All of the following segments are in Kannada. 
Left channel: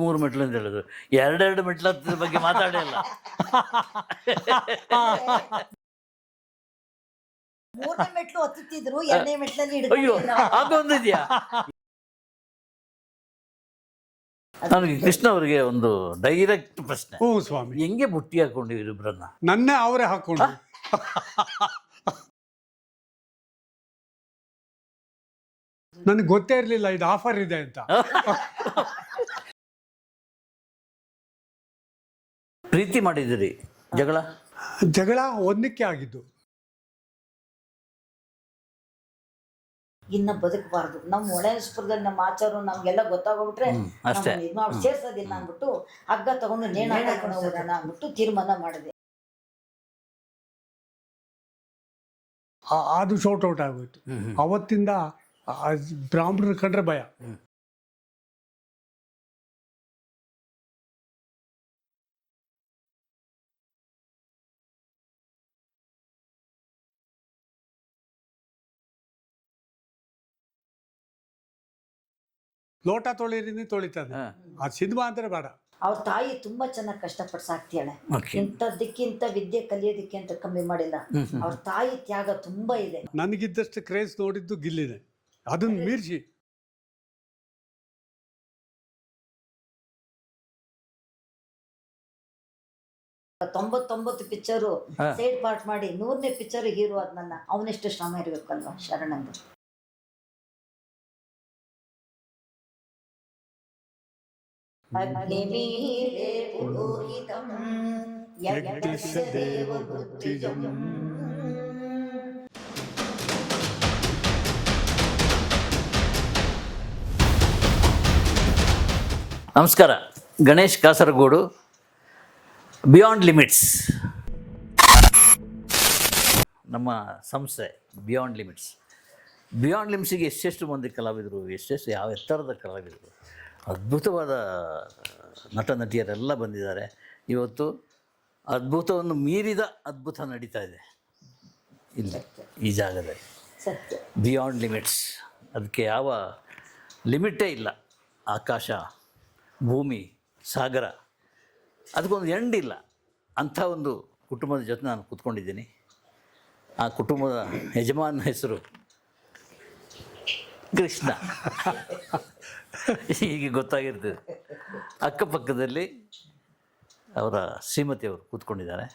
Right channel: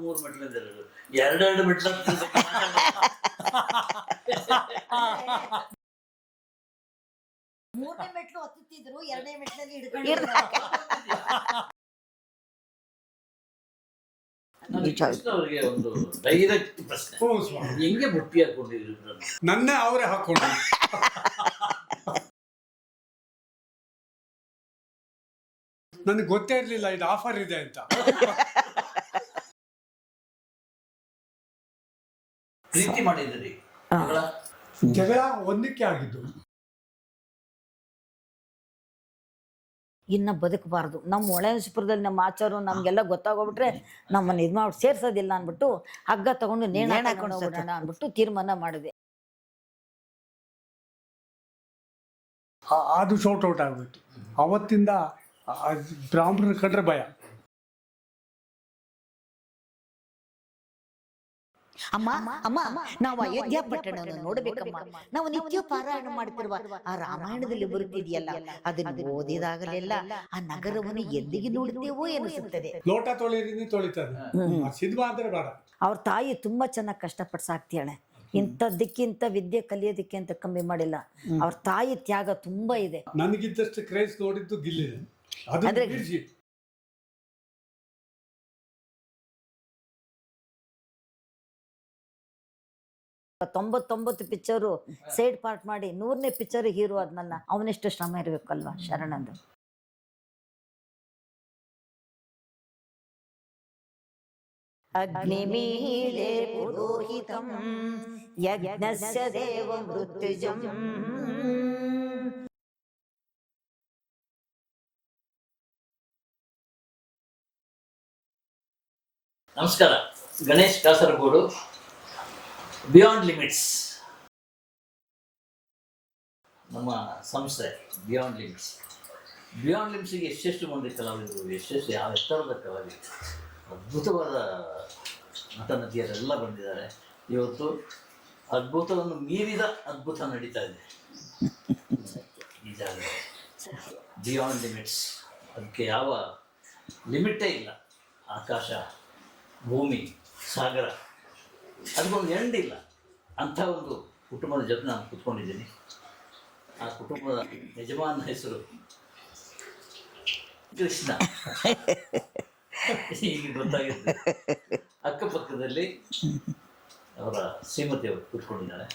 ಮೂರು ಮೆಟ್ಲು ಅಂತ ಹೇಳೋದು. ಎರಡೆರಡು ಮೆಟ್ಲ ಬಗ್ಗೆ ಮಾತಾಡಿಲ್ಲ. ಮೂರನೇ ಮೆಟ್ಲು ಹತ್ತುತ್ತಿದ್ರು, ಎರಡನೇ ಮೆಟ್ಲಲ್ಲಿ ಅಯ್ಯೋ, ಅದೊಂದಿದ್ಯಾ? ನನಗೆ ಕೃಷ್ಣ ಅವರಿಗೆ ಒಂದು ಡೈರೆಕ್ಟ್ ಪ್ರಶ್ನೆ. ಓ ಸ್ವಾಮಿ, ಹೆಂಗೆ ಬುಟ್ಟಿ ಹಾಕೊಂಡಿದ್ರು ಇಬ್ಬರನ್ನ? ನನ್ನೇ ಅವರೇ ಹಾಕೊಂಡು. ನನಗೆ ಗೊತ್ತೇ ಇರ್ಲಿಲ್ಲ ಇದು ಆಫರ್ ಇದೆ ಅಂತ. ಪ್ರೀತಿ ಮಾಡಿದಿರಿ, ಜಗಳ ಒಂದಕ್ಕೆ ಆಗಿದ್ದು. ಇನ್ನ ಬದುಕಬಾರ್ದು. ನಮ್ಮ ಒಳಸ್ಪುರದಲ್ಲಿ ನಮ್ಮ ಆಚಾರ ನಮ್ಗೆಲ್ಲ ಗೊತ್ತಾಗೋಗ್ಬಿಟ್ರೆ ನಮ್ಮನ್ನ ಇದ್ ಮಾಡಿ ಸೇರ್ಸೋದಿಲ್ಲ ಅನ್ಬಿಟ್ಟು ಹಗ್ಗ ತಗೊಂಡು ನೇಣ ಹಾಕೊಂಡು ಹೋಗೋಣ ಅನ್ಬಿಟ್ಟು ತೀರ್ಮಾನ ಮಾಡಿದೆ. ಅದು ಶೌಟ್ ಔಟ್ ಆಗೋಯ್ತು. ಅವತ್ತಿಂದ ಬ್ರಾಹ್ಮಣರು ಕಂಡ್ರೆ ಭಯ. ಅಮ್ಮ ಅಮ್ಮ ನಾವು ಅಯೋಧ್ಯ ಪಟ್ಟಣವನ್ನು ನೋಡಬೇಕಮ್ಮ. ನಾವು ನಿತ್ಯ ಪಾರಾಯಣ ಮಾಡ್ತಿರುವ ಆ ರಾಮಾಯಣದಲ್ಲಿ ಬರುತ್ತಿದೆಯಲ್ಲ, ಅದನ್ನು ಓದಿದಾಗಲೆಲ್ಲ ಆ ನಗರವನ್ನು ಎಲ್ಲಿಗೆ ನೋಡುತ್ತೇವೋ ಎನಿಸುತ್ತದೆ. ಲೋಟ ತೊಳೆಯದೇ ತೊಳಿತಾರೆ. ಸಿದ್ವಾ ಅಂದ್ರೆ ಬೇಡ. ಅವ್ರ ತಾಯಿ ತುಂಬಾ ಚೆನ್ನಾಗಿ ಕಷ್ಟಪಟ್ಟು ಸಾಕ್ತಿಯಾಳೆ. ಇಂಥದ್ದಕ್ಕಿಂತ ವಿದ್ಯೆ ಕಲಿಯೋದಕ್ಕೆ ಅಂತ ಕಮ್ಮಿ ಮಾಡಿಲ್ಲ. ಅವ್ರ ತಾಯಿ ತ್ಯಾಗ ತುಂಬಾ ಇದೆ. ನನಗಿದ್ದಷ್ಟು ಕ್ರೇಜ್ ನೋಡಿದ್ದು ಗಿಲ್ಲಿದೆ. ಅದನ್ನು ಮೀರಿಸಿ 99 ಪಿಕ್ಚರು ಸೈಡ್ ಪಾರ್ಟ್ ಮಾಡಿ 100ನೇ ಪಿಕ್ಚರ್ ಹೀರೋ ಆದ್ನಲ್ಲ, ಅವನೆಷ್ಟು ಶ್ರಮ ಇರ್ಬೇಕಲ್ವಾ ಶರಣಂದು. ಅಗ್ನಿಮೀಳೆ ಪುರೋಹಿತಂ ಯಜ್ಞಸ್ಯ ದೇವವೃತ್ತಿಜಂ. ನಮಸ್ಕಾರ. ಗಣೇಶ್ ಕಾಸರಗೋಡು, ಬಿಯಾಂಡ್ ಲಿಮಿಟ್ಸ್ ನಮ್ಮ ಸಂಸ್ಥೆ. ಬಿಯಾಂಡ್ ಲಿಮಿಟ್ಸಿಗೆ ಎಷ್ಟೆಷ್ಟು ಮಂದಿ ಕಲಾವಿದರು, ಎಷ್ಟೆಷ್ಟು ಯಾವ ಎತ್ತರದ ಕಲಾವಿದರು, ಅದ್ಭುತವಾದ ನಟ ನಟಿಯರೆಲ್ಲ ಬಂದಿದ್ದಾರೆ. ಇವತ್ತು ಅದ್ಭುತವನ್ನು ಮೀರಿದ ಅದ್ಭುತ ನಡೀತಾ ಇದೆ ಇಲ್ಲಿ ಈ ಜಾಗದಲ್ಲಿ. ಬಿಯಾಂಡ್ ಲಿಮಿಟ್ಸ್, ಅದಕ್ಕೆ ಯಾವ ಲಿಮಿಟೇ ಇಲ್ಲ. ಆಕಾಶ, ಭೂಮಿ, ಸಾಗರ, ಅದಕ್ಕೊಂದು ಎಂಡ್ ಇಲ್ಲ. ಅಂಥ ಒಂದು ಕುಟುಂಬದ ಜೊತೆ ನಾನು ಕೂತ್ಕೊಂಡಿದ್ದೀನಿ. ಆ ಕುಟುಂಬದ ಯಜಮಾನ ಹೆಸರು ಕೃಷ್ಣ. ಈಗ ಗೊತ್ತಾಗಿರ್ತದೆ. ಅಕ್ಕಪಕ್ಕದಲ್ಲಿ ಅವರ ಶ್ರೀಮತಿಯವರು ಕೂತ್ಕೊಂಡಿದ್ದಾರೆ.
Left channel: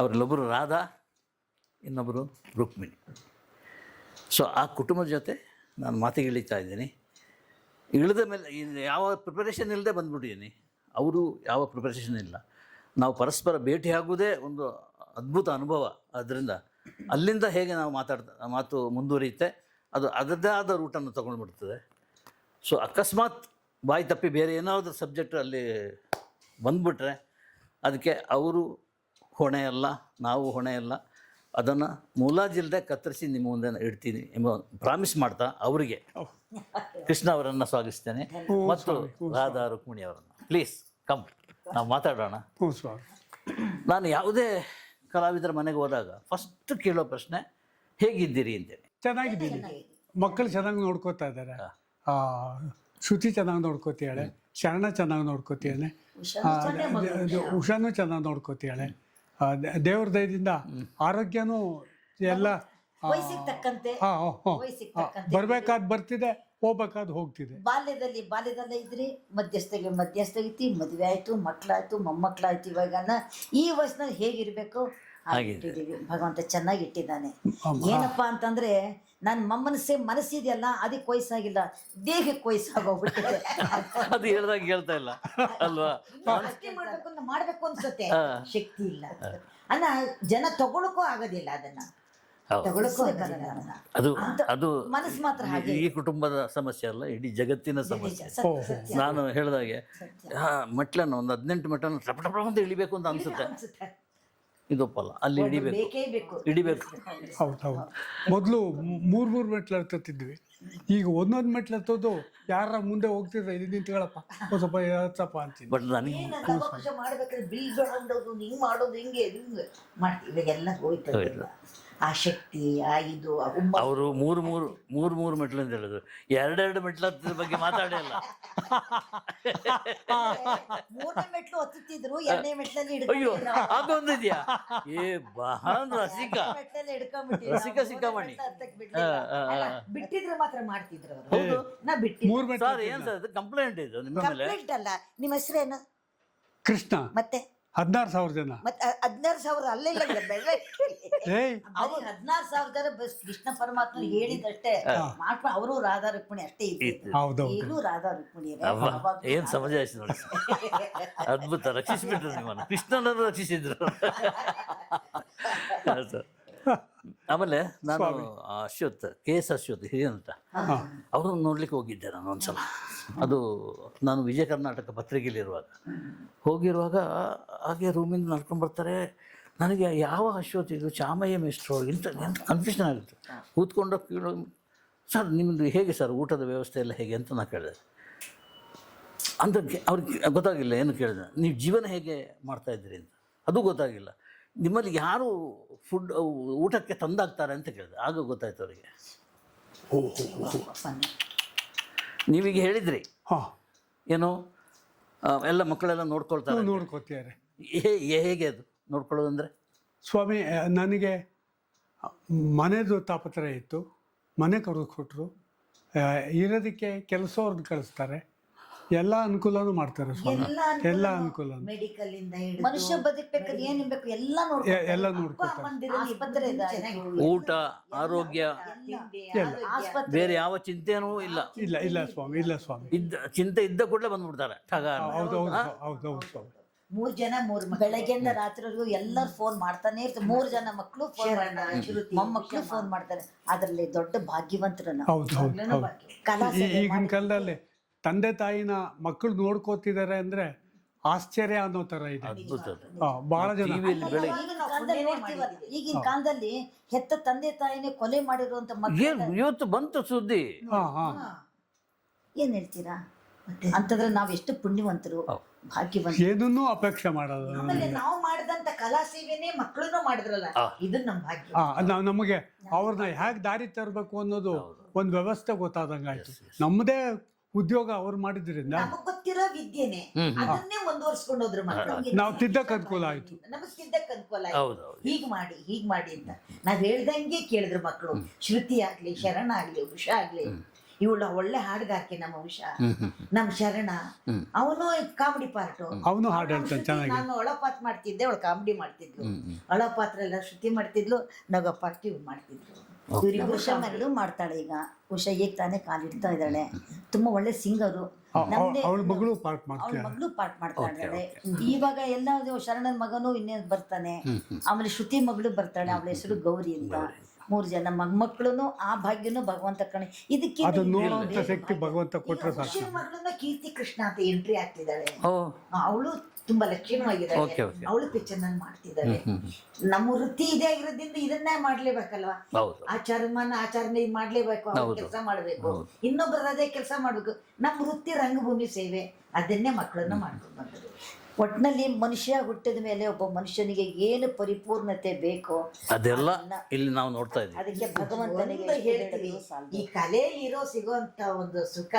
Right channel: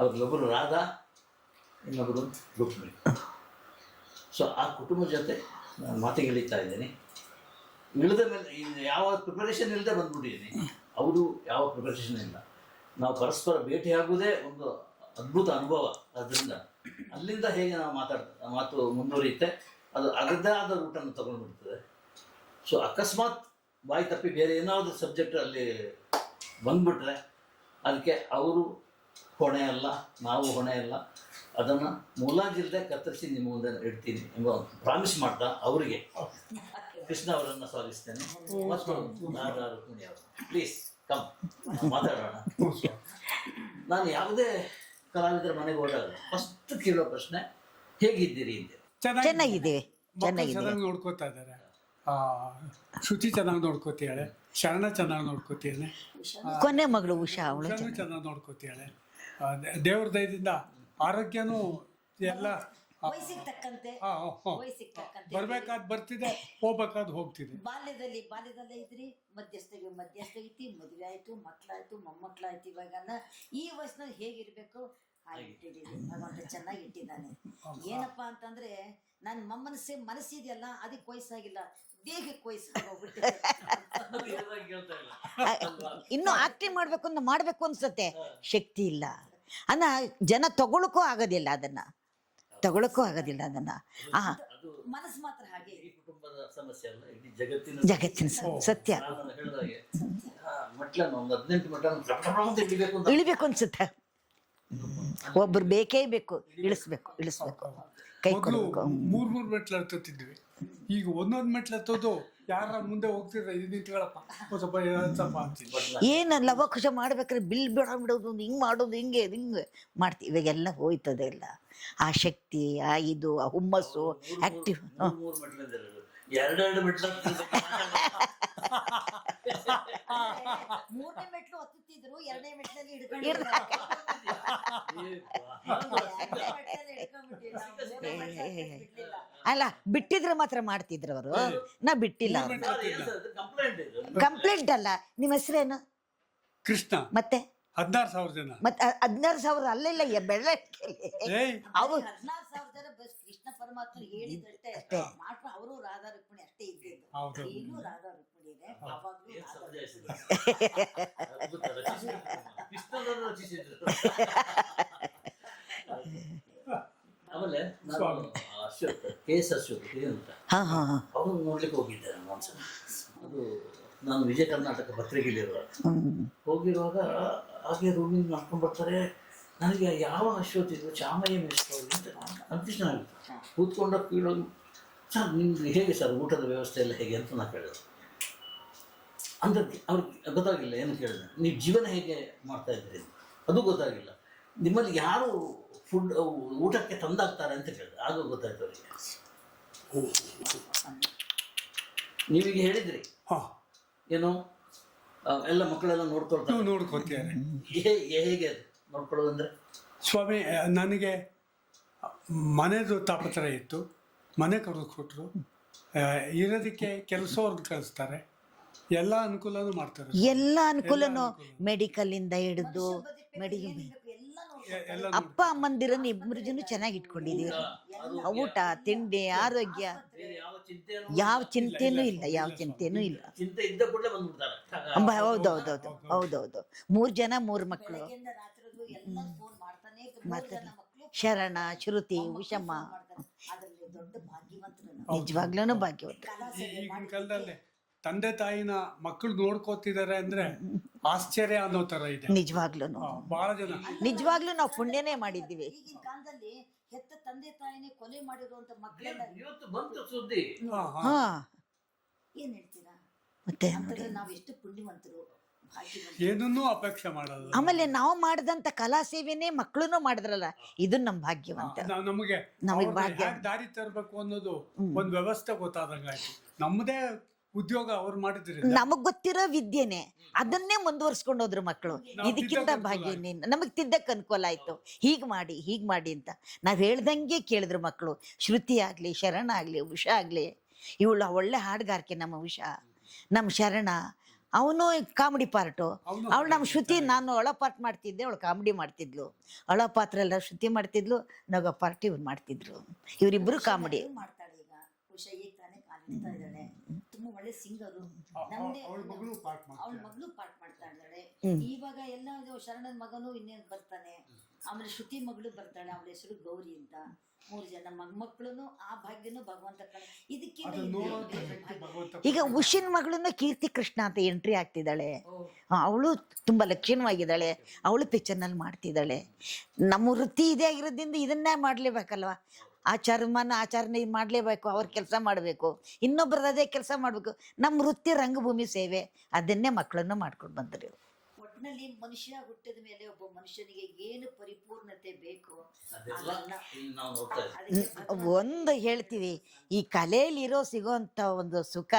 ಅವರಲ್ಲೊಬ್ಬರು ರಾಧಾ, ಇನ್ನೊಬ್ಬರು ರುಕ್ಮಿಣಿ. ಸೊ ಆ ಕುಟುಂಬದ ಜೊತೆ ನಾನು ಮಾತಿಗೆ ಇಳಿತಾ ಇದ್ದೀನಿ. ಇಳಿದ ಮೇಲೆ ಯಾವ ಪ್ರಿಪರೇಷನ್ ಇಲ್ಲದೆ ಬಂದ್ಬಿಟ್ಟಿದ್ದೀನಿ. ಅವರು ಯಾವ ಪ್ರಿಪರೇಷನ್ ಇಲ್ಲ. ನಾವು ಪರಸ್ಪರ ಭೇಟಿಯಾಗುವುದೇ ಒಂದು ಅದ್ಭುತ ಅನುಭವ. ಆದ್ದರಿಂದ ಅಲ್ಲಿಂದ ಹೇಗೆ ನಾವು ಮಾತು ಮುಂದುವರಿಯುತ್ತೆ, ಅದು ಅದರದ್ದೇ ಆದ ರೂಟನ್ನು ತೊಗೊಂಡ್ಬಿಡ್ತದೆ. ಸೊ ಅಕಸ್ಮಾತ್ ಬಾಯಿ ತಪ್ಪಿ ಬೇರೆ ಏನಾದರೂ ಸಬ್ಜೆಕ್ಟ್ ಅಲ್ಲಿ ಬಂದ್ಬಿಟ್ರೆ ಅದಕ್ಕೆ ಅವರು ಹೊಣೆ ಅಲ್ಲ, ನಾವು ಹೊಣೆ ಅಲ್ಲ. ಅದನ್ನು ಮುಲಾಜಿಲ್ಲದೆ ಕತ್ತರಿಸಿ ನಿಮ್ಮ ಮುಂದೆ ಇಡ್ತೀನಿ ಎಂಬ ಪ್ರಾಮಿಸ್ ಮಾಡ್ತಾ ಅವರಿಗೆ ಕೃಷ್ಣ ಅವರನ್ನು ಸ್ವಾಗತಿಸ್ತೇನೆ. ಮತ್ತು ರಾಧಾ, ರುಕ್ಮಿಣಿ ಅವರು, ಪ್ಲೀಸ್ ಕಮ್, ನಾವು ಮಾತಾಡೋಣ. ನಾನು ಯಾವುದೇ ಕಲಾವಿದರ ಮನೆಗೆ ಹೋದಾಗ ಫಸ್ಟ್ ಕೇಳೋ ಪ್ರಶ್ನೆ ಹೇಗಿದ್ದೀರಿ ಅಂತೇಳಿ. ಚೆನ್ನಾಗಿದೆ, ಮಕ್ಕಳು ಚೆನ್ನಾಗಿ ನೋಡ್ಕೋತಾ ಇದ್ದಾರೆ. ಶ್ರುತಿ ಚೆನ್ನಾಗಿ ನೋಡ್ಕೋತಿಯಾಳೆ, ಶರಣ ಚೆನ್ನಾಗಿ ನೋಡ್ಕೋತಿಯಾಳೆ, ಉಷಾನು ಚೆನ್ನಾಗಿ ನೋಡ್ಕೋತಿಯಾಳೆ. ದೇವ್ರ ದಯದಿಂದ ಆರೋಗ್ಯನೂ ಎಲ್ಲ ಬರ್ಬೇಕಾದ್ ಬರ್ತಿದೆ, ಹೋಗ್ಬೇಕಾದ್ ಹೋಗ್ತಿದೆ. ಬಾಲ್ಯದಲ್ಲೇ ಇದ್ರಿ, ಮಧ್ಯಸ್ಥಗೈತಿ, ಮದುವೆ ಆಯ್ತು, ಮಕ್ಳಾಯ್ತು, ಮೊಮ್ಮಕ್ಳಾಯ್ತು. ಇವಾಗ ಈ ವಯಸ್ಸಿನಲ್ಲಿ ಹೇಗಿರ್ಬೇಕು ಭಗವಂತ ಚೆನ್ನಾಗಿ ಇಟ್ಟಿದ್ದಾನೆ. ಏನಪ್ಪಾ ಅಂತಂದ್ರೆ ನನ್ನ ಮನಸ್ಸಿದೆಯಲ್ಲ, ಅದಕ್ಕೆ ವಯಸ್ಸಾಗಿಲ್ಲ, ದೇಹಕ್ಕೆ ವಯಸ್ಸಾಗೋಗ್ಬಿಟ್ಟಿದೆ. ಇನ್ನು ಆಕ್ಟಿಂಗ್ ಮಾಡ್ಬೇಕು ಅನ್ಸುತ್ತೆ, ಶಕ್ತಿ ಇಲ್ಲ. ಅನ್ನ ಜನ ತಗೊಳಕ್ಕೂ ಆಗೋದಿಲ್ಲ, ಅದನ್ನ ತಗೊಳಕ್ಕೂ ಆಗೋದಿಲ್ಲ. ಅದು ಮನಸ್ಸು ಮಾತ್ರ ಹಾಗೆ. ಈ ಕುಟುಂಬದ ಸಮಸ್ಯೆ ಅಲ್ಲ, ಇಡೀ ಜಗತ್ತಿನ ಸತ್ಯ. ನಾನು ಹೇಳಿದಾಗೆ ಮೆಟ್ಲನ್ನು ಒಂದು 18 ಮೆಟ್ಲನ್ನು ಇಳಿಬೇಕು ಅನ್ಸುತ್ತೆ. ಇದೊಪ್ಪಲ್ಲ, ಅಲ್ಲಿ ಬೇಕೇ ಬೇಕು, ಮೊದಲು 3 ಮೆಟ್ಲು ಹತ್ತಿದ್ವಿ. ಈಗ ಒಂದೊಂದು ಮೆಟ್ಲು ಹತ್ತೋದು ಯಾರ ಮುಂದೆ ಹೋಗ್ತಿದ್ರೆ ಇದು ನಿಂತ್ಕೊಳ್ಳಪ್ಪ ಸ್ವಲ್ಪ ಅಂತೀನಿ. ಏನಲ್ಲ ಖುಷ ಮಾಡ್ಬೇಕಾದ್ರೆ ಬಿಲ್ ಬಿಡೋದು, ಹಿಂಗ್ ಮಾಡೋದು, ಹಿಂಗೆ ಮಾಡ್ತೀವಿ. ಇವಾಗೆಲ್ಲ ಹೋಯ್ತದೆಲ್ಲ ಆ ಶಕ್ತಿ, ಆ ಇದು, ಅವರು ಮೂರು ಮೆಟ್ಲು ಅಂತ ಹೇಳುದು. ಎರಡೆರಡು ಮೆಟ್ಲ ಬಗ್ಗೆ ಮಾತಾಡಿಲ್ಲ. ಒತ್ತುತ್ತಿದ್ರು, ಎರಡನೇ ಮೆಟ್ಲಲ್ಲಿ ಅಯ್ಯೋ ಹಿಡ್ಕೊಂಡಿದ್ರು. ಅದೊಂದಿದ್ಯಾ? ಏ ಬಹಳ ರಸಿಕ, ಎರಡನೇ ಮೆಟ್ಲಲ್ಲಿ ಹಿಡ್ಕೊಂಡ್ಬಿಟ್ಟಿದ್ರು. ರಸಿಕ ಸಿಕ್ಕಾಮಣಿ. ಅಲ್ಲ ಬಿಟ್ಟಿದ್ರೆ ಮಾತ್ರ ಮಾಡ್ತಿದ್ರು ಅವರು, ನಾ ಬಿಟ್ಟಿಲ್ಲ. ಸರ್ ಏನ್ ಸರ್ ಕಂಪ್ಲೇಂಟ್ ಇದು ನಿಮ್ಮ ಮೇಲೆ? ಕಂಪ್ಲೇಂಟ್ ಅಲ್ಲ. ನಿಮ್ಮ ಹೆಸರೇನು? ಕೃಷ್ಣ ಮತ್ತೆ 16,000 ಜನ. ಮತ್ತೆ 16,000 ಅಲ್ಲ, ಇಲ್ಲ ಬೆಳ್ಳ ಏಯ್ ಅವ್ರು 16,000 ಜನ ಬಸ್ ಕೃಷ್ಣ ಪರಮಾತ್ಮ ಹೇಳಿದಷ್ಟೇ ಮಾಡ್ಕೊಂಡು ಅವರು ರಾಧಾ ರುಕ್ಮಿಣಿ ಅಷ್ಟೇ ಇತ್ತು. ಹೌದೌದು. ಈಗಲೂ ರಾಧಾ ರುಕ್ಮಿಣಿ ಅವ್ವ, ಏನ್ ಸಮಾಜ ಆಯ್ತು ನೋಡಿ. ಅದ್ಭುತ, ರಕ್ಷಿಸ್ಬಿಟ್ರು ನಿಮ್ಮನ್ನು, ಕೃಷ್ಣನವರು ರಕ್ಷಿಸಿದ್ರು. ಸರ್ ಆಮೇಲೆ ನಾನು ಅಶ್ವಥ್, KS ಅಶ್ವಥ್ ಹಿರಿಯ ಅಂತ, ಅವ್ರನ್ನ ನೋಡ್ಲಿಕ್ಕೆ ಹೋಗಿದ್ದೆ ನಾನು ಒಂದ್ಸಲ. ಅದು ನಾನು ವಿಜಯ ಕರ್ನಾಟಕ ಪತ್ರಿಕೆಯಲ್ಲಿರುವಾಗ ಹೋಗಿರುವಾಗ ಹಾಗೆ ರೂಮಿಂದ ನಡ್ಕೊಂಡು ಬರ್ತಾರೆ. ನನಗೆ ಯಾವ ಅಶ್ವಥ್ ಇದು ಚಾಮಯ್ಯ ಮಿಸ್ಟ್ರು ಇಂಥ ಕನ್ಫ್ಯೂಷನ್ ಆಗುತ್ತೆ. ಕೂತ್ಕೊಂಡು ಕೀಳೋಗಿ, ಸರ್ ನಿಮ್ಮದು ಹೇಗೆ ಸರ್ ಊಟದ ವ್ಯವಸ್ಥೆ ಎಲ್ಲ ಹೇಗೆ ಅಂತ ನಾನು ಕೇಳಿದೆ. ಅಂದ್ರೆ ಅವ್ರಿಗೆ ಗೊತ್ತಾಗಿಲ್ಲ. ಏನು ಕೇಳಿದೆ, ನೀವು ಜೀವನ ಹೇಗೆ ಮಾಡ್ತಾ ಇದ್ದೀರಿ ಅದು ಗೊತ್ತಾಗಿಲ್ಲ. ನಿಮ್ಮಲ್ಲಿ ಯಾರು ಫುಡ್ ಊಟಕ್ಕೆ ತಂದಾಗ್ತಾರೆ ಅಂತ ಕೇಳಿದೆ. ಆಗ ಗೊತ್ತಾಯ್ತು ಅವರಿಗೆ. ನೀವೀಗ ಹೇಳಿದ್ರಿ ಏನು ಎಲ್ಲ ಮಕ್ಕಳೆಲ್ಲ ನೋಡ್ಕೊಳ್ತಾರೆ, ನೋಡ್ಕೊತಾರೆ. ಹೇಗೆ ಅದು ನೋಡ್ಕೊಳ್ಳೋದು ಅಂದರೆ? ಸ್ವಾಮಿ, ನನಗೆ ಮನೆದು ತಾಪತ್ರಯ ಇತ್ತು. ಮನೆ ಕೊಟ್ಟರು, ಇರೋದಕ್ಕೆ ಕೆಲಸವ್ರನ್ನ ಕಳಿಸ್ತಾರೆ, ಎಲ್ಲ ಅನುಕೂಲನೂ ಮಾಡ್ತಾರೆ. ಎಲ್ಲ ಅನುಕೂಲ, ಮೆಡಿಕಲ್ ಇಂದ ಹಿಡಿದು ಮನುಷ್ಯ ಬದುಕಬೇಕು, ಏನ್ ಬೇಕು ಎಲ್ಲ ಎಲ್ಲ ಅಪ್ಪ ಅಮ್ಮಂದಿರನ್ನ ಇಬ್ಬರನ್ನು ಚೆನ್ನಾಗಿ ಊಟ, ಆರೋಗ್ಯ, ಊಟ, ತಿಂಡಿ, ಆರೋಗ್ಯ, ಬೇರೆ ಯಾವ ಚಿಂತೆನೂ ಯಾವ ಚಿಂತೆನೂ ಇಲ್ಲ, ಯಾವ ಚಿಂತೆನೂ ಇಲ್ಲ. ಚಿಂತೆ ಇದ್ದ ಕೂಡಲೇ ಬಂದ್ಬಿಡ್ತಾರೆ. ಹೌದೌದು. 3 ಜನ 3 ಮಕ್ಕಳು, ಬೆಳಗ್ಗೆಯಿಂದ ರಾತ್ರಿವರೆಗೂ ಎಲ್ಲರೂ ಫೋನ್ ಮಾಡ್ತಾನೆ ಇರ್ತಾರೆ. 3 ಜನ ಮಕ್ಕಳು, ಶರಣ, ಶ್ರುತಿ, ಮಕ್ಕಳು ಫೋನ್ ಮಾಡ್ತಾರೆ. ಅದ್ರಲ್ಲಿ ದೊಡ್ಡ ಭಾಗ್ಯವಂತರು ನಾವು, ನಿಜವಾಗ್ಲೂ ಭಾಗ್ಯವಂತ. ಈಗಿನ ಕಾಲದಲ್ಲಿ ತಂದೆ ತಾಯಿನ ಮಕ್ಕಳು ನೋಡ್ಕೋತಿದ್ದಾರೆ ಅಂದ್ರೆ ಆಶ್ಚರ್ಯ ಅನ್ನೋ ತರ ಇದೆ. ನಿಜವಾಗ್ಲೂ ಬಹಳ ಜನ ನಿಜವಾಗ್ಲೂ ನಾವು ಪುಣ್ಯನೇ ಮಾಡಿದೀವಿ. ಈಗಿನ ಕಾಲದಲ್ಲಿ ಹೆತ್ತ ತಂದೆ ತಾಯಿನೇ ಕೊಲೆ ಮಾಡಿರುವಂತ ಮಕ್ಕಳು ಇವತ್ತು ಬಂತು ಸುದ್ದಿ. ಏನ್ ಹೇಳ್ತೀರಾ? ಮತ್ತೆ ಅಂತಂದ್ರೆ ನಾವ್ ಎಷ್ಟು ಪುಣ್ಯವಂತರು, ಭಾಗ್ಯವಂತರು. ಏನನ್ನೂ ಅಪೇಕ್ಷೆ ಮಾಡೋದು. ಆಮೇಲೆ ನಾವು ಮಾಡಿದಂತ ಕಲಾ ಸೇವೆನೇ ಮಕ್ಕಳನ್ನು ಮಾಡಿದ್ರಲ್ಲ, ಇದು ನಮ್ ಭಾಗ್ಯ. ನಮಗೆ ಅವ್ರನ್ನ ಹೇಗ್ ದಾರಿ ತರಬೇಕು ಅನ್ನೋದು ಒಂದ್ ವ್ಯವಸ್ಥೆ ಗೊತ್ತಾದಂಗಾಯ್ತು. ನಮ್ಮದೇ ಉದ್ಯೋಗ ಅವ್ರು ಮಾಡಿದ್ರಿಂದ ನಮಗ್ ಗೊತ್ತಿರೋ ವಿದ್ಯೆನೆ ಅದನ್ನೇ ಮುಂದುವರ್ಸ್ಕೊಂಡು ಹೋದ್ರು ಮಕ್ಕಳು. ನಮಗ್ ತಿದ್ದಕ್ ಅನುಕೂಲ ಆಯ್ತು. ಹೀಗ್ ಮಾಡಿ ಅಂತ ನಾವ್ ಹೇಳ್ದಂಗೆ ಕೇಳಿದ್ರು ಮಕ್ಕಳು. ಶ್ರುತಿ ಆಗ್ಲಿ, ಶರಣ ಆಗ್ಲಿ, ಉಷಾ ಆಗ್ಲಿ, ಇವಳ ಒಳ್ಳೆ ಹಾಡುಗಾರಿಕೆ ನಮ್ಮ ಉಷಾ, ನಮ್ ಶರಣ, ಅವನು ಕಾಮಿಡಿ ಪಾರ್ಟು, ಅವಳು ನಮ್ ಶ್ರುತಿ. ನಾನು ಒಳಪಾತ್ ಮಾಡ್ತಿದ್ದೆ, ಅವಳು ಕಾಮಿಡಿ ಮಾಡ್ತಿದ್ಲು. ಒಳಪಾತ್ರ ಎಲ್ಲ ಶ್ರುತಿ ಮಾಡ್ತಿದ್ಲು, ನಗ ಪಾರ್ಟಿ ಇವ್ರು ಮಾಡ್ತಿದ್ರು. ಇವ್ರಿಬ್ರು ಕಾಮಿಡಿ ಮಾಡ್ತಾಳೆ. ಈಗ ಉಷಾ ಈಗ ತಾನೇ ಕಾಲಿಡ್ತಾ ಇದ್ದಾಳೆ, ತುಂಬಾ ಒಳ್ಳೆ ಸಿಂಗರು. ಅವಳ ಮಗಳು ಪಾರ್ಟ್ ಮಾಡ್ತಾ ಇದ್ದಾಳೆ. ಇವಾಗ ಎಲ್ಲ ಶರಣನ ಮಗನು ಇನ್ನೇನು ಬರ್ತಾನೆ, ಆಮೇಲೆ ಶ್ರುತಿ ಮಗಳು ಬರ್ತಾಳೆ, ಅವಳ ಹೆಸರು ಗೌರಿ ಅಂತ. 3 ಜನ ಮಕ್ಕಳು. ಆ ಭಾಗ್ಯನು ಭಗವಂತ ಕಣೆ. ಇದಕ್ಕೆ ಈಗ ಉಷಿನ ಮಗಳನ್ನು ಕೀರ್ತಿ ಕೃಷ್ಣ ಅಂತ ಎಂಟ್ರಿ ಆಗ್ತಿದ್ದಾಳೆ. ಅವಳು ತುಂಬಾ ಲಕ್ಷಣವಾಗಿದ್ದಾಳೆ. ಅವಳು ಪಿಕ್ಚರ್ ನಲ್ಲಿ ಮಾಡ್ತಿದ್ದಾಳೆ. ನಮ್ಮ ವೃತ್ತಿ ಇದೇ ಆಗಿರೋದ್ರಿಂದ ಇದನ್ನೇ ಮಾಡ್ಲೇಬೇಕಲ್ವಾ. ಆಚಾರನೇ ಮಾಡ್ಲೇಬೇಕು. ಅವ್ರ ಕೆಲಸ ಮಾಡ್ಬೇಕು, ಇನ್ನೊಬ್ಬರದ ಅದೇ ಕೆಲಸ ಮಾಡ್ಬೇಕು. ನಮ್ಮ ವೃತ್ತಿ ರಂಗಭೂಮಿ ಸೇವೆ, ಅದನ್ನೇ ಮಕ್ಕಳನ್ನ ಮಾಡ್ಕೊಂಡು ಬಂದರು. ಒಟ್ಟಿನಲ್ಲಿ ಮನುಷ್ಯ ಹುಟ್ಟಿದ ಮೇಲೆ ಒಬ್ಬ ಮನುಷ್ಯನಿಗೆ ಏನು ಪರಿಪೂರ್ಣತೆ ಬೇಕೋ ಅದೆಲ್ಲ ಇಲ್ಲಿ ನಾವು ನೋಡ್ತಾ ಇದ್ದೀವಿ. ಒಂದು ಹೇಳ್ತೀವಿ, ಈ ಕಲೆಯಲ್ಲಿ ಸಿಗೋಂತ ಒಂದು ಸುಖ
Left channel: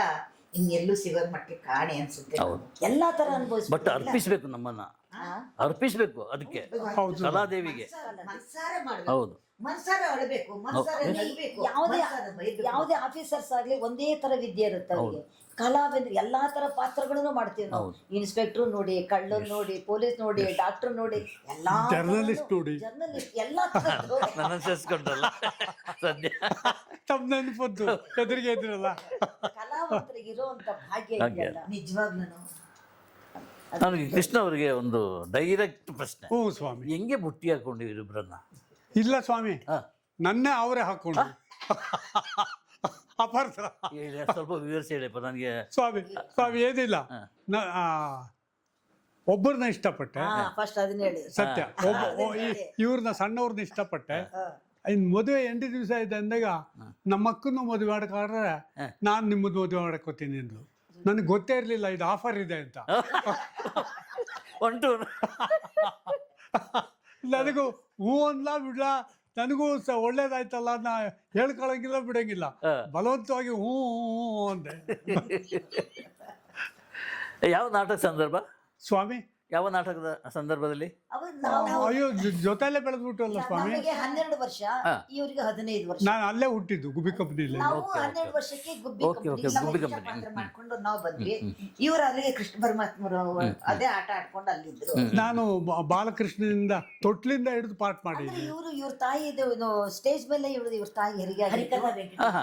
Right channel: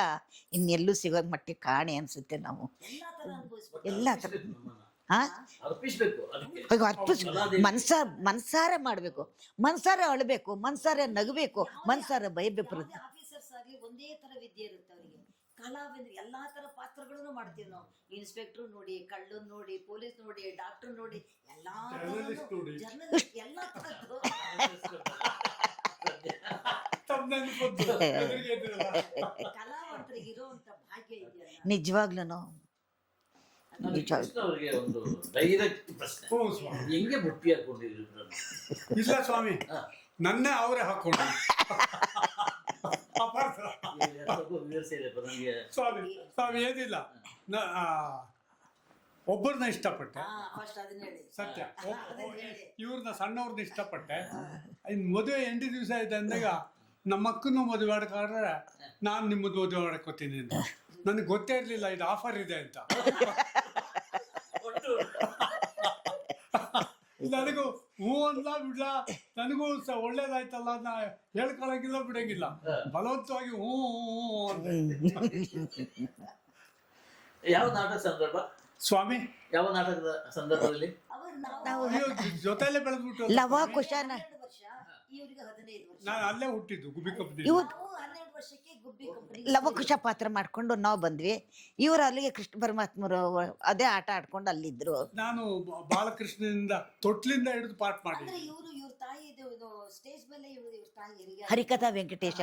ಇನ್ನೆಲ್ಲೂ ಸಿಗೋ ಮಟ್ಟಿಗೆ ಕಾಣೆ ಅನ್ಸುತ್ತೆ. ಎಲ್ಲಾ ತರ ಬಟ್ ಅರ್ಪಿಸ್ಬೇಕು, ನಮ್ಮನ್ನ ಅರ್ಪಿಸ್ಬೇಕು. ಅದಕ್ಕೆ ಮನ್ಸಾರೆ ಮಾಡ್ಬೇಕು, ಮನ್ಸಾರೆ ಅಳಬೇಕು, ಮನ್ಸಾರೆ ನಗಬೇಕು, ಮನ್ಸಾರೆ ಬೈಬೇಕು. ಯಾವುದೇ ಆಫೀಸರ್ಸ್ ಆಗ್ಲಿ ಒಂದೇ ತರ ವಿದ್ಯೆ ಇರುತ್ತೆ ಅವ್ರಿಗೆ. ಕಲಾವಿದ್ರು ಎಲ್ಲಾ ತರ ಪಾತ್ರಗಳನ್ನು ಮಾಡ್ತೀವಿ ನಾವು. ಇನ್ಸ್ಪೆಕ್ಟರ್ ನೋಡಿ, ಕಳ್ಳನ್ ನೋಡಿ, ಪೊಲೀಸ್ ನೋಡಿ, ಡಾಕ್ಟರ್ ನೋಡಿ, ಎಲ್ಲಾ ಜರ್ನಲಿಸ್ಟ್ ನೋಡಿ, ಎಲ್ಲಾ ಕಲಾವಂತರಿಗೆ ಇರುವಂತ ಭಾಗ್ಯ ನಿಜವಾಗ್ಲೂ. ಕೃಷ್ಣ ಅವರಿಗೆ ಒಂದು ಡೈರೆಕ್ಟ್ ಪ್ರಶ್ನೆ. ಹೆಂಗೆ ಬುಟ್ಟಿ ಹಾಕೊಂಡಿದ್ರು ಇಬ್ಬರನ್ನ? ಇಲ್ಲ ಸ್ವಾಮಿ, ನನ್ನೇ ಅವರೇ ಹಾಕೊಂಡು. ಸ್ವಲ್ಪ ವಿವರಿಸಿ ಹೇಳಿಪ್ಪ ನನಗೆ. ಸ್ವಾಮಿ ಏನಿಲ್ಲ, ಒಬ್ಬರನ್ನ ಇಷ್ಟಪಟ್ಟೆ, ಸತ್ಯ. ಇವ್ರನ್ನ ಸಣ್ಣವ್ರನ್ನ ಇಷ್ಟಪಟ್ಟೆ. ಇನ್ ಮದುವೆ 8 ದಿವಸ ಆಯ್ತು ಅಂದಾಗ ನಮ್ಮ ಅಕ್ಕನ್ನು ಮದುವೆ ಆಡ್ಕೊಂಡ್ರೆ ನಾನ್ ನಿಮ್ಮದು ಮದುವೆ ಆಡ್ಕೋತೀನಿ ಅಂತ. ನನಗೆ ಗೊತ್ತೇ ಇರ್ಲಿಲ್ಲ ಇದು ಆಫರ್ ಇದೆ ಅಂತ. ನನಗೂ ಹೂ ಅಂದ್ಲಾ ಬಿಡ್ಲಾ, ನನಗೂ ಒಳ್ಳೇದಾಯ್ತಲ್ಲ ನಾ ಹೇಳ್ಕೊಳಂಗಿಲ್ಲ, ಬಿಡಂಗಿಲ್ಲ, ಬಲವಂತವಾಗಿ ಹೂ ಅಂತ. ಯಾವ ನಾಟಕ ಸಂದರ್ಭ? ಸ್ವಾಮಿ ಯಾವ ನಾಟಕದ ಸಂದರ್ಭದಲ್ಲಿ? ಅಯ್ಯೋ ಜೊತೆಲೆ ಬೆಳೆದ್ಬಿಟ್ಟು ಸ್ವಾಮಿ. 12 ವರ್ಷ, ಇವ್ರಿಗೆ 15 ವರ್ಷ. ನಾನು ಅಲ್ಲೇ ಹುಟ್ಟಿದ್ದು ಗುಬ್ಬಿ ಕಂಪ್ನಿ. ನಾವು 12 ವರ್ಷಕ್ಕೆ ಗುಬ್ಬಿ ಓಕೆ, ಓಕೆ, ಕಂಪ್ನಿ ಲವಕುಶ ಪಾತ್ರ ಮಾಡ್ಕೊಂಡು ನಾವು ಬಂದ್ವಿ. ಇವ್ರು ಅಲ್ಲಿಗೆ ಕೃಷ್ಣ ಪರಮಾತ್ಮರು ಅದೇ ಆಟ ಆಡ್ಕೊಂಡು ಅಲ್ಲಿದ್ರು. ನಾನು ಬಾಲಕೃಷ್ಣನಿಂದ ತೊಟ್ಲಿಂದ ಹಿಡಿದು ಪಾಠ ಮಾಡಿದ್ದೀನಿ. ಇವ್ರ ತಾಯಿ ಸ್ಟೇಜ್ ಮೇಲೆ ಇವ್ರ ತಾಯಿ ಹೆರಿಗೆ ಹರಿಕಥಾ ವೆಂಕಟೇಶ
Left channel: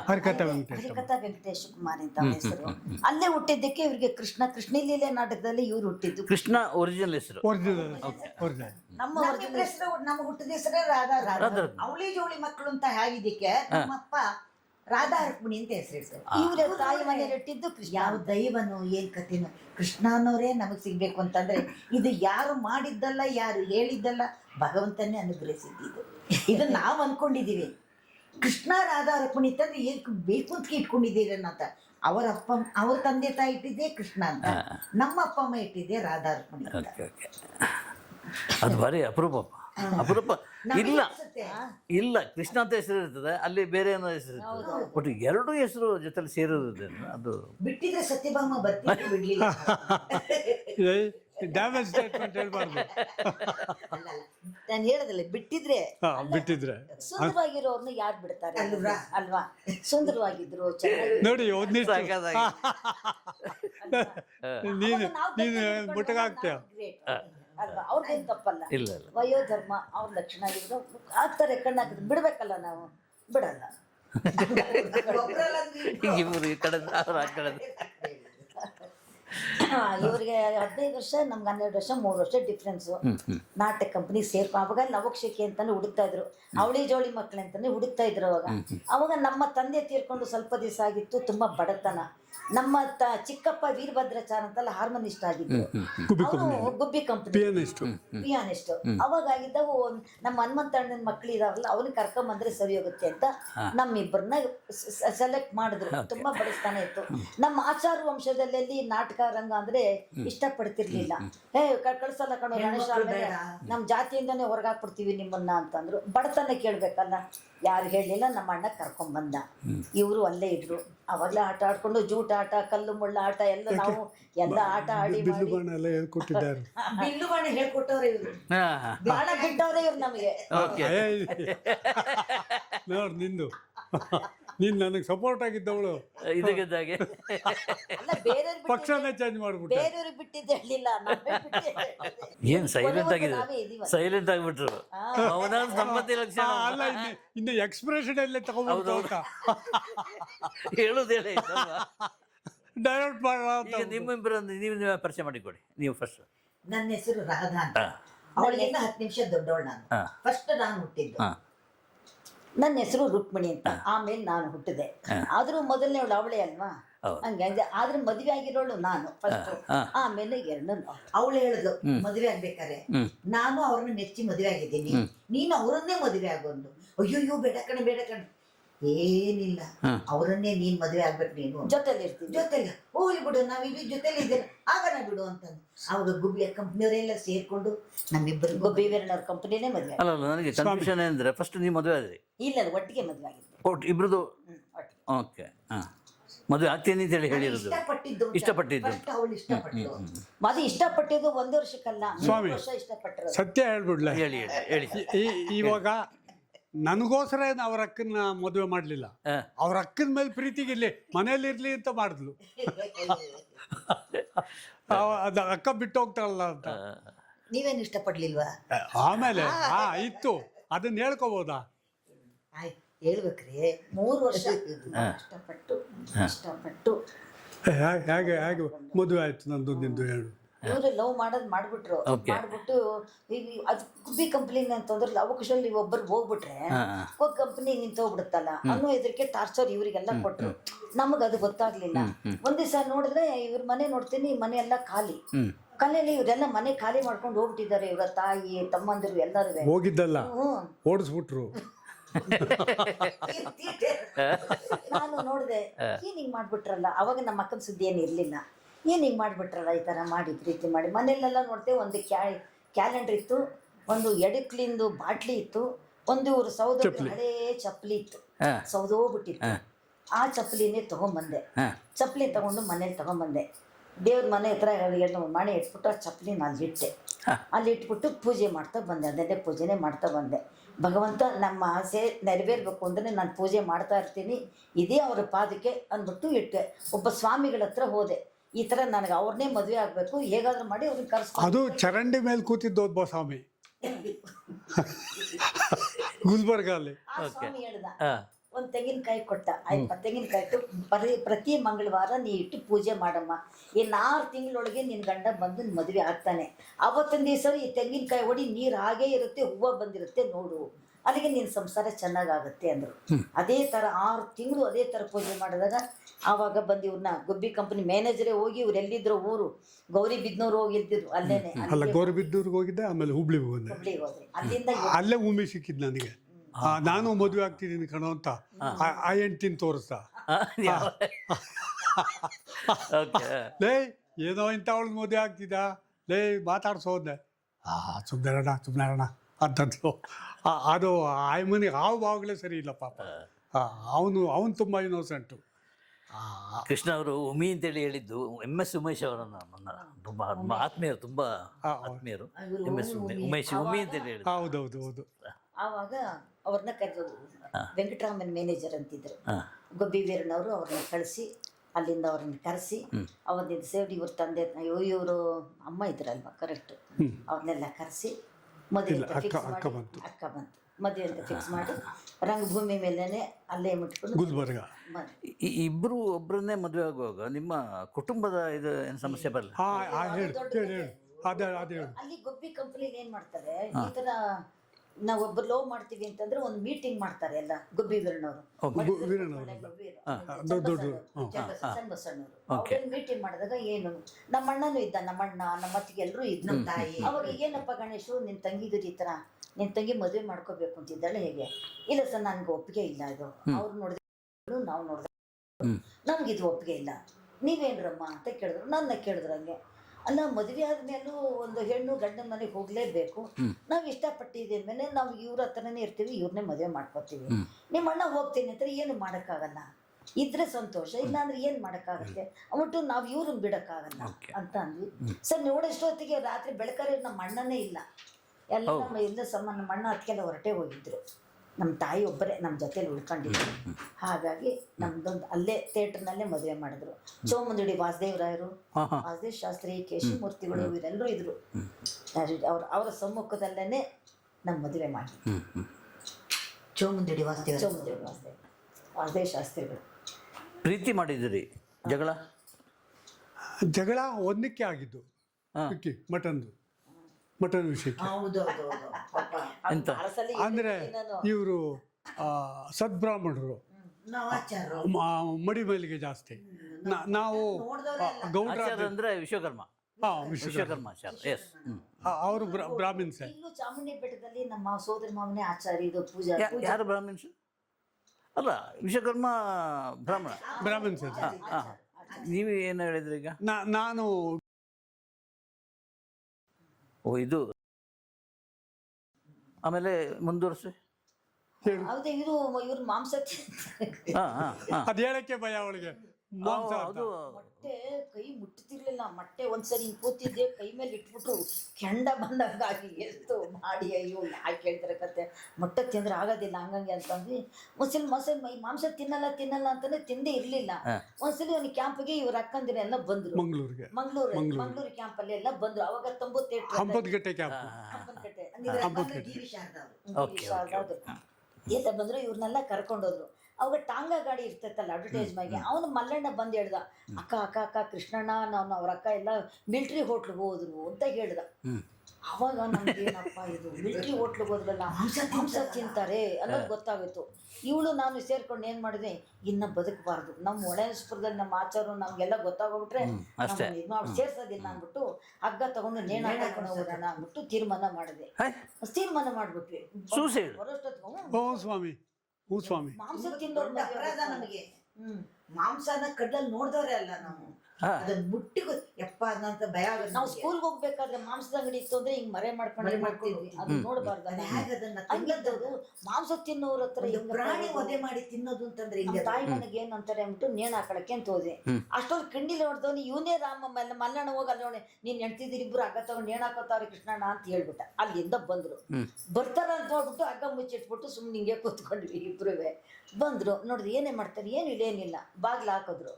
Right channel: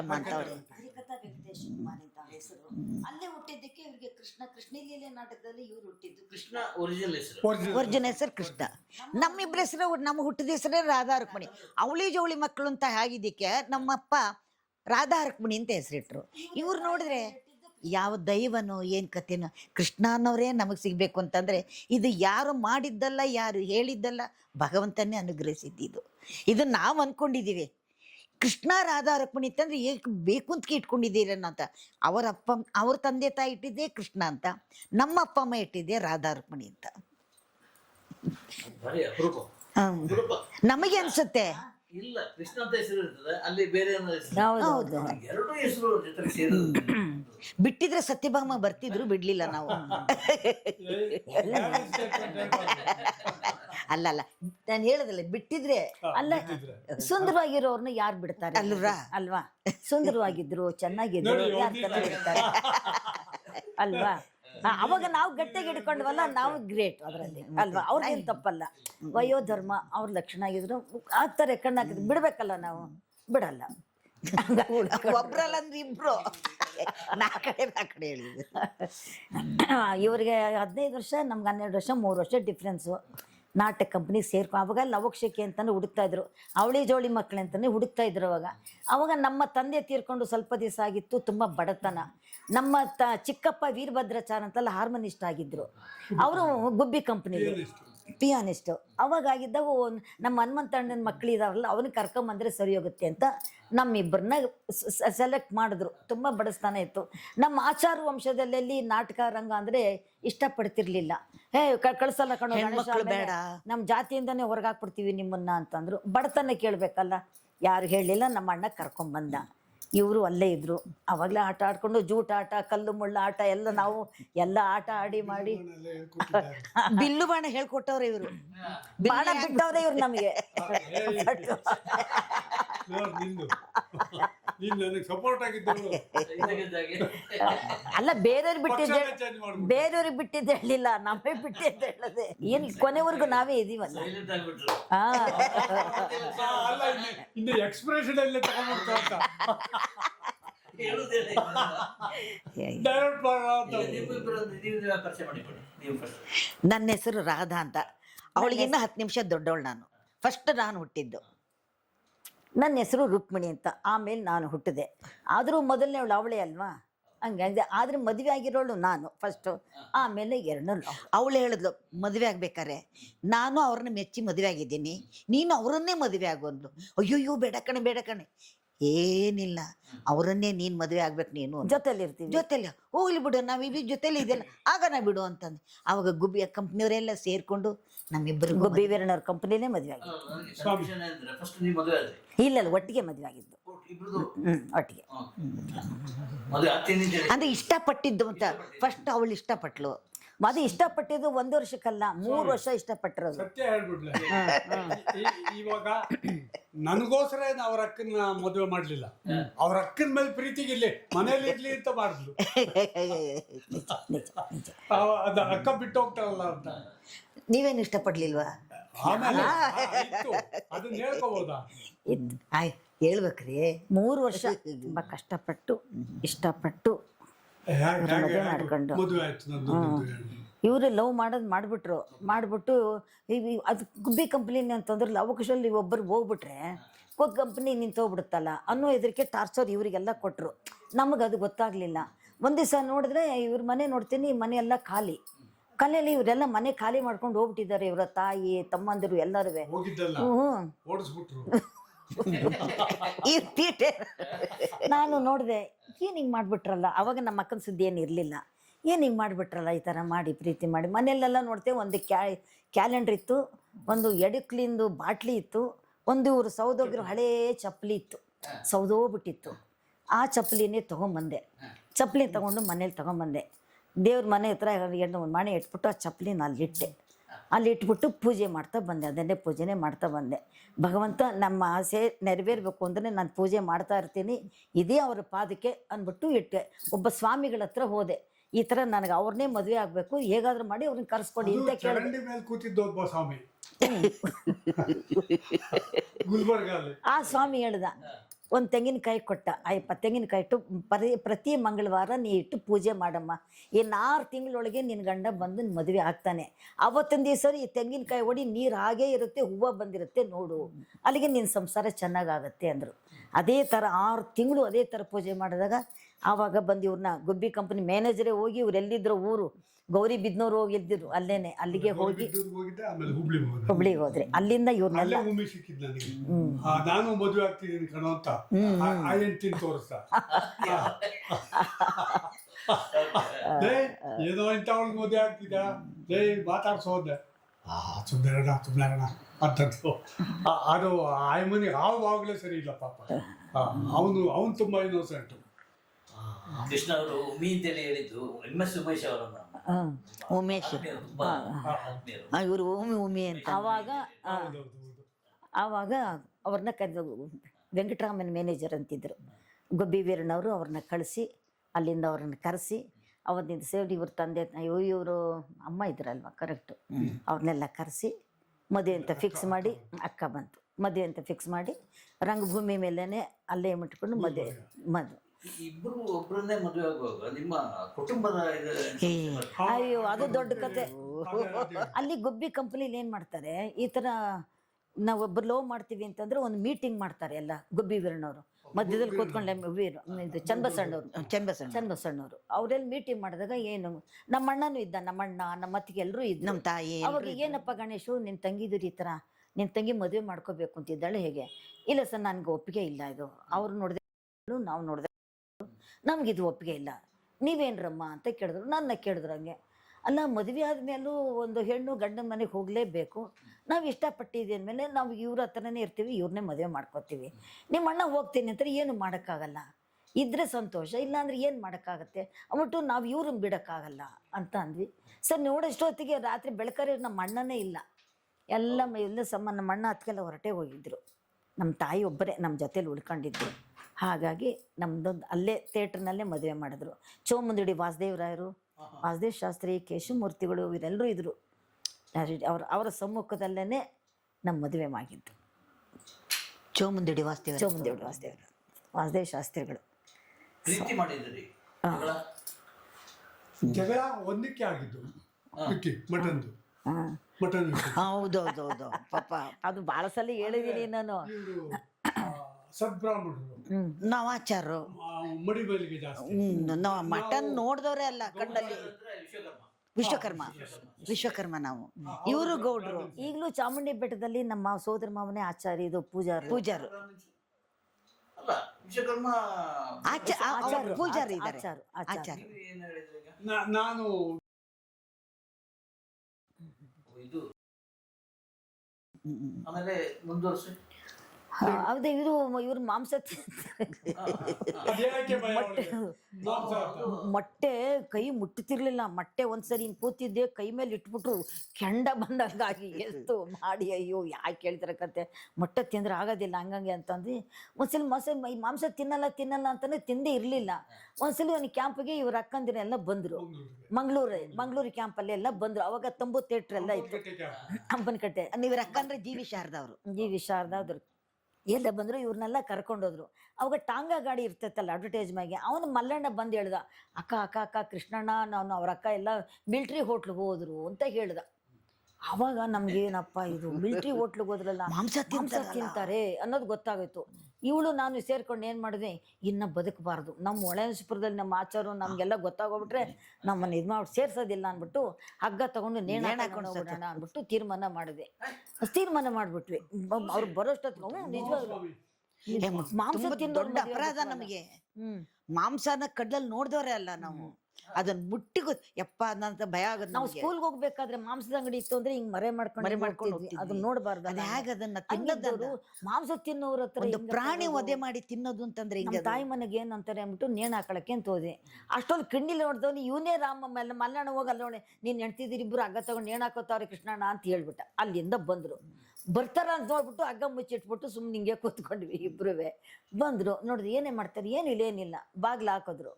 ವೆಂಕಟೇಶ ಕುಮಾರ್ ಅಂತ ಅವ್ರ ಹೆಸರು. ಅಲ್ಲೇ ಹುಟ್ಟಿದ್ದಕ್ಕೆ ಇವ್ರಿಗೆ ಕೃಷ್ಣಲೀಲೆ ನಾಟಕದಲ್ಲಿ ಇವ್ರು ಹುಟ್ಟಿದ್ದು. ಕೃಷ್ಣ ಒರಿಜಿನಲ್ ಹೆಸರು. ಒರಿಜಿನಲ್ ಹೆಸರು ಕೃಷ್ಣ. ನಮ್ಮಿಬ್ಬರ ಹೆಸರು, ನಮ್ಮ ಹುಟ್ಟಿದ ಹೆಸರೇ ರಾಧಾ. ಅವಳಿ ಜೋಳಿ ಮಕ್ಕಳು ಅಂತ ಆಗಿದ್ದಕ್ಕೆ ನಮ್ಮಪ್ಪ ರಾಧಾ ರುಕ್ಮಿಣಿ ಅಂತ ಹೆಸರಿಟ್ರು. ಇಟ್ಟಿದ್ದು ಯಾವ ದೈವನು ಏನ್ ಕಥೆನೋ ಕೃಷ್ಣ ಅನ್ನೋರೇ ನಮಗ್ ಸಿಗ್ಬೇಕು ಅಂತಂದ್ರೆ ಇದು ಯಾರು ಮಾಡಿದ್ದಲ್ಲ, ಯಾರು ಹೇಳಿದ್ದಲ್ಲ, ಭಗವಂತನೇ ಅನುಗ್ರಹಿಸಿದ್ದು. ಇದನ್ನ ನಾವು ಅನ್ಕೊಂಡಿದೀವಿ. ಕೃಷ್ಣ ರಾಧಾ ರುಕ್ಮಿಣಿ ಅಂತಂದ್ರೆ ಏನ್ ಬೇಕು ಅಂತ ಇಟ್ಕೊಂಡಿದ್ದೀರ ಅಂತ. ಅವ್ರ ತಂದೆ ತಾಯಿ ಇಟ್ಟಿದ್ದೆ ಕೃಷ್ಣ ಅಂತ, ನಮ್ಮ ಅಪ್ಪ ಅಮ್ಮ ಇಟ್ಟಿದ್ದೆ ರಾಧಾ ರುಕ್ಮಿಣಿ ಅಂತ. ಅದು ಭಾರಿ ಅಪರೂಪ. ನಮಗೆ ಅನ್ಸುತ್ತೆ ಇಲ್ಲ, ಕೃಷ್ಣ ಅಂತ ಹೆಸರು ಇರ್ತದೆ, ಅಲ್ಲಿ ಬೇರೆ ಏನೋ ಹೆಸರು. ಎರಡು ಹೆಸರು ಜೊತೆಗೆ ಸೇರೋದು ಅದು. ಬಿಟ್ಟಿದ್ರೆ ಸತ್ಯಭಾಮ ಬರ್ತಿದ್ರು, ಬಿಡ್ಲಿಲ್ಲ ನಾವು. ಅಲ್ಲ ನಾನು ಹೇಳದಿಲ್ಲ, ಬಿಟ್ಟಿದ್ರೆ. ಸುಂದರವಾಗಿರೋರ್ನ ಯಾರು ಬಿಡ್ತಾರೆ ಅಲ್ವಾ? ಸುಂದರವಾಗಿದ್ರು, ಚೆನ್ನಾಗಿದ್ರು ಅಲ್ವಾ? ಅವಾಗ ನಾವು ನಾವು ಗ್ರೇಟ್ ಅಲ್ವಾ? ಅವ್ರೇನ್ ತಪ್ಪಲ್ಲ. ವಯೋಧರ್ಮ ಅವ್ರ ಲಕ್ಷಣ ಆಗಿದ್ರು ಆಗ್ತಾರೆ, ಕಣ್ಣಾಕಿದ್ರು ಬಿಡ್ಬೇಕಲ್ಲ, ನಾವು ಬಿಡಲ್ಲ. ಇವ್ರಿಗೆ 15 ವರ್ಷ, ನಮ್ಗೆ 12 ವರ್ಷ, 3 ವರ್ಷ ಡಿಫ್ರೆನ್ಸು. ನಾಟಕ ಕಂಪ್ನಿ ಅವಾಗ ಲವಕ್ಷಕ್ಕೆ ಅಂತಾನೆ ಹುಡುಕ್ತಾ ಇದ್ರು, ಅವಳಿ ಜೋಳಿ ಮಕ್ಳು ಅಂತಾನೆ ಹುಡುಕ್ತಾ ಇದ್ರು. ಅವಾಗ ನಮ್ಮ ತಂದೆ ತೀರ್ಕೊಂಡು ಸ್ವಲ್ಪ ದಿವಸ ಆಗಿತ್ತು, ತುಂಬಾ ಬಡತನ. ನಮ್ಮ ಚಿಕ್ಕಪ್ಪ ವೀರಭದ್ರಾಚಾರ್ ಅಂತಲ್ಲ ಹಾರ್ಮೋನಿಸ್ಟ್ ಆಗಿದ್ರು, ಅವರು ಗುಬ್ಬಿ ಕಂಪ್ನಿ ಪಿಯಾನಿಸ್ಟ್. ಅವಾಗ ಆಗಿದ್ದವು ನಮ್ಮ ಹನುಮಂತಣ್ಣನ ಮಕ್ಳು ಇದಾವಲ್ಲ, ಅವನ್ನ ಕರ್ಕೊಂಬಂದ್ರೆ ಸರಿ ಹೋಗುತ್ತೆ ಅಂತ ನಮ್ಮಿಬ್ಬರನ್ನ ಸೆಲೆಕ್ಟ್ ಮಾಡಿದ್ರು. ತುಂಬಾ ಬಡಸ್ತಾನ ಇತ್ತು. ನಮ್ಮ ಆಚಾರ ವಂಶದಲ್ಲಿ ನಾಟಕ ರಂಗ ಅಂದ್ರೆ ಇಷ್ಟಪಡ್ತಿರ್ಲಿಲ್ಲ. ಕಳ್ಸಲ್ಲ ಕಣೋ, ನಮ್ ಜಾತಿಯಿಂದಾನೇ ಹೊರಗಾಕ್ಬಿಡ್ತೀವಿ ನಿಮ್ಮನ್ನ ಅಂತಂದ್ರು. ಬಡತನ ಕೇಳ್ಬೇಕಲ್ಲ, ಯಾರು ಹೇಳಿಲ್ಲ. ನಮ್ಮ ಅಣ್ಣ ಕರ್ಕೊಂಡ್ ಬಂದ, ಇವರು ಅಲ್ಲೇ ಇದ್ರು. ಅವಾಗ್ಲೇ ಆಟ ಆಡ್ಕೊಂಡು ಜೂಟ ಆಟ, ಕಲ್ಲು ಮುಳ್ಳ ಆಟ ಎಲ್ಲ ನಾವು ಎಲ್ಲ ಆಟ ಆಡಿ ಮಾಡಿ ಬಿಲ್ಲು ಬಾಣ ಹೇಳ್ಕೊಟ್ಟವ್ರೆ ಇವ್ರು. ಬಾಣ ಬಿಟ್ಟವ್ರೆ ಇವ್ರು ನಮಗೆ. ನೀನ್ ನನಗೆ ಸಪೋರ್ಟ್ ಆಗಿದ್ದವಳು. ಅಲ್ಲ, ಬೇರೆಯವ್ರಿಗೆ ಬಿಟ್ಟಿದ್ದೆ ಹೇಳಿಲ್ಲ, ನಾವೇ ಬಿಟ್ಟಿದ್ದೆ. ನಾವೇ ಇದೀವಿ ಸೈಲೆಂಟ್ ಆಗ್ಬಿಟ್ರು. ಅಲ್ಲ, ಇನ್ನು ಎಕ್ಸ್ಪ್ರೆಷನ್ ಅಲ್ಲೇ ತಗೊಂಡು ಹೇಳುದೇನೆ. ನಿಮ್ಮಿಬ್ಬರು ನೀವು ಪರಿಚಯ ಮಾಡಿಕೊಡಿ. ನೀವು ಫಸ್ಟ್. ನನ್ನ ಹೆಸರು ರಾಧಾ ಅಂತ. ಅವಳಿಗಿನ್ನ 10 ನಿಮಿಷ ದೊಡ್ಡವಳು ನಾನು. ಫಸ್ಟ್ ನಾನು ಹುಟ್ಟಿದ್ದು. ನನ್ನ ಹೆಸರು ರುಕ್ಮಿಣಿ ಅಂತ. ಆಮೇಲೆ ನಾನು ಹುಟ್ಟಿದೆ. ಆದ್ರೂ ಮೊದಲನೇ ಅವಳೇ ಅಲ್ವಾ, ಹಂಗಾಗಿ ಆದ್ರೆ ಮದ್ವೆ ಆಗಿರೋಳು ನಾನು ಫಸ್ಟ್, ಆಮೇಲೆ ಎರಡನೇ ಅವಳು ಹೇಳಿದ್ಲು ಮದ್ವೆ ಆಗ್ಬೇಕಾರೆ, ನಾನು ಅವ್ರನ್ನ ಮೆಚ್ಚಿ ಮದ್ವೆ ಆಗಿದ್ದೀನಿ, ನೀನು ಅವರನ್ನೇ ಮದ್ವೆ ಆಗೋದು. ಅಯ್ಯೋ ಬೇಡ ಕಣೆ ಬೇಡ ಕಣೆ, ಏನಿಲ್ಲ ಅವರನ್ನೇ ನೀನ್ ಮದ್ವೆ ಆಗ್ಬೇಕು, ನೀನು ಜೊತೆಲಿ ಇರ್ತೀವಿ, ಜೊತೆಲಿ ಹೋಗ್ಲಿ ಬಿಡು, ನಾವಿಲ್ಲಿ ಜೊತೆಲಿ ಇದ್ದೇನೆ ಆಗನ ಬಿಡು ಅಂತಂದು. ಅವಾಗ ಗುಬ್ಬಿಯ ಕಂಪ್ನಿಯವರೆಲ್ಲ ಸೇರ್ಕೊಂಡು ನಮ್ಮಿಬ್ಬರು ಗುಬ್ಬಿ ವೀರಣ್ಣವ್ರ ಕಂಪ್ನಿನೇ ಮದ್ವೆ. ಅಲ್ಲ, ನನಗೆ ಕನ್ಫ್ಯೂಷನ್ ಅಂದ್ರೆ ಫಸ್ಟ್ ನೀವು ಮದುವೆ ಆದ್ರಿ? ಇಲ್ಲ, ಒಟ್ಟಿಗೆ ಮದ್ವೆ ಆಗಿದ್ದು. ಇಬ್ರದು ಒಟ್ಟಿಗೆ. ಓಕೆ. ಮದುವೆ ಆಗ್ತೀನಿ ಅಂತ ಹೇಳಿ ಅದು ಇಷ್ಟಪಟ್ಟಿದ್ದು. ಫಸ್ಟ್ ಅವಳು ಇಷ್ಟಪಟ್ಲು. ಅದು ಇಷ್ಟಪಟ್ಟಿದ್ದು 1 ವರ್ಷಕ್ಕಲ್ಲ, 3 ವರ್ಷ ಇಷ್ಟಪಟ್ಟರು. ಸತ್ಯ ಹೇಳ್ಬಿಡ್ಲ, ಇವಾಗ ನನಗೋಸ್ಕರ ಅವ್ರ ಅಕ್ಕನ ಮದುವೆ ಮಾಡ್ಲಿಲ್ಲ, ಅವ್ರ ಅಕ್ಕನ ಮೇಲೆ ಪ್ರೀತಿಗೆ ಇಲ್ಲಿ ಮನೇಲಿ ಇರ್ಲಿ ಅಂತ ಮಾಡಿದ್ಲು. ಅದ ಅಕ್ಕ ಬಿಟ್ಟು ಹೋಗ್ತಾರಲ್ಲ ಅಂತ. ನೀವೇನು ಇಷ್ಟಪಡ್ಲಿಲ್ವಾ? ಆಮೇಲೆ ಇತ್ತು, ಅದನ್ನ ಹೇಳ್ಕೋಬಹುದಾ? ಹೇಳ್ಬೇಕ್ರಿ. 3 ವರ್ಷ ಕಷ್ಟಪಟ್ಟು ಇಷ್ಟಪಟ್ಟು ಮದುವೆ ಆಯ್ತು ನಂದು. ಇವ್ರು ಲವ್ ಮಾಡ್ಬಿಟ್ರು. ಮಾಡ್ಬಿಟ್ಟು ಅದು ಗುಬ್ಬಿ ಕಂಪ್ನಿ ಅಂತಂದ್ರೆ ಲವಕುಶಲ್ಲಿ ಒಬ್ಬರು ಹೋಗ್ಬಿಟ್ರೆ ಕಂಪ್ನಿ ನಿಂತು ಹೋಗ್ಬಿಡುತ್ತಲ್ಲ ಅನ್ನೋ ಇದಕ್ಕೆ ಟಾರ್ಚರ್ ಇವರಿಗೆಲ್ಲ ಕೊಟ್ರು. ನಮಗ್ ಅದು ಗೊತ್ತಾಗ್ಲಿಲ್ಲ. ಒಂದ್ ದಿವಸ ನೋಡಿದ್ರೆ ಇವ್ರ ಮನೆ ನೋಡ್ತೀನಿ, ಮನೆ ಎಲ್ಲ ಖಾಲಿ. ಕಲೆಯಲ್ಲಿ ಇವರೆಲ್ಲ ಮನೆ ಖಾಲಿ ಮಾಡ್ಕೊಂಡು ಹೋಗ್ಬಿಟ್ಟಿದ್ದಾರೆ. ಇವರ ತಾಯಿ ತಮ್ಮಂದಿರು ಎಲ್ಲರೂ ಹೋಗಿದ್ದಲ್ಲ ಓಡಿಸ್ಬಿಟ್ರು. ನಾನು ನೋಡ್ದೆ, ಏನ್ ಹಿಂಗ್ ಮಾಡ್ಬಿಟ್ರಲ್ಲ. ಅವಾಗ ನಮ್ಮ ಅಕ್ಕನ ಸುದ್ದಿ ಏನ್ ಇರ್ಲಿಲ್ಲ. ಏನ್ ಹಿಂಗ್ ಮಾಡ್ಬಿಟ್ರಲ್ಲ, ಈ ತರ ಮಾಡಿ ಪ್ರೀತಿ ಮಾಡಿ. ಮನೆಯಲ್ಲೆಲ್ಲ ನೋಡ್ತೇವೆ, ಒಂದು ಕ್ಯಾಲೆಂಡರ್ ಇತ್ತು, ಒಂದು ಎಡಕ್ಲಿಂದು ಬಾಟ್ಲಿ ಇತ್ತು, ಒಂದು ಇವ್ರು ಸೌದೋದ್ರ ಹಳೇ ಚಪ್ಪಲಿ ಇತ್ತು, ಸೌದೋಗ್ಬಿಟ್ಟಿತ್ತು. ಆ ಚಪ್ಪಲಿನೇ ತಗೊಂಬಂದೆ. ಚಪ್ಪಲಿ ತಗೊಂಡು ಮನೇಲಿ ತಗೊಂಬಂದೆ. ದೇವ್ರ ಮನೆ ಹತ್ರ ಎರಡು ಮಣೆ ಇಟ್ಬಿಟ್ಟು ಆ ಚಪ್ಪಲಿನ ಅಲ್ಲಿಟ್ಟೆ. ಅಲ್ಲಿ ಇಟ್ಬಿಟ್ಟು ಪೂಜೆ ಮಾಡ್ತಾ ಬಂದೆ. ಅದನ್ನೇ ಪೂಜೆನೇ ಮಾಡ್ತಾ ಬಂದೆ. ಭಗವಂತ ನಮ್ಮ ಆಸೆ ನೆರವೇರ್ಬೇಕು ಅಂದರೆ ನಾನು ಪೂಜೆ ಮಾಡ್ತಾ ಇರ್ತೀನಿ, ಇದೇ ಅವರ ಪಾದಕ್ಕೆ ಅಂದ್ಬಿಟ್ಟು ಇಟ್ಟೆ. ಒಬ್ಬ ಸ್ವಾಮಿಗಳ ಹತ್ರ ಹೋದೆ, ಈ ಥರ ನನಗೆ ಅವ್ರನ್ನೇ ಮದುವೆ ಆಗಬೇಕು, ಹೇಗಾದ್ರೂ ಮಾಡಿ ಅವ್ರನ್ನ ಅದು ಕರ್ಸ್ಕೊಂಡು. ಚರಂಡಿ ಮೇಲೆ ಕೂತಿದ್ದ ಒಬ್ಬ ಸ್ವಾಮಿ ಗುಲ್ಬರ್ಗ ಅಲ್ಲಿ. ಆ ಸ್ವಾಮಿ ಹೇಳ್ದ, ಒಂದು ತೆಂಗಿನಕಾಯಿ ಕೊಟ್ಟ. ಆಯ್ತು, ತೆಂಗಿನಕಾಯಿ ಇಟ್ಟು ಪ್ರತಿ ಮಂಗಳವಾರ ನೀ ಇಟ್ಟು ಪೂಜೆ ಮಾಡಮ್ಮ, ಇನ್ನು 6 ತಿಂಗಳೊಳಗೆ ನಿನ್ನ ಗಂಡ ಬಂದು ಮದುವೆ ಆಗ್ತಾನೆ. ಅವತ್ತಿನ ದಿವಸ ಈ ತೆಂಗಿನಕಾಯಿ ಹೊಡಿ, ನೀರು ಹಾಗೇ ಇರುತ್ತೆ, ಹೂವು ಬಂದಿರುತ್ತೆ ನೋಡು, ಅಲ್ಲಿಗೆ ನಿನ್ನ ಸಂಸಾರ ಚೆನ್ನಾಗಾಗತ್ತೆ ಅಂದರು. ಅದೇ ಥರ 6 ತಿಂಗಳು ಅದೇ ಥರ ಪೂಜೆ ಮಾಡಿದಾಗ ಆವಾಗ ಬಂದು ಇವ್ರನ್ನ ಗುಬ್ಬಿ ಕಂಪನಿ ಮ್ಯಾನೇಜರೇ ಹೋಗಿ, ಇವ್ರು ಎಲ್ಲಿದ್ರು ಊರು ಗೌರಿಬಿದ್ನೂರು ಹೋಗಿದ್ರು, ಅಲ್ಲೇನೆ. ಅಲ್ಲಿಗೆ ಗೌರಿಬಿದ್ದೂರ್ಗೆ ಹೋಗಿದ್ದೆ, ಆಮೇಲೆ ಹುಬ್ಳಿಗೆ ಹೋದ್ರೆ ಅಲ್ಲಿಂದ ಇವ್ರು ಅಲ್ಲೇ ಭೂಮಿ ಸಿಕ್ಕಿದ್ ನನಗೆ. ನಾನು ಮದುವೆ ಆಗ್ತಿದ್ದೀನಿ ಕಣೋ ಅಂತ ಆ ಹೆಂಡ್ತಿನ ತೋರಿಸ್ದ. ಲೇ ಏನೋ ಇಂಥ ಅವಳಿಗೆ ಮದುವೆ ಆಗ್ತಿದ್ದ, ಲೇ ಮಾತಾಡ್ಸೋದೆ, ಸುಮ್ನೆರಣ ಅಂತಂದ್ರು. ಅದು ಆಯಮ್ಮನಿಗೆ ಆವಾಗಲೇ ಸರಿ ಇಲ್ಲ ಪಾಪ. ಅವನು ತುಂಬಾ ಇನ್ನೋಸೆಂಟು. ಕೃಷ್ಣ ಅವರು ಉಮಿ ಅಂತೇಳಿ ಹೇಳಿದ್ದು MS ಉಮೇಶ್ ಅವರನ್ನ ತುಂಬಾ ಆತ್ಮೀಯರು, ತುಂಬಾ ಆತ್ಮೀಯರು. ಉಮೇಶ್ ಉಮಿ ಅಂತೇಳಿ ಹೇಳಿದ್ರು. ಹೌದೌದು. ಆವಾಗ ಅವ್ರನ್ನ ಕರೆದು ವೆಂಕಟರಾಮನ್ ಮ್ಯಾನೇಜರ್ ಅಂತಿದ್ರು, ಗೊಬ್ಬಿ ವೀರಣ್ಣವರು ಅವ್ರನ್ನ ಕಳಿಸಿ ಅಲ್ಲಿಂದ ಅವ್ರನ್ನ ಕರೆಸಿ ಅವತ್ತಿನ ಸೇರಿ ಇವ್ರ ತಂದೆ ಇವರು ಅಮ್ಮ ಇದ್ರಲ್ವ ಕರೆಕ್ಟ್, ಅವ್ರನ್ನೆಲ್ಲ ಕರೆಸಿ ಮದುವೆ ಅಂತ ಫಿಕ್ಸ್ ಮಾಡಿ, ಅಕ್ಕ ಬಂತು ಮದುವೆ ಅಂತ ಫಿಕ್ಸ್ ಮಾಡಿ ರಂಗಭೂಮಿ ಮೇಲೇನೆ ಅಲ್ಲೇ ಮುಟ್ಕೊಂಡು ಮದುವೆ. ಇಬ್ರು ಒಬ್ರನ್ನೇ ಮದುವೆ ಆಗುವಾಗ ನಿಮ್ಮ ಕುಟುಂಬದ ಇದು ಸಮಸ್ಯೆ ಬರುತ್ತೆ. ಅದು ದೊಡ್ಡ ಕತೆ. ಅಲ್ಲಿ ಗುಬ್ಬಿ ಕಂಪನಿಲಿ ಏನ್ ಮಾಡ್ತಾರೆ, ಈ ತರ ನಾವೊಬ್ಬರು ಲವ್ ಮಾಡ್ತೀವಿ ಅಂತಂದ್ರೆ ಒಂದು ಮೀಟಿಂಗ್ ಮಾಡ್ತಾರೆ ಎಲ್ಲ ಗುಬ್ಬಿ ವೀರಣ್ಣವರು. ಮಧ್ಯದಲ್ಲಿ ಕೂತ್ಕೊಂಡೆ ಚನ್ನಬಸಣ್ಣವರು ಅವ್ರಲ್ಲಿ ಮೀಟಿಂಗ್ ಮಾಡಿದಾಗ ಏನು, ನಮ್ಮ ಅಣ್ಣನೂ ಇದ್ದ, ನಮ್ಮ ಅಣ್ಣ ನಮ್ಮ ಅತ್ತಿಗೆ ಎಲ್ಲರೂ ಇದ್ದ, ನಮ್ಮ ತಾಯಿ. ಅವಾಗ ಏನಪ್ಪ ಗಣೇಶು ನಿನ್ ತಂಗಿದ್ರು ಈ ತರ, ನಿನ್ ತಂಗಿ ಮದುವೆ ಮಾಡ್ಕೋಬೇಕು ಅಂತಿದ್ದಾಳೆ, ಹೇಗೆ? ಇಲ್ಲ ಸರ್ ನನ್ಗೆ ಒಪ್ಪಿಗೆ ಇಲ್ಲ, ಇದು ಅವ್ರು ನೋಡಿದೆ ನಾವು ನೋಡಿದೆ, ನಮ್ಗಿದು ಒಪ್ಪಿಗೆ ಇಲ್ಲ, ನೀವೇನ್ರಮ್ಮ ಅಂತ ಕೇಳಿದ್ರು. ನನ್ನ ಕೇಳಿದ್ರು ಹಂಗೆ. ಅಲ್ಲ, ಮದುವೆ ಆದ್ಮೇಲೂ ಒಂದು ಹೆಣ್ಣು ಗಂಡನ ಮನೆಗೆ ಹೋಗ್ಲೇಬೇಕು, ನಾವು ಇಷ್ಟಪಟ್ಟಿದ್ವಿ ಅಂದಮೇಲೆ ನಾವು ಇವ್ರ ಹತ್ರನೇ ಇರ್ತೀವಿ, ಇವ್ರನ್ನೇ ಮದುವೆ ಮಾಡ್ಕೊತೀವಿ. ನಿಮ್ಮ ಅಣ್ಣ ಹೋಗ್ತೀನಿ ಅಂತಾರೆ, ಏನು ಮಾಡೋಕ್ಕಾಗಲ್ಲ, ಇದ್ರೆ ಸಂತೋಷ, ಇಲ್ಲ ಅಂದ್ರೆ ಏನ್ ಮಾಡೋಕ್ಕಾಗತ್ತೆ ಅಂದ್ಬಿಟ್ಟು ನಾವು ಇವ್ರನ್ನ ಬಿಡೋಕ್ಕಾಗಲ್ಲ ಅಂತ ಅಂದ್ವಿ. ಸರ್ ನೋಡೋಷ್ಟೊತ್ತಿಗೆ ರಾತ್ರಿ ಬೆಳಕರೆ ನಮ್ಮ ಅಣ್ಣನೇ ಇಲ್ಲ, ಎಲ್ಲ ನಮ್ಮ ಅಣ್ಣ ಅದಕ್ಕೆಲ್ಲ ಹೊರಟೆ ಹೋಗಿದ್ರು. ನಮ್ಮ ತಾಯಿ ಒಬ್ಬರೇ ನಮ್ಮ ಜೊತೆಲಿ ಉಳ್ಕೊಂಡಿದ್ರು. ಹಾಗಾಗಿ ನಮ್ದೊಂದು ಅಲ್ಲೇ ಥಿಯೇಟರ್ನಲ್ಲೇ ಮದುವೆ ಮಾಡಿದ್ರು. ಚೋಮುಂದಡಿ ವಾಸುದೇವರಾಯರು, ವಾಸುದೇವ ಶಾಸ್ತ್ರಿ, ಕೇಶವಮೂರ್ತಿಗಳು ಇವರೆಲ್ಲರೂ ಇದ್ರು. ಅವರ ಸಮ್ಮುಖದಲ್ಲೇ ನಮ್ಮ ಮದುವೆ ಮಾಡಿದ್ರು. ಚೋಮುಂದಡಿ ವಾಸುದೇವ ವಾಸುದೇವ ಶಾಸ್ತ್ರಿಗಳು. ಪ್ರೀತಿ ಮಾಡಿದಿರಿ, ಜಗಳ ಒಂದಕ್ಕೆ ಆಗಿದ್ದು ಮಟನ್ದು. ಹೌದೌದು ಪಾಪ ಅಂದ್ರೆ ಇವರು ಸದ್ಬ್ರಾಹ್ಮಣರು, ನವಾಚಾರರು, ಮಡಿ ಮಲ್ಲಿಗೆ ಜಾಸ್ತಿ. ಮಟನ್ ನೋಡಿದವರೇ ಅಲ್ಲ, ಅಂದ್ರೆ ವಿಶ್ವಕರ್ಮ. ನಾವು ಇವರು ಬ್ರಾಹ್ಮಿನ್ಸ್. ಈಗಲೂ ಚಾಮುಂಡಿ ಬೆಟ್ಟದಲ್ಲಿ ನಮ್ಮ ಸೋದರ ಮಾವನೇ ಆಚಾರ್ಯ, ಇದು ಪೂಜಾ ಬ್ರಾಹ್ಮಿನ್ಸ್ ಅಲ್ಲ, ವಿಶ್ವಕರ್ಮ ಪೂಜಾರಿ. ನೀವು ಏನು ಹೇಳಿದ್ರಿ ಈಗ? ನಾನು ಇದು ಆಮೇಲೆ ಮುಂದುವರ್ಸಿ. ಹೌದು, ಇವ್ರು ಮಾಂಸ ಮೊಟ್ಟೆ ಕೈ ಮುಟ್ಟುತ್ತಿರ್ಲಿಲ್ಲ. ಮೊಟ್ಟೆ ಒಂದ್ಸರಿ ಕೂತಿದ್ದೆ, ಕೈ ಮೇಲೆ ಇಟ್ಬಿಟ್ಟು ಕೆಂಡ ಬಂದಂಗಾಗಿ ಎಷ್ಟು ಮಾಡಿ, ಅಯ್ಯೋ ಯಾಕೆ ಹೇಳ್ತಾರೆ ಕತೆ, ಮೊಟ್ಟೆ ತಿಂದ್ರೆ ಆಗೋದಿಲ್ಲ ಹಂಗಂಗೆ ಅಂತಂದು ಒಂದ್ಸಲಿ ಈ ಮಾಂಸ ತಿನ್ನಲ್ಲ ಅಂತಾನೆ ತಿಂದೇ ಇರ್ಲಿಲ್ಲ. ಒಂದ್ಸಲಿ ಒಂದು ಕ್ಯಾಂಪ್ಗೆ ಇವ್ರ ಅಕ್ಕಂದಿರ ಎಲ್ಲ ಬಂದ್ರು, ಮಂಗಳೂರು ಕ್ಯಾಂಪ್ ಅಲ್ಲಿ ಎಲ್ಲ ಬಂದ್ರು. ಅವಾಗ ಹಂಪನಕಟ್ಟೆ ನೀವು ಅಕ್ಕಂದ್ರೆ ಡಿ ವಿ ಶಾರದವ್ರು ಎದ್ದ ಬಂದ್ರು. ಇವ್ರನ್ನೆಲ್ಲ ಕರ್ಕೊಂಡೋದ್ರು. ಅವಾಗ ಟಾಂಗಾ ಗಾಡಿ ಇರ್ತೈತಲ್ಲ ಅಡ್ವರ್ಟೈಸ್ಮೆಂಟ್ಗೆ, ಅವನು ಮಲ್ಲಣ್ಣ ಬಂದು ಹೇಳ್ದ, ಅಕ್ಕ ಕೃಷ್ಣಣ್ಣ ನಾನು ಅವ್ರ ಅಕ್ಕ ಎಲ್ಲ ಮಿಲ್ಟ್ರಿ ಹೋಟ್ಲಿಗೆ ಹೋದ್ರು ಅಂತ ಹೇಳ್ದ. ಅವಾಗ ನಮ್ಗೆ ಏನಪ್ಪ ಇದು ಮಿಲ್ಟ್ರಿ ಹೋಟ್ಲಿಗೆ ಹೋದ್ರಲ್ಲ ಮಾಂಸ ತಿಂತಾರೆ ಅನ್ನೋದು ಗೊತ್ತಾಗೋಯ್ತು. ಇವಳು ನಾನು ಸೇರ್ಕೊಂಡು ಏನ್ ಮಾಡಿದೆ, ಇನ್ನ ಬದುಕಬಾರ್ದು, ನಮ್ಮ ಒಳೇಶ್ವರದಲ್ಲಿ ನಮ್ಮ ಆಚಾರ ನಮ್ಗೆಲ್ಲ ಗೊತ್ತಾಗೋಗ್ಬಿಟ್ರೆ ನಮ್ಮನ್ನ ಇದ್ ಮಾಡಿ ಸೇರ್ಸೋದಿಲ್ಲ ಅಂದ್ಬಿಟ್ಟು ಹಗ್ಗ ತಗೊಂಡು ನೇಣ ಹಾಕೊಂಡು ಹೋಗೋಣ ಅಂದ್ಬಿಟ್ಟು ತೀರ್ಮಾನ ಮಾಡ್ಬಿಟ್ವಿ. ಮಾಂಸ ತಿಂದು ದೊಡ್ಡ ಅಪರಾಧ ನಮಗೆ. ಮಾಂಸನ ಕಡ್ಲಲ್ಲಿ ನೋಡ್ದವ್ರೆ ಅಲ್ಲ ನಾವು. ಅದನ್ನ ಮುಟ್ಟಿಗೂ ಯಪ್ಪ ಅನ್ನೋಂತ ಭಯ ಆಗುತ್ತೆ ನಾವು ಸ್ಕೂಲ್ಗೆ ಹೋಗ್ಬೇಕಾದ್ರೆ ಮಾಂಸದ ಅಂಗಡಿ ಇತ್ತು ಅಂದ್ರೆ ಹಿಂಗ್ ಮರೆ ಮಾಡ್ಕೊಂಡು ಹೋಗ್ತಿದ್ವಿ. ಅದನ್ನ ನೋಡ್ಬಾರ್ದು. ಅದು ಹೇಗೆ ಅದನ್ನ ಹಂಗಿದ್ದವ್ರು ಮಾಂಸ ತಿನ್ನೋರ ಹತ್ರ ಒಂದು ಪ್ರಾಣಿ ವಧೆ ಮಾಡಿ ತಿನ್ನೋದು ಅಂತಂದ್ರೆ ನಮ್ಮ ತಾಯಿ ಮನೆಗೆ ಏನ್ ಅಂತಾರೆ ಅಂದ್ಬಿಟ್ಟು ನೇಣ್ ಹಾಕೊಳಕ್ಕೆ ಅಂತ ಹೋದೆ. ಅಷ್ಟೊಂದು ಕಿಂಡಿಲಿ ನೋಡ್ದವ್ನು ಇವನೇ ರಾಮ ಮಲ್ಲಣ್ಣ ಹೋಗಿ ಅಲ್ಲಿ ನೋಡಿ ನೀನ್ ನೆಡ್ತಿದ್ದೀರಿ ಇಬ್ರು ಹಗ್ಗ ತಗೊಂಡು ನೇಣ್ ಹಾಕೋತಾವ್ರಿ ಕೃಷ್ಣಣ್ಣ ಅಂತ ಹೇಳ್ಬಿಟ್ಟ. ಅಲ್ಲಿಂದ ಬಂದ್ರು. ಬರ್ತಾರ ಅಂತ ನೋಡ್ಬಿಟ್ಟು ಹಗ್ಗ ಮುಚ್ಚಿಟ್ಬಿಟ್ಟು ಸುಮ್ನೆ ಹಿಂಗೆ ಕೂತ್ಕೊಂಡ್ವಿ ಇಬ್ರುವೆ. ಬಂದ್ರು ನೋಡಿದ್ರೆ ಏನೇ ಮಾಡ್ತಾರೆ, ಏನಿಲ್ಲ ಬಾಗ್ಲ ಹಾಕಿದ್ರು.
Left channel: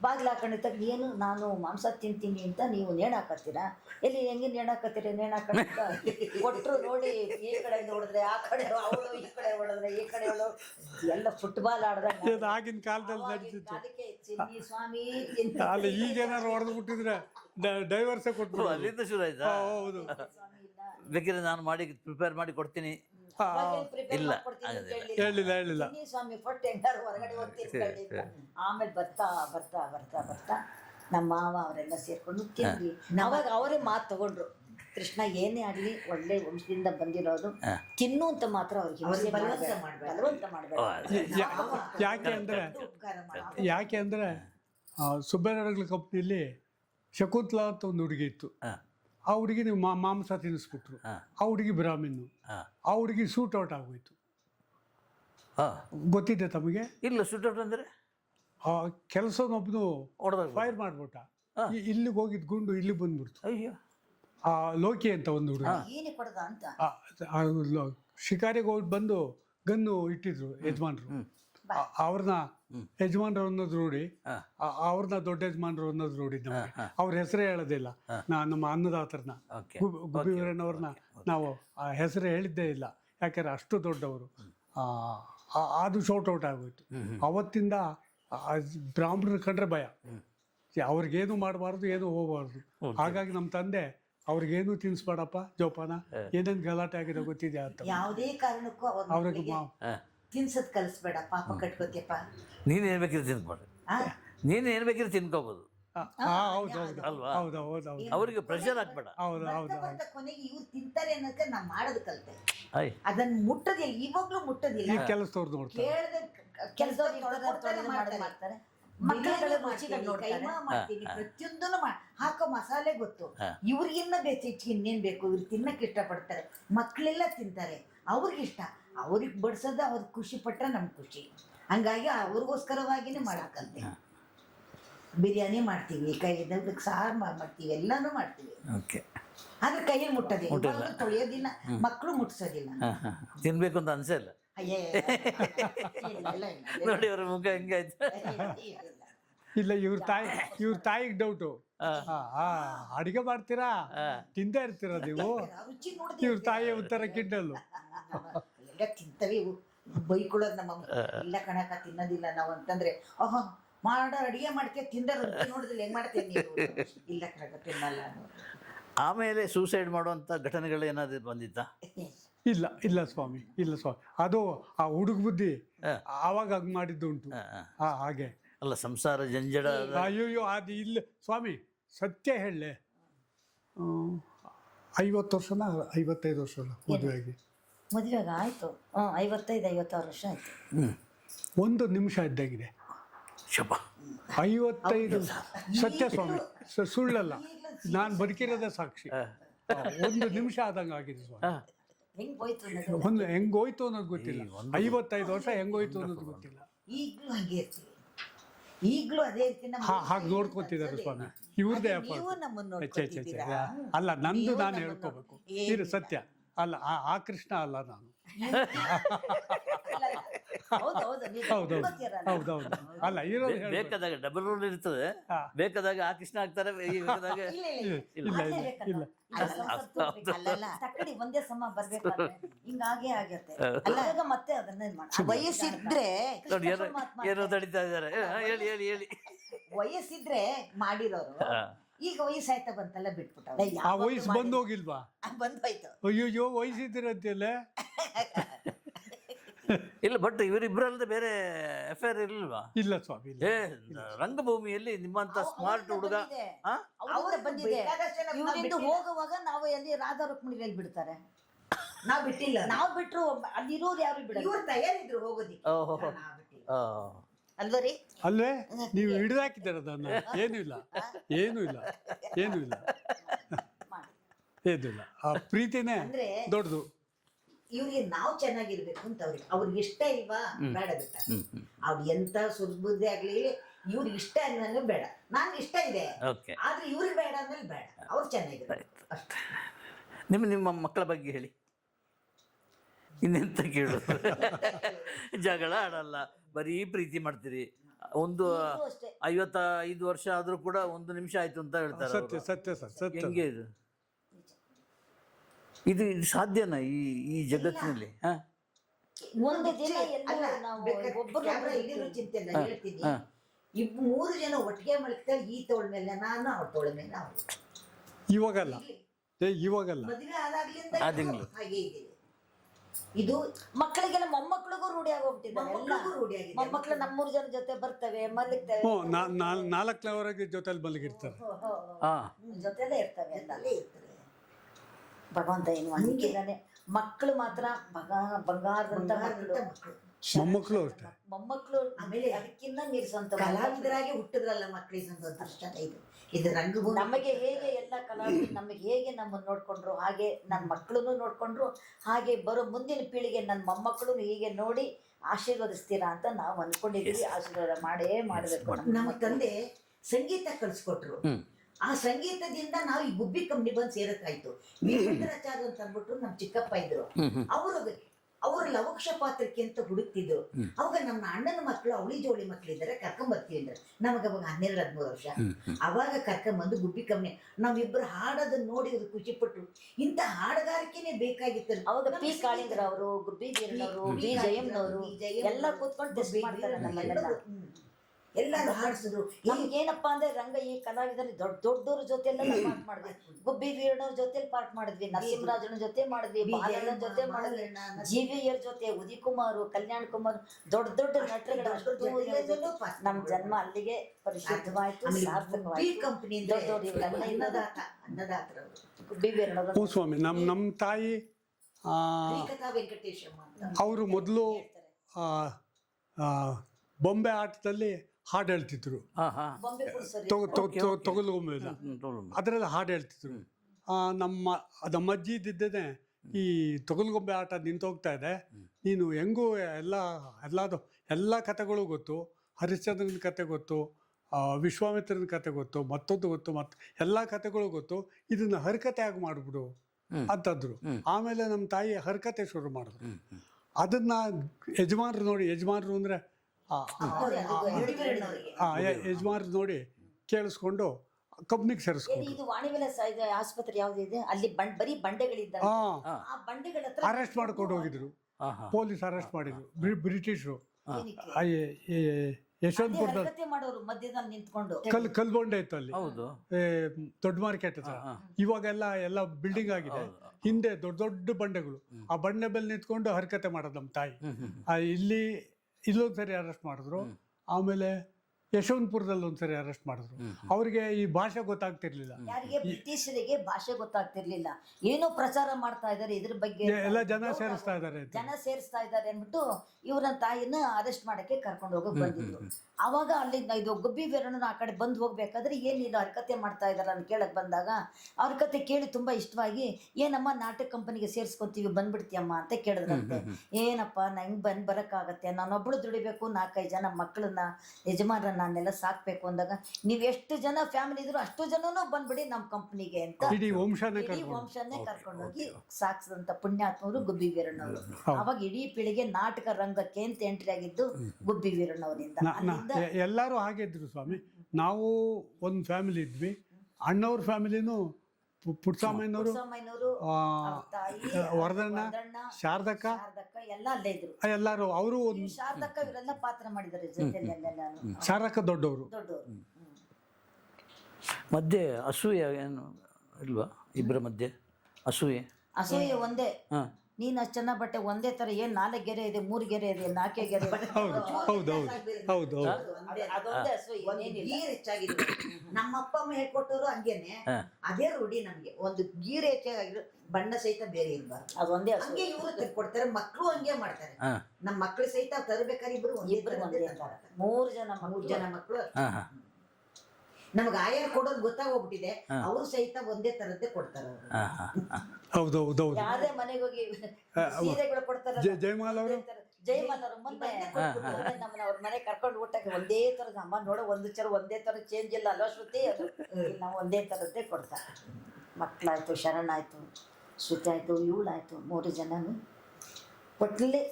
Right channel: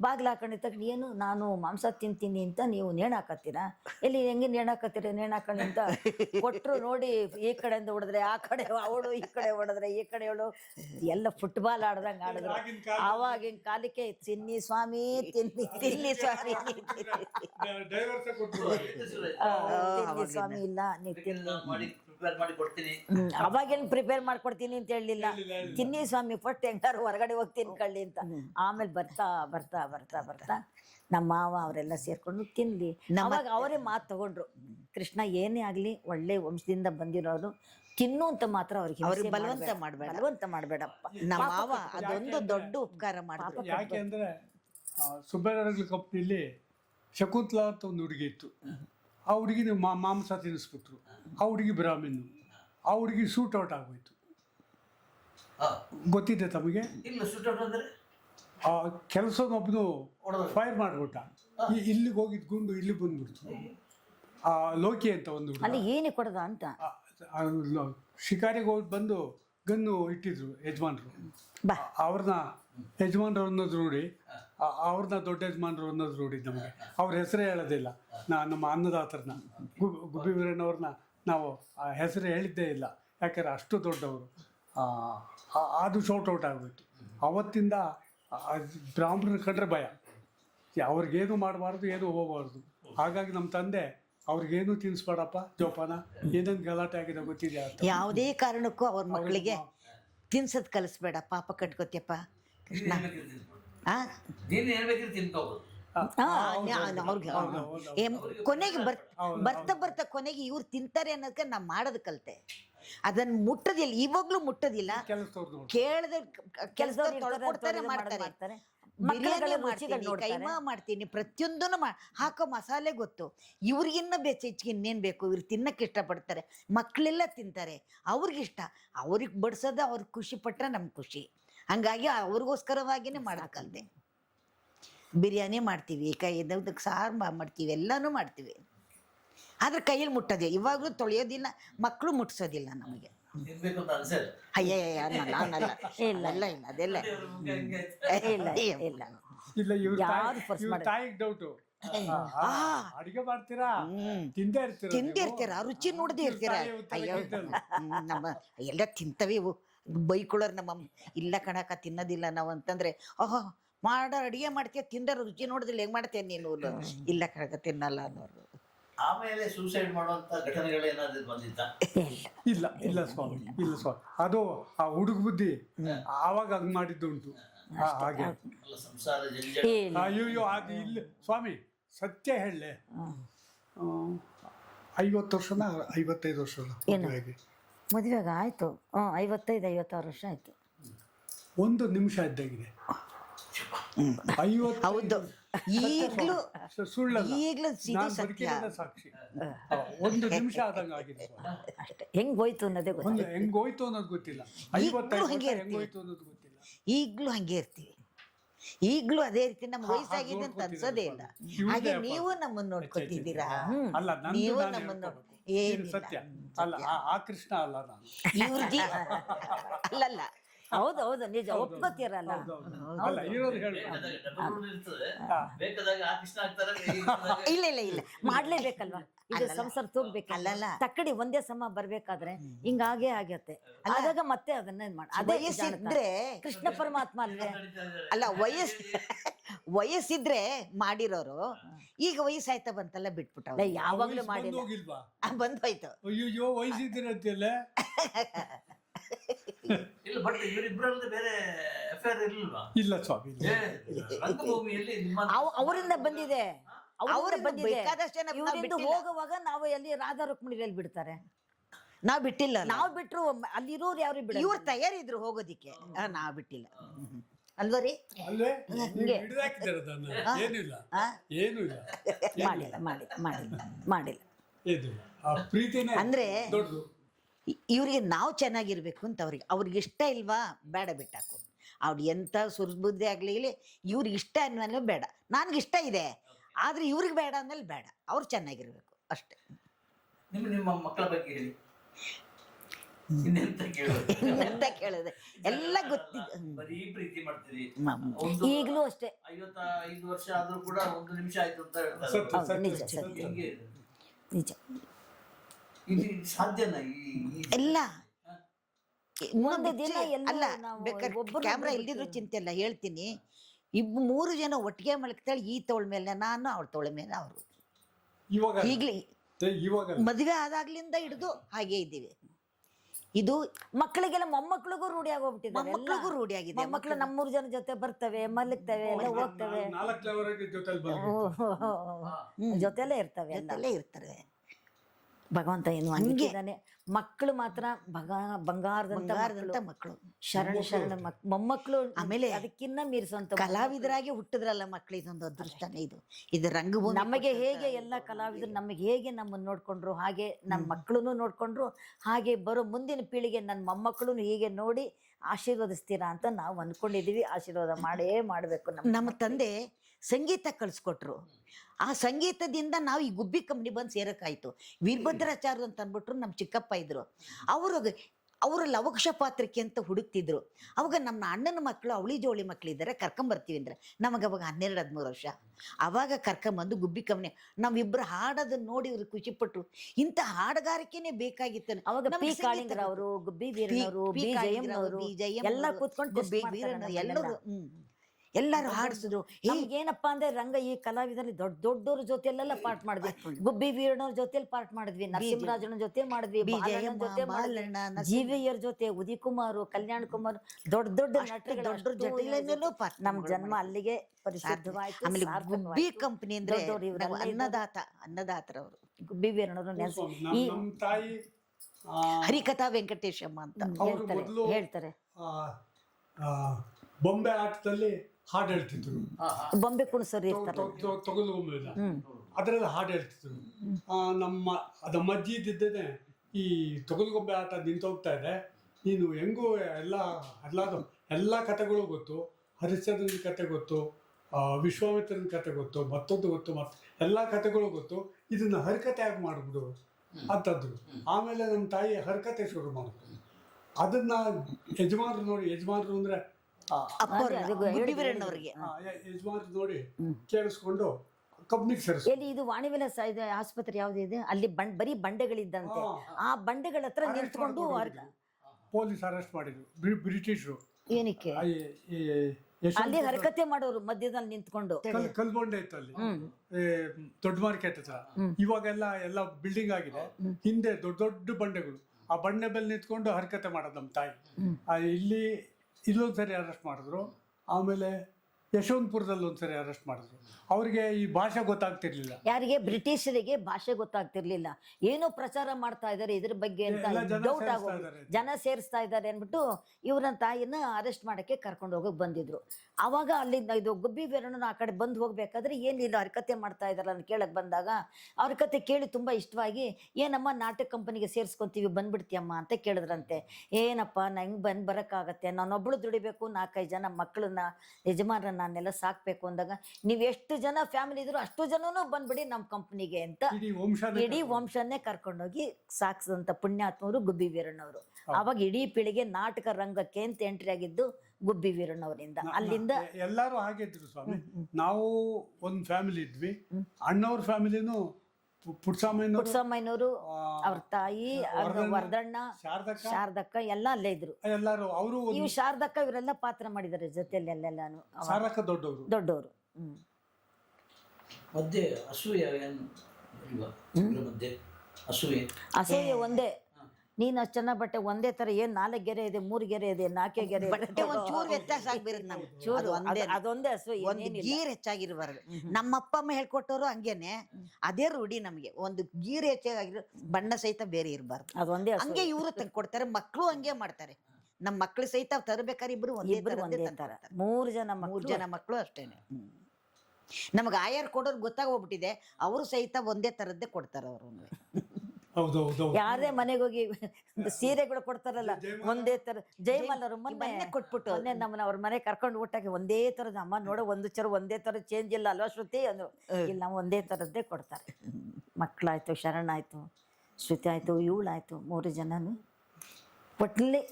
ಬಾಗ್ಲ ಹಾಕೊಂಡಿದ್ದಾಗ ಏನು ನಾನು ಮಾಂಸ ತಿಂತೀನಿ ಅಂತ ನೀವು ನೇಣ್ ಹಾಕತ್ತೀರಾ, ಎಲ್ಲಿ ಹೆಂಗೆ ನೇಣ್ ಹಾಕತ್ತೀರಿ ಅಂತ ಕೊಟ್ಟರು. ನೋಡಿ ಈ ಕಡೆಯಿಂದ ಹೊಡೆದ್ರೆ ಆ ಕಡೆ ಅವಳು, ಈ ಕಡೆ ಹೊಡೆದ್ರೆ ಈ ಕಡೆ ಅವಳು, ಎಲ್ಲ ಫುಟ್ಬಾಲ್ ಆಡ್ದಂಗ. ಆವಾಗಿನ ಕಾಲಕ್ಕೆ ಚಿನ್ನಿ ಸ್ವಾಮಿ ತಿನ್ನಿ ಡೈವರ್ಸೇ ಕೊಟ್ಟರು. ಸ್ವಾಮಿ ಇಲ್ಲ ಬೇಕಿದ್ರೆ ನಾನು ಪ್ರಿಪೇರ್ ಮಾಡಿ ಕೊಡ್ತೀನಿ. ಅವಾಗೇನ್ ಪ್ರಿಪೇರ್ ಮಾಡ್ಕೊಡ್ತೀನಿ ಅಂತ ಹೇಳಿಲ್ಲ. ಚಿನ್ನಿ ಸ್ವಾಮಿ ಫಸ್ಟ್ ಹೆಂಗಾರು ಹೊರಗಡೆ ಹೋಗಿ ತಿನ್ಕೊಳ್ಳಿ ಅಂತ. ಆಮೇಲೆ ಬರ್ತಾ ಬರ್ತಾ ಬರ್ತಾ ಬರ್ತಾ ನಮ್ಮ ಮಾವ ಅವರೆಲ್ಲ ಸೇರ್ಕೊಂಡು ತಿಂದ್ವಿ. ಅವಾಗ ಅವರೇ ಮಾತು ತಗೊಂಡ್ರು, ಕೃಷ್ಣ ಏನೇ ಆಗ್ಲಿ ಒಳ್ಳೆ ವಂಶದಿಂದ ಬಂದಿರೋರು ತಿನ್ನು ಅಂತ ಮಾತ್ರ ಅವ್ರಿಗೆ ಬಲವಂತ ಮಾಡ್ಬೇಡ. ದೊಡ್ಡ ಉಪಕಾರ ಮಾಡ್ತಾರೆ. ಯಾಕೆ ಅಂದ್ರೆ ಸುಬ್ಬಯ್ಯ ಕಂಪ್ನಿಯಲ್ಲಿ ಶಕುಂತಲಾ ಅಂತ ಒಂದು ಹುಡುಗಿ ಇತ್ತು. ಆ ಹುಡುಗಿ ಮಾಂಸ ತಿನ್ನಿಸ್ಬಿಟ್ರು. ಆ ಹುಡುಗಿ ಬ್ರಾಹ್ಮಣು. ಆ ಹುಡುಗಿ ಶೂಟ್ ಔಟ್ ಆಗೋಯ್ತು. ಗೊತ್ತಿದೆ ತಮಗೆ? ಇಲ್ಲ, ಶೂಟ್ ಔಟ್ ಅಂದ್ರೆ ಆ ಕೆಲಸನೊಬ್ಬನು ಫೈರ್ ಮಾಡ್ಬಿಟ್ಟ. ಇಲ್ಲಿಗೆ ಹೋಗಿದ್ ಗುಂಡು ಇಲ್ಲಿ ಬಂದ್ಬಿಡ್ತು. ಆ ಲೋಕಿ ಅಂತ ಒಂದು ಹುಡುಗ ಏನೇ ಕೊಡದ ಅಂತ ಶಿಕಾರಿಗೆ ಹೋಗಿ ಬಂದು ಗನ್ನು ಇಟ್ಟಿದ್ರು ಯಜಮಾನ್ರು. ಅವ್ರನ್ನ ಯಜಮಾನ್ರು ಅನ್ನೋದು ನೋಡಿ, ಅವ್ರನ್ನ ದೊಡ್ಡ ಯಜಮಾನ್ರು ಅನ್ನೋದು ನೋಡಿ ನಮಗೆ ಅವ್ರ ಹೆಸರೇ ಹೇಳೋದಿಲ್ಲ. ನಮ್ಮ ಅನ್ನದಾತರನ್ನ ಗುಬ್ಬಿವೀರಣ್ಣವ್ರನ್ನ ನಾವು ಆ ಹೆಸರು ಹೇಳಿದ್ದೇ ಇಲ್ಲ, ಯಾಕಂದ್ರೆ ಅಷ್ಟು ದೊಡ್ಡವರು. ಅದು ಶೌಟ್ ಔಟ್ ಆಗೋಯ್ತು. ಅವತ್ತಿಂದ ಬ್ರಾಹ್ಮಣರು ಕಂಡ್ರೆ ಭಯ, ಅವ್ರಿಗೇನು ಮಾಡಬಾರ್ದು, ಏನು ಹೋಗಬಾರ್ದು. ಹಾಗಾಗಿ ನಮ್ಮ ತಂದೆ ಅವ್ರಿಗೇನು ತಿನ್ಸ್ಬೇಡಪ್ಪ ಜೋಪಾನ, ಏನೇನು ಗಲಾಟೆ ಆಗಿದೆ ಗೊತ್ತಿದೆ ಅಂತ. ಯಾವುದೇ ಕಾರಣಕ್ಕೂ ಅವ್ರ ಮಕ್ಕಳಿಗೆ ತಿನ್ಸದ್ ಕಲಿಸ್ಬೇಡ, ಪಾಪ ಕಟ್ಕೋತಿಯಪ್ಪ. ನೀನು ಹೇಳ್ಬೇಕಿದ್ರೆ ತಿನ್ಕೊಂಡು, ನೀನು ಹೇಳ್ಬೇಕಿದ್ರೆ ತಿನ್ಕೋಬೋದು. ಬರ್ತಾ ಬರ್ತಾ ಕೊನೆಗೆ ಇವ್ರು ತಿಂತಾರೆ ಅನ್ನೋದಕ್ಕೆ ನಾ ಮಾಡೋದು ಕಲ್ತೆ. ಅದನ್ನ ಮುಟ್ಟದಿಲ್ಲ, ಇವಾಗ್ಲೂ ಮುಟ್ಟದಿಲ್ಲ. ಕೇಳದೆ ಕೆಲಸದವ್ರು ಕೊಡ್ತಾರೆ, ಮಾಡ್ತಾರೆ. ಕೈಮಾ ಮಾಡ್ತೀನಿ, ಪ್ರತಿಯೊಂದನ್ನು ಹಾಕೋ ಮಸಾಲೆ ಗೊತ್ತು. ಇವ್ರಿಗಿನ್ನ ಹೆಚ್ಚಿಗೆ ಇನ್ನೇನ್ ಬೇಕು, ಇವ್ರು ತಿನ್ನಕ್ಕೆ ಇಷ್ಟಪಡ್ತಾರೆ. ಮಕ್ಕಳೆಲ್ಲ ತಿಂತಾರೆ, ಅವ್ರಿಗಿಷ್ಟ. ಅವ್ರಿಗೆ ಬಡ್ಸೋದು ಅವ್ರಿಗೆ ಖುಷಿ ಪಟ್ರೆ ನಮ್ಗೆ ಖುಷಿ. ಹಂಗಾಗಿ ಅವ್ರಿಗೋಸ್ಕರವಾಗಿನೇ ಮಾಡೋಕ್ಕಂತೆ. ಬಿರಿಯಾನಿ ಮಾಡ್ತೀವಿ, ಕೈದಕ್ಕೆ ಸಾರು ಮಾಡ್ತೀವಿ, ಎಲ್ಲಾನು ಮಾಡ್ತೀವಿ. ಆದ್ರೆ ಕೈಯಲ್ಲಿ ಮುಟ್ಟೋದಿಲ್ಲ, ಇವಾಗ್ಲೂ ತೊಳೆಯೋದಿಲ್ಲ, ಮಕ್ಕಳು ಮುಟ್ಸೋದಿಲ್ಲ. ತಿನ್ಬೇಕು ಅಂತ ಅನ್ಸಲ್ಲ. ಇಲ್ಲ, ಇವ್ರ ತಾಯಿಗೆ ಡೌಟು, ಅಡಿಗೆ ಮಾಡ್ತೀರಾ, ತಿಂದೇ ಇರ್ತೀರ ನೀವು, ರುಚಿ ನೋಡಿದೆ ತಾಯಿ ಉತ್ತರ ಕಿಟ್ಟಲ್ಲ. ಎಲ್ಲ ತಿಂತವೆ ಇವು. ಬೈಕೊಳ್ಳೋರು ನಮ್ಮಮ್ಮ, ಇಲ್ಲ ಕಣಕ ತಿನ್ನೋದಿಲ್ಲ ನಾವು ಅಂತಂದ್ರೆ, ಓಹೋ ಅಡಿಗೆ ಮಾಡ್ತೀಯ, ತಿಂದ ರುಚಿ ನೋಡಿದಿಲ್ಲ, ಹೆಂಗ್ ಮಾಡ್ತೇನೆ ನೀನು? ಇಲ್ಲ ಕಣಕ ತಿನ್ನಲ್ಲ ಅನ್ನೋರು. ಆಮೇಲೆ ಸೂಸೈಡ್ ಮಾಡುವಂತ ಘಟನೆಗಳು ಏನಾದ್ರು ಬಂದಿದ್ದ? ಇಲ್ಲ ಸ್ವಾಮಿ, ಇಲ್ಲ ಸ್ವಾಮಿ. ಅದು ಆ ಹುಡುಗ ಬುದ್ಧಿ ಆವಾಗ ಹಂಗ್ ಮಾಡಿದ್ದು ಉಂಟು. ಹಾಗೆ ಅಲ್ಲ, ಸಂಸಾರ ಜಂಜಡ. ಅಯ್ಯೋ, ಅದು ಇಲ್ಲ ಸ್ವಾಮಿ, ಸತ್ಯ ಹೇಳಲೆ. 50 ವರ್ಷನ 55 ವರ್ಷ ಮದುವೆಗೆ ಆಯ್ತು. 55-56 ವರ್ಷ ಆಯ್ತು. ಒಂದು ನಿಮಿಷ ಇದ್ದಾಗಿದೆ. 55 ಸತ್ಯ ಸ್ವಾಮಿ, ಸುಳ್ಳಲ್ಲ. ನಾನು ಬದುಕಿರೋದೇ ಸಾಕ್ಷಿ. 1 ನಿಮಿಷ ಆದಂಗೆ ಆಗಿದೆ ಸ್ವಾಮಿ. ಹೆಂಗೋಯ್ತು ಅನ್ನೋದು ಗೊತ್ತಿಲ್ಲ. 55 ವರ್ಷ ಹೆಂಗೋಯ್ತು ಅನ್ನೋದು ಗೊತ್ತಿಲ್ಲ. ಈಗ್ಲೂ ಹಂಗೆ ಇರ್ತೀವಿ, ಈಗ್ಲೂ ಅದೇ ರೀತಿ ನೋಡ್ಕೊತಿದ್ದಾರೆ ಸ್ವಾಮಿ. ಇವ್ರದೇ ಅಲ್ಲ, ನಂದು ನಾನು ಹೇಳ್ಕೋಬೇಕು. ಇದು ಸತ್ಯ ಅಲ್ಲ, ಆ ಕೃಷ್ಣ ಅಲ್ಲ ನಾನು. ಹೌದೌದು, ಅಲ್ಲ ಇರೋದು ಬೇಕಾದಾಗ ಡಬಲ್ ರೋಲ್ ಇರ್ತದೆ, ಬೇಕಾದಾಗ ಆ ಕೃಷ್ಣ ಆಗ್ತಾರೆ. ತಕ್ಕಡಿ ಒಂದೇ ಸಮ ಬರ್ಬೇಕಾದ್ರೆ ಹಿಂಗಾಗೇ ಆಗತ್ತೆ. ಆಗ ಮತ್ತೆ ಅದನ್ನ ವಯಸ್ಸಿದ್ರೆ ವಯಸ್ಸಿದ್ರೆ ಮಾಡಿರೋರು, ಈಗ ವಯಸ್ಸಾಯ್ತಾ ಬಂತಲ್ಲ ಬಿಟ್ಬಿಟ್ಟ. ಆ ವಯಸ್ಸು ಬಂದು ಹೋಗಿಲ್ವಾ? ಬಂದೋಯ್ತು. ಅಯ್ಯೋ, ವಯಸ್ಸಿದ್ರೆ ಅಂತಿಲ್ಲ. ಇಲ್ಲ, ಬಟ್ ಇವರಿಬ್ಬರಲ್ಲದೆ ಬೇರೆ ಎಫ್ಐಆರ್ ಇರ್ಲಿಲ್ವಾ? ಇಲ್ಲ ಸ್ವಾಮಿ, ರಂಗಭೂಮಿಯಲ್ಲಿ ಅವರಿಂದ ಬಂದಿದೆ, ಹೋಗುವಾಗ ನಾವು ಎಲ್ಲಿ ರಾಧಾ ರುಕ್ಮಿಣಿಯಲ್ಲಿ ಬಿಡ್ತಾರೆ, ನಾವ್ ಬಿಟ್ಟಿಲ್ಲ. ನಾವ್ ಬಿಟ್ರು ಅಲ್ಲಿರೋರು ಯಾರು ಬಿಡ, ಇವ್ರು ತಯಾರಿದ್ರು ಹೋಗೋದಿಕ್ಕೆ, ನಾವ್ ಬಿಟ್ಟಿಲ್ಲ. ಅಲ್ವಾ ರೀ? ಅಲ್ವೇ ನೀವು ಹಿಡಿದು ಹಾಕಿದ್ದೀರ ಅದನ್ನ. ಏನೂ ಇಲ್ಲ ಏನೂ ಇಲ್ಲ ಏನೂ ಇಲ್ಲ ಮಾಡಿಲ್ಲ. ಏನಿಲ್ಲ. ಆ ಪ್ರೀತಿನೇ ಅಂದ್ರೆ ದೊಡ್ಡದು. ಇವ್ರಿಗೆ ನಾವು ಚೆನ್ನಾಗಿರ್ಬೇಕು ಅಂತ ಅವ್ರಿಗೆ ಇಷ್ಟ ಇಲ್ವಾ, ಬೇಡ ಬಿಟ್ಟ. ಅವ್ರು ಎಂತ ಸುರ್ಬುದ್ಧಿ ಆಗ್ಲಿ ಇವ್ರಿಗೆ ಇಷ್ಟ ಆದ್ಮೇಲೆ ಬೇಡ, ನನ್ಗೆ ಇಷ್ಟ ಇದೆ ಓಕೆ. ಆದ್ರೆ ಇವ್ರಿಗೆ ಬೇಡ ಅಂದ್ಮೇಲೆ ಬೇಡ, ಅವ್ರು ಚೆನ್ನಾಗಿರ್ಬೇಕು ಅಷ್ಟೇ. ನಿಮ್ಮ ಮಕ್ಕಳ ಬಗ್ಗೆ ಹೇಳಿ. ಇನ್ನೆಂತ ಕೇಳೋದು? ಎಂತ ಕೇಳಿದ್ರೆ ಜಗಳ ಎಲ್ಲ ಆಡಲ್ಲ, ಬರೀ ಪ್ರೀತಿ ಮಾಡ್ತೀರಿ. ಒಂದು ಈಗಲೂ ಅಷ್ಟೇ 55 ವರ್ಷ ಆದ್ರೂ ಕೂಡ 1 ನಿಮಿಷ ಆಯ್ತು ಅಂತ ಹೇಳ್ತಾರೆ. ಸತ್ಯ ಸತ್ಯ ಸತ್ಯ. ಹೆಂಗೆ ಇದು? ನಿಜ. ಇದು ಸಾಧ್ಯನಾ ಈ ಜಗತ್ತಿನಲ್ಲಿ? ಒಂದು ದಿನ ಎಲ್ಲ ಅಲ್ಲ, ನಾವು ಬೇಕಾದ್ರೆ ಒಬ್ಬರು ಕ್ಯಾಮ್ರಾ ಇದ್ದಿದ್ರು ಚಿಂತೆ ಇಲ್ಲ, ಹೇಳ್ತೀನಿ. 3 ಜನ ಒಟ್ಟಿಗೆ ಮಲಗ್ತಾಳೆ, ಈ ತೋಳ ಮೇಲೆ ನಾನು, ಅವಳ ತೋಳ ಮೇಲೆ ಅವರು. ಇವಾಗ ಈಗ್ಲಿ ಇವಾಗಲ್ಲ, ಮದುವೆ ಆದಾಗ್ಲಿಂದ ಹಾಗೆ ಇದ್ದೀವಿ. ಇದು ಮಕ್ಕಳಿಗೆಲ್ಲ ಮೊಮ್ಮಕ್ಳಿಗೂ ರೂಢಿ ಆಗೋಗ್ಬಿಟ್ಟಿದ್ದಾರೆ. ಮೊಮ್ಮಕ್ಳಿಗೂ ರೂಢಿ ಆಗಿದೆ. ಮೊಮ್ಮಕ್ಳು ನಮ್ಮ 3 ಜನ ಜೊತೆ ಬರ್ತವೆ, ಮಲಗ್ತವೆ, 4 ಜೊತೆಲಿ ಬಲಗಿರ್ತಾರೆ. ಜೊತೆಲೇ ಇರ್ತವೆ, ಜೊತೆಲೇ ಇರ್ತಾರೆ. ಭಗವಂತ ಏನು ಅಂದಿದ್ದಾನೆ. ಮಕ್ಕಳು ಮಾತ್ರ ಬಂಗಾರದಂತ ಮಕ್ಕಳು, ಮೊಮ್ಮಕ್ಕಳು. ಆಮೇಲೆ ಅದಕ್ಕಿನ್ನ ಮೀರಿಸುವಂತ ಕಲಾವಿದರಾಗಿ ಹುಟ್ಟಿದ್ರಲ್ಲ ಮಕ್ಕಳು, ಇದೊಂದು ಅದೃಷ್ಟನೇ. ಇದು ರಂಗಭೂಮಿ. ನಮಗೆ ಹೇಗೆ ಎಲ್ಲ ಕಲಾವಿದರು ನಮಗೆ ಹೇಗೆ ನಮ್ಮನ್ನು ನೋಡ್ಕೊಂಡ್ರು, ಹಾಗೆ ನನ್ನ ಮಕ್ಕಳನ್ನು ನೋಡ್ಕೊಂಡ್ರು, ಹಾಗೆ ಬರೋ ಮುಂದಿನ ಪೀಳಿಗೆ ನನ್ನ ಮೊಮ್ಮಕ್ಕಳು ಹೀಗೆ ನೋಡಿ ಆಶೀರ್ವದಿಸ್ತೀರಾ ಅಂತ ನಾವು ಅಂದ್ಕೊಂಡಿದ್ದೀವಿ. ಆಶೀರ್ವಾದ ಮಾಡೇ ಮಾಡಬೇಕು. ನಮ್ಮ ತಂದೆ ಸಂಗೀತ ಕಳ್ಸಿಕೊಟ್ರು. ಆ ಸಂಗೀತದಿಂದ ನಾವು ಈ ಗುಬ್ಬಿ ಕಂಪ್ನಿ ಬಂದು ಸೇರಕ್ಕಾಯ್ತು. ವಿಭದ್ರಾಚಾರ್ಯ ಅಂತ ಅಂದ್ಬಿಟ್ರು, ನಮ್ಮ ಚಿಕ್ಕಪ್ಪ ಇದ್ರು. ಅವರು ಲವಕ್ಷ ಪಾತ್ರಕ್ಕೆ ಅಂತ ಹುಡುಕ್ತಿದ್ರು. ಅವಾಗ ನಮ್ಮ ಅಣ್ಣನ ಮಕ್ಕಳು ಅವಳಿ ಜೋಳಿ ಮಕ್ಳಿದ್ದಾರೆ, ಕರ್ಕೊಂಬರ್ತೀವಿ ಅಂದ್ರೆ ನಮಗೆ ಅವಾಗ 12-13 ವರ್ಷ. ಅವಾಗ ಕರ್ಕೊಂಬಂದು ಗುಬ್ಬಿ ಕಂಪ್ನಿ ನಾವಿಬ್ರು ಹಾಡೋದನ್ನ ನೋಡಿ ಅವ್ರು ಖುಷಿ ಪಟ್ರು. ಇಂಥ ಹಾಡುಗಾರಿಕೆನೆ ಬೇಕಾಗಿತ್ತು ಅವಾಗ ಪಿ ಕಾಳಿಂಗರ ಅವರು, ಗುಬ್ಬಿ ವೀರಣ್ಣವರು, ಬಿ ಜಯಮ್ಮನವರು ಎಲ್ಲ ಕೂತ್ಕೊಂಡು ಎಲ್ಲರೂ ಹಾಡಿಸಿದ್ರು. ನಮ್ಗೇನಪ್ಪಾ ಅಂದ್ರೆ ರಂಗ ಈ ಕಲಾವಿದರಲ್ಲಿ ದೊಡ್ಡವ್ರ ಜೊತೆಲೆಲ್ಲ ಪಾಠ ಮಾಡಿದ್ವಿ. ಗುಬ್ಬಿ ವೀರಣ್ಣವ್ರ ಜೊತೆಲಿ ಪಾಠ ಮಾಡಿದ್ವಿ, ನರಸಿಂಹರಾಜನ ಜೊತೆ ಮಾಡಿದ್ವಿ, ಬಾಲಣ್ಣನ ಜೊತೆ ಮಾಡಿದ್ವಿ, ಜೀವಿಯರ್ ಜೊತೆ, ಉದಿತ್ ಕುಮಾರ್, ಕಲ್ಯಾಣ್ ಕುಮಾರ್, ದೊಡ್ಡ ನಟರ ಜೊತೆ ನಮ್ ಜನ್ಮ ಅಲ್ಲಿಗೆ ಪರಿಶುದ್ಧವಾಯ್ತು. ಗುಬ್ಬಿ ಕಂಪನಿ ಅಂದ್ರೆ ಅನ್ನದಾತರವರು. ಗುಬ್ಬಿ ವೀರಣ್ಣವರು ಸ್ವಾಮಿ ನಮ್ಮ ತಾಯಿ ಹರಿಕಥಾ ವೆಂಕಟೇಶಮ್ಮ ಅಂತ ಅವರು ಮೊದಲು ಹೇಳ್ತಾರೆ. ಬೊಂಬೆ ಆಟದಲ್ಲಿ ಹಾಡು ಹೇಳ್ತಿದ್ರು. ಬೊಂಬೆ ಕುಣಿಸೋರು ತೊಗಲು ಬೊಂಬೆ ಇಲ್ಲ, ಅದರಲ್ಲಿ ಹಾಡು ಹೇಳ್ತಿದ್ರು. ನಮ್ಮ ಅಜ್ಜಿ ಇದ್ದಿದ್ದೇನೆ, ಈ ತೊಗಲು ಗೊಂಬೆ ಆಟ ನಿಂತೋಗ್ತಾ ಇದೆ, ನೀನು ಹೆಂಗೂ ಎಲ್ಲ ಕಥೆಗಳು ಗೊತ್ತು, ಹರಿಶ್ಚಂದ್ರನ ಕತೆ ಗೊತ್ತು, ವಿಶ್ವಾಮಿತ್ರನ ಕತೆ ಗೊತ್ತು, ಮತ್ತೊಂದು ಗೊತ್ತು, ಎಲ್ಲ ಕಥೆಗಳು ಗೊತ್ತು, ಇದನ್ನ ಹರಿಕತೆ ಆಗಿ ಮಾಡಿಬಿಡು ಅಂತಂದ್ರು. ಆಮೇಲೆ ನಮ್ಮ ತಾಯಿ ಹರಿಕತೆ ಶುರು ಮಾಡಿದ್ರು. ಅದನ್ನ ಯಜಮಾನರು ಅಂದ್ರೆ ಯಜಮಾನ್ ನೋಡಿ ಕೇಳಿಸ್ಕೊಂಡು ಕಂಪ್ನಿಗೆ ಸೇರಿಸ್ಕೊಂಡು. ಇದು ವಾಣಿವಿಲಾಸ ಆಸ್ಪತ್ರೆ ಯಾವ್ದು ಇದೆ, ಅಲ್ಲಿ ಬರೀ ಬಂಡೆಗಳಿದ್ದ ಆ ಬಂಡೆಗಳ ಹತ್ರ ಅರೆಸ್ಟ್ ಮಾಡ್ಕೊಂಡು ಹೋಗಿದ್ರು, ಪೊಲೀಸ್ ಅರೆಸ್ಟ್ ಮಾಡಿದ್ರು ಬ್ರಿಟಿಷರು. ಏನಕ್ಕೆ ಅಲ್ಲಿ ಹರಕತೆ ಮಾಡೋರು ಮಧ್ಯದಲ್ಲಿ ನಿಂತ್ಕೊಂಡು. ಕಲ್ಬೊಂಡೆ ಇತ್ತು ಅಲ್ಲಿ, ದೊಡ್ಡ ಮಾರ್ಕೆಟ್ ಹತ್ರ. ಇವಾಗೆಲ್ಲ ಬಿಲ್ಡಿಂಗ್ ಆಗಿದೆ, ಹಿಂದೆ ದೊಡ್ಡ ಬಂಡೆಗಳು, ಆ ಬಂಡೆ ಮೇಲೆ ನಿಂತ್ಕೊಂಡು ಹರಕತೆ ಮಾಡೋದು ನಮ್ಮ ತಾಯಿ. ಇಲ್ಲೊಂದ್ಸರಿ ಅರೆಸ್ಟ್ ಮಾಡಿದ್ರು. ಆಮೇಲೆ ಯಶವಂತಪುರದಲ್ಲಿ ಒಂದ್ಸರಿ ಅರೆಸ್ಟ್ ಮಾಡಿದ್ರು. ಅವ್ರಿಗೆ ಈ ಭಾಷೆ ಗೊತ್ತಾಗ್ತಿರ್ಲಿಲ್ಲ. ಯಾರಿಗೆ? ಬ್ರಿಟಿಷರಿಗೆ ಭಾಷೆ ಗೊತ್ತಾಗ್ತಿರ್ಲಿಲ್ಲ. ಏನೋ ಪ್ರಚಾರ ಮಾಡ್ತಾ ಇದಾರೆ ಇದ್ರ ಬಗ್ಗೆ, ಜನ ಸೇರಿಸ್ತಾ ಇದಾರೆ ಅನ್ಬಿಟ್ಟು ಇವ್ರ ತಾಯಿನ ಅರೆಸ್ಟ್ ಮಾಡಕ್ಕೆ ಕರ್ಕೊಂಡು ಹೋಗಕ್ ಬಂದಿದ್ರು. ಅವಾಗ ಅಲ್ಲಿ ಇದು ಗುಬ್ಬಿ ವೀರಣ್ಣನ ಆ ಕಡೆ ಬಂದು ಹೋಗ್ಬೇಕಾದ್ರೆ ಏನಿಲ್ಲ ಹರಕತೆ ಮಾಡ್ತಾ ಇದಾರ ಅಂತ ಕೇಳಕ್ ಬಂದಾಗ ಅವ್ರ ಕತೆ ಕೇಳಿ ತುಂಬಾ ಇಷ್ಟವಾಗಿ, ಏನಮ್ಮ ನಾಟಕ ಕಂಪನಿಗೆ ಸೇರ್ಸ್ಕೊಂತೀವಿ ಬಂದ್ಬಿಡ್ತೀಯಮ್ಮ ಅಂತ ಕೇಳಿದ್ರಂತೆ. ಏನಪ್ಪಾ ಹೆಂಗ್ ಬರಕ್ಕಾಗತ್ತೆ, ನಾನೊಬ್ಳು ದುಡಿಬೇಕು, 4-5 ಜನ ಮಕ್ಕಳನ್ನ ಯಜಮಾನ ನಾನೆಲ್ಲ ಸಾಕ್ಬೇಕು ಅಂದಾಗ ನೀವ್ ಎಷ್ಟು ಜನ ಫ್ಯಾಮಿಲಿ ಇದ್ರು ಅಷ್ಟು ಜನನು ಬಂದ್ಬಿಡಿ ನಮ್ ಕಂಪ್ನಿಗೆ ಅಂತ ಇಡೀ ವಂಶನೇ ಕರ್ಕೊಂಡೋಗಿ ಸಾಕ್ಸಂತ ಪುಣ್ಯಾತ್ಮರು ಗುಬ್ಬಿ ವೀರಣ್ಣವರು. ಅವಾಗ ಇಡೀ ಪೀಳಿಗೆ ನಾಟಕ ರಂಗಕ್ಕೆ ಅಂತ ಎಂಟ್ರಿ ಆಗಿದ್ದು ಗುಬ್ಬಿ ವೀರಣ್ಣವರಿಂದ. ಅಲ್ಲಿಂದ ಎಲ್ಲಾರು ಹಾಗೆ ಇದ್ರು ಸ್ವಾಮಿ. ನಾವು ಒಂದ್ ಫ್ಯಾಮಿಲಿ ಇದ್ವಿ, ಅಣ್ಣವ್ರ ಫ್ಯಾಮಿಲಿನೂ ಪುಟ್ಸಮ್ಮನವರು, ಅವ್ರ ತಾಯಿ ವರ್ಧಣ್ಣ, ಶಾರದಕ್ಕ ಎಲ್ಲ ಅಲ್ಲೇ ಇದ್ರು. ಎಲ್ಲಾರು ಅವರು ಇವ್ ಶಾರದಕ್ಕ ಇವರೆಲ್ಲ ಪಾತ್ರ ಮಾಡಿದ್ದಾರೆ ಜೊತೆಲಿ. ಶಾರದಕ್ಕ ದೊಡ್ಡವರು. ಮಧ್ಯೆ ಅಸೂಯೆ ಏನು ಇಲ್ವಾ ಇಬ್ಬರ ಮಧ್ಯೆ? ಅಸೂಯೆ ಒಂದೇ. ನೀನ್ ಅಷ್ಟು ಚೆನ್ನಾಗ್ ಬಟ್ಟೆ ಒಂದೇ ತರ ಏನ್ 4 ಗೆರೆ ಇದೆ 3 ಗೆರೆ ಇದೆ 4 ಗೆರೆ ಇದೆ ಬಟ್ಟೆ ಒಂಚೂರು ವ್ಯತ್ಯಾಸ ಆಗ್ಬಿರುತ್ತೆ ಹೌದು, ನಮ್ಗೆ. ಅದು ಒಂದೇ ಅದೊಂದೇ ಹಸು, ಒಂದು ಇನ್ನೇನಿಲ್ಲ. ಗೀರ್ ಹೆಚ್ಚಾಗಿರ್ಬಾರ್ದು. ನಮ್ಮ ಅಪ್ಪ ಅಮ್ಮ ಹೇಳ್ಕೊಟ್ಟವರು ಹಂಗೇನೆ, ಅದೇ ರೂಢಿ ನಮ್ಗೆ. ಒಂದು ಗೀರ್ ಹೆಚ್ಚಾಗಿರೋ ಬಣ್ಣ ಸಹಿತ ಬೇರೆ ಇರಬಾರ್ದು. ಅದೊಂದೇ ಹಸು. ಹಂಗೆ ಇವರು ತೆಗ್ಕೊಡ್ತಾರೆ, ಮಕ್ಕಳು ಹಂಗೆ ಮಾಡ್ತಾರೆ. ನಮ್ಮ ಮಕ್ಳು ಸಹಿತ ತರಬೇಕಾದ್ರೆ ಇಬ್ರು ಒಂದೇ ಒಂದೇ ತರ ತರ 3 ಜನ ಮೂರ್ ಮಕ್ಕಳು. ಜನ ಮಕ್ಕಳು ನಮಗ ಆಯರ್ ಕೊಡೋರು ಗೊತ್ತಾಗೋಗ್ಬಿಟ್ಟಿದೆ, ಅವರು ಸಹಿತ ಒಂದೇ ತರದ್ದೇ ಕೊಡ್ತಾರೆ ಅವರು. ಹೌದೌದು. ಯಾರೇ ಮನೆಗೆ ಹೋಗಿ ಸೀರೆಗಳು ಕೊಡ್ತಾರಲ್ಲ ಜಯಮಾಲ ಒಂದೇ ತರ, ಜಯಮಾಲ ಅವ್ರ ಮೊನ್ನೆ ಕೊಟ್ಬಿಟ್ಟು ನಮ್ಮನ್ನ ಅವ್ರ ಮನೆ ಕರ್ಕೊಂಡು ಊಟಕ್ಕೆ ಒಂದೇ ತರದ, ಅಮ್ಮ ನೋಡೋ ಒಂದು ಚರ ಒಂದೇ ತರ ಚೇಂಜ್ ಇಲ್ಲ ಅಲ್ವಾ ಶ್ರುತಿ ಅದು ಇಲ್ಲ, ನಾವು ಒಂದೇ ತರದ್ದೇ ಕೊಡ್ತಾರೆ. ಮಕ್ಕಳಾಯ್ತು, ಶರಣ ಆಯ್ತು, ಶ್ರುತಿ ಆಯ್ತು, ಇವಳಾಯ್ತು, 3 ಜನನು ಒಟ್ಟಲ್ಲಿ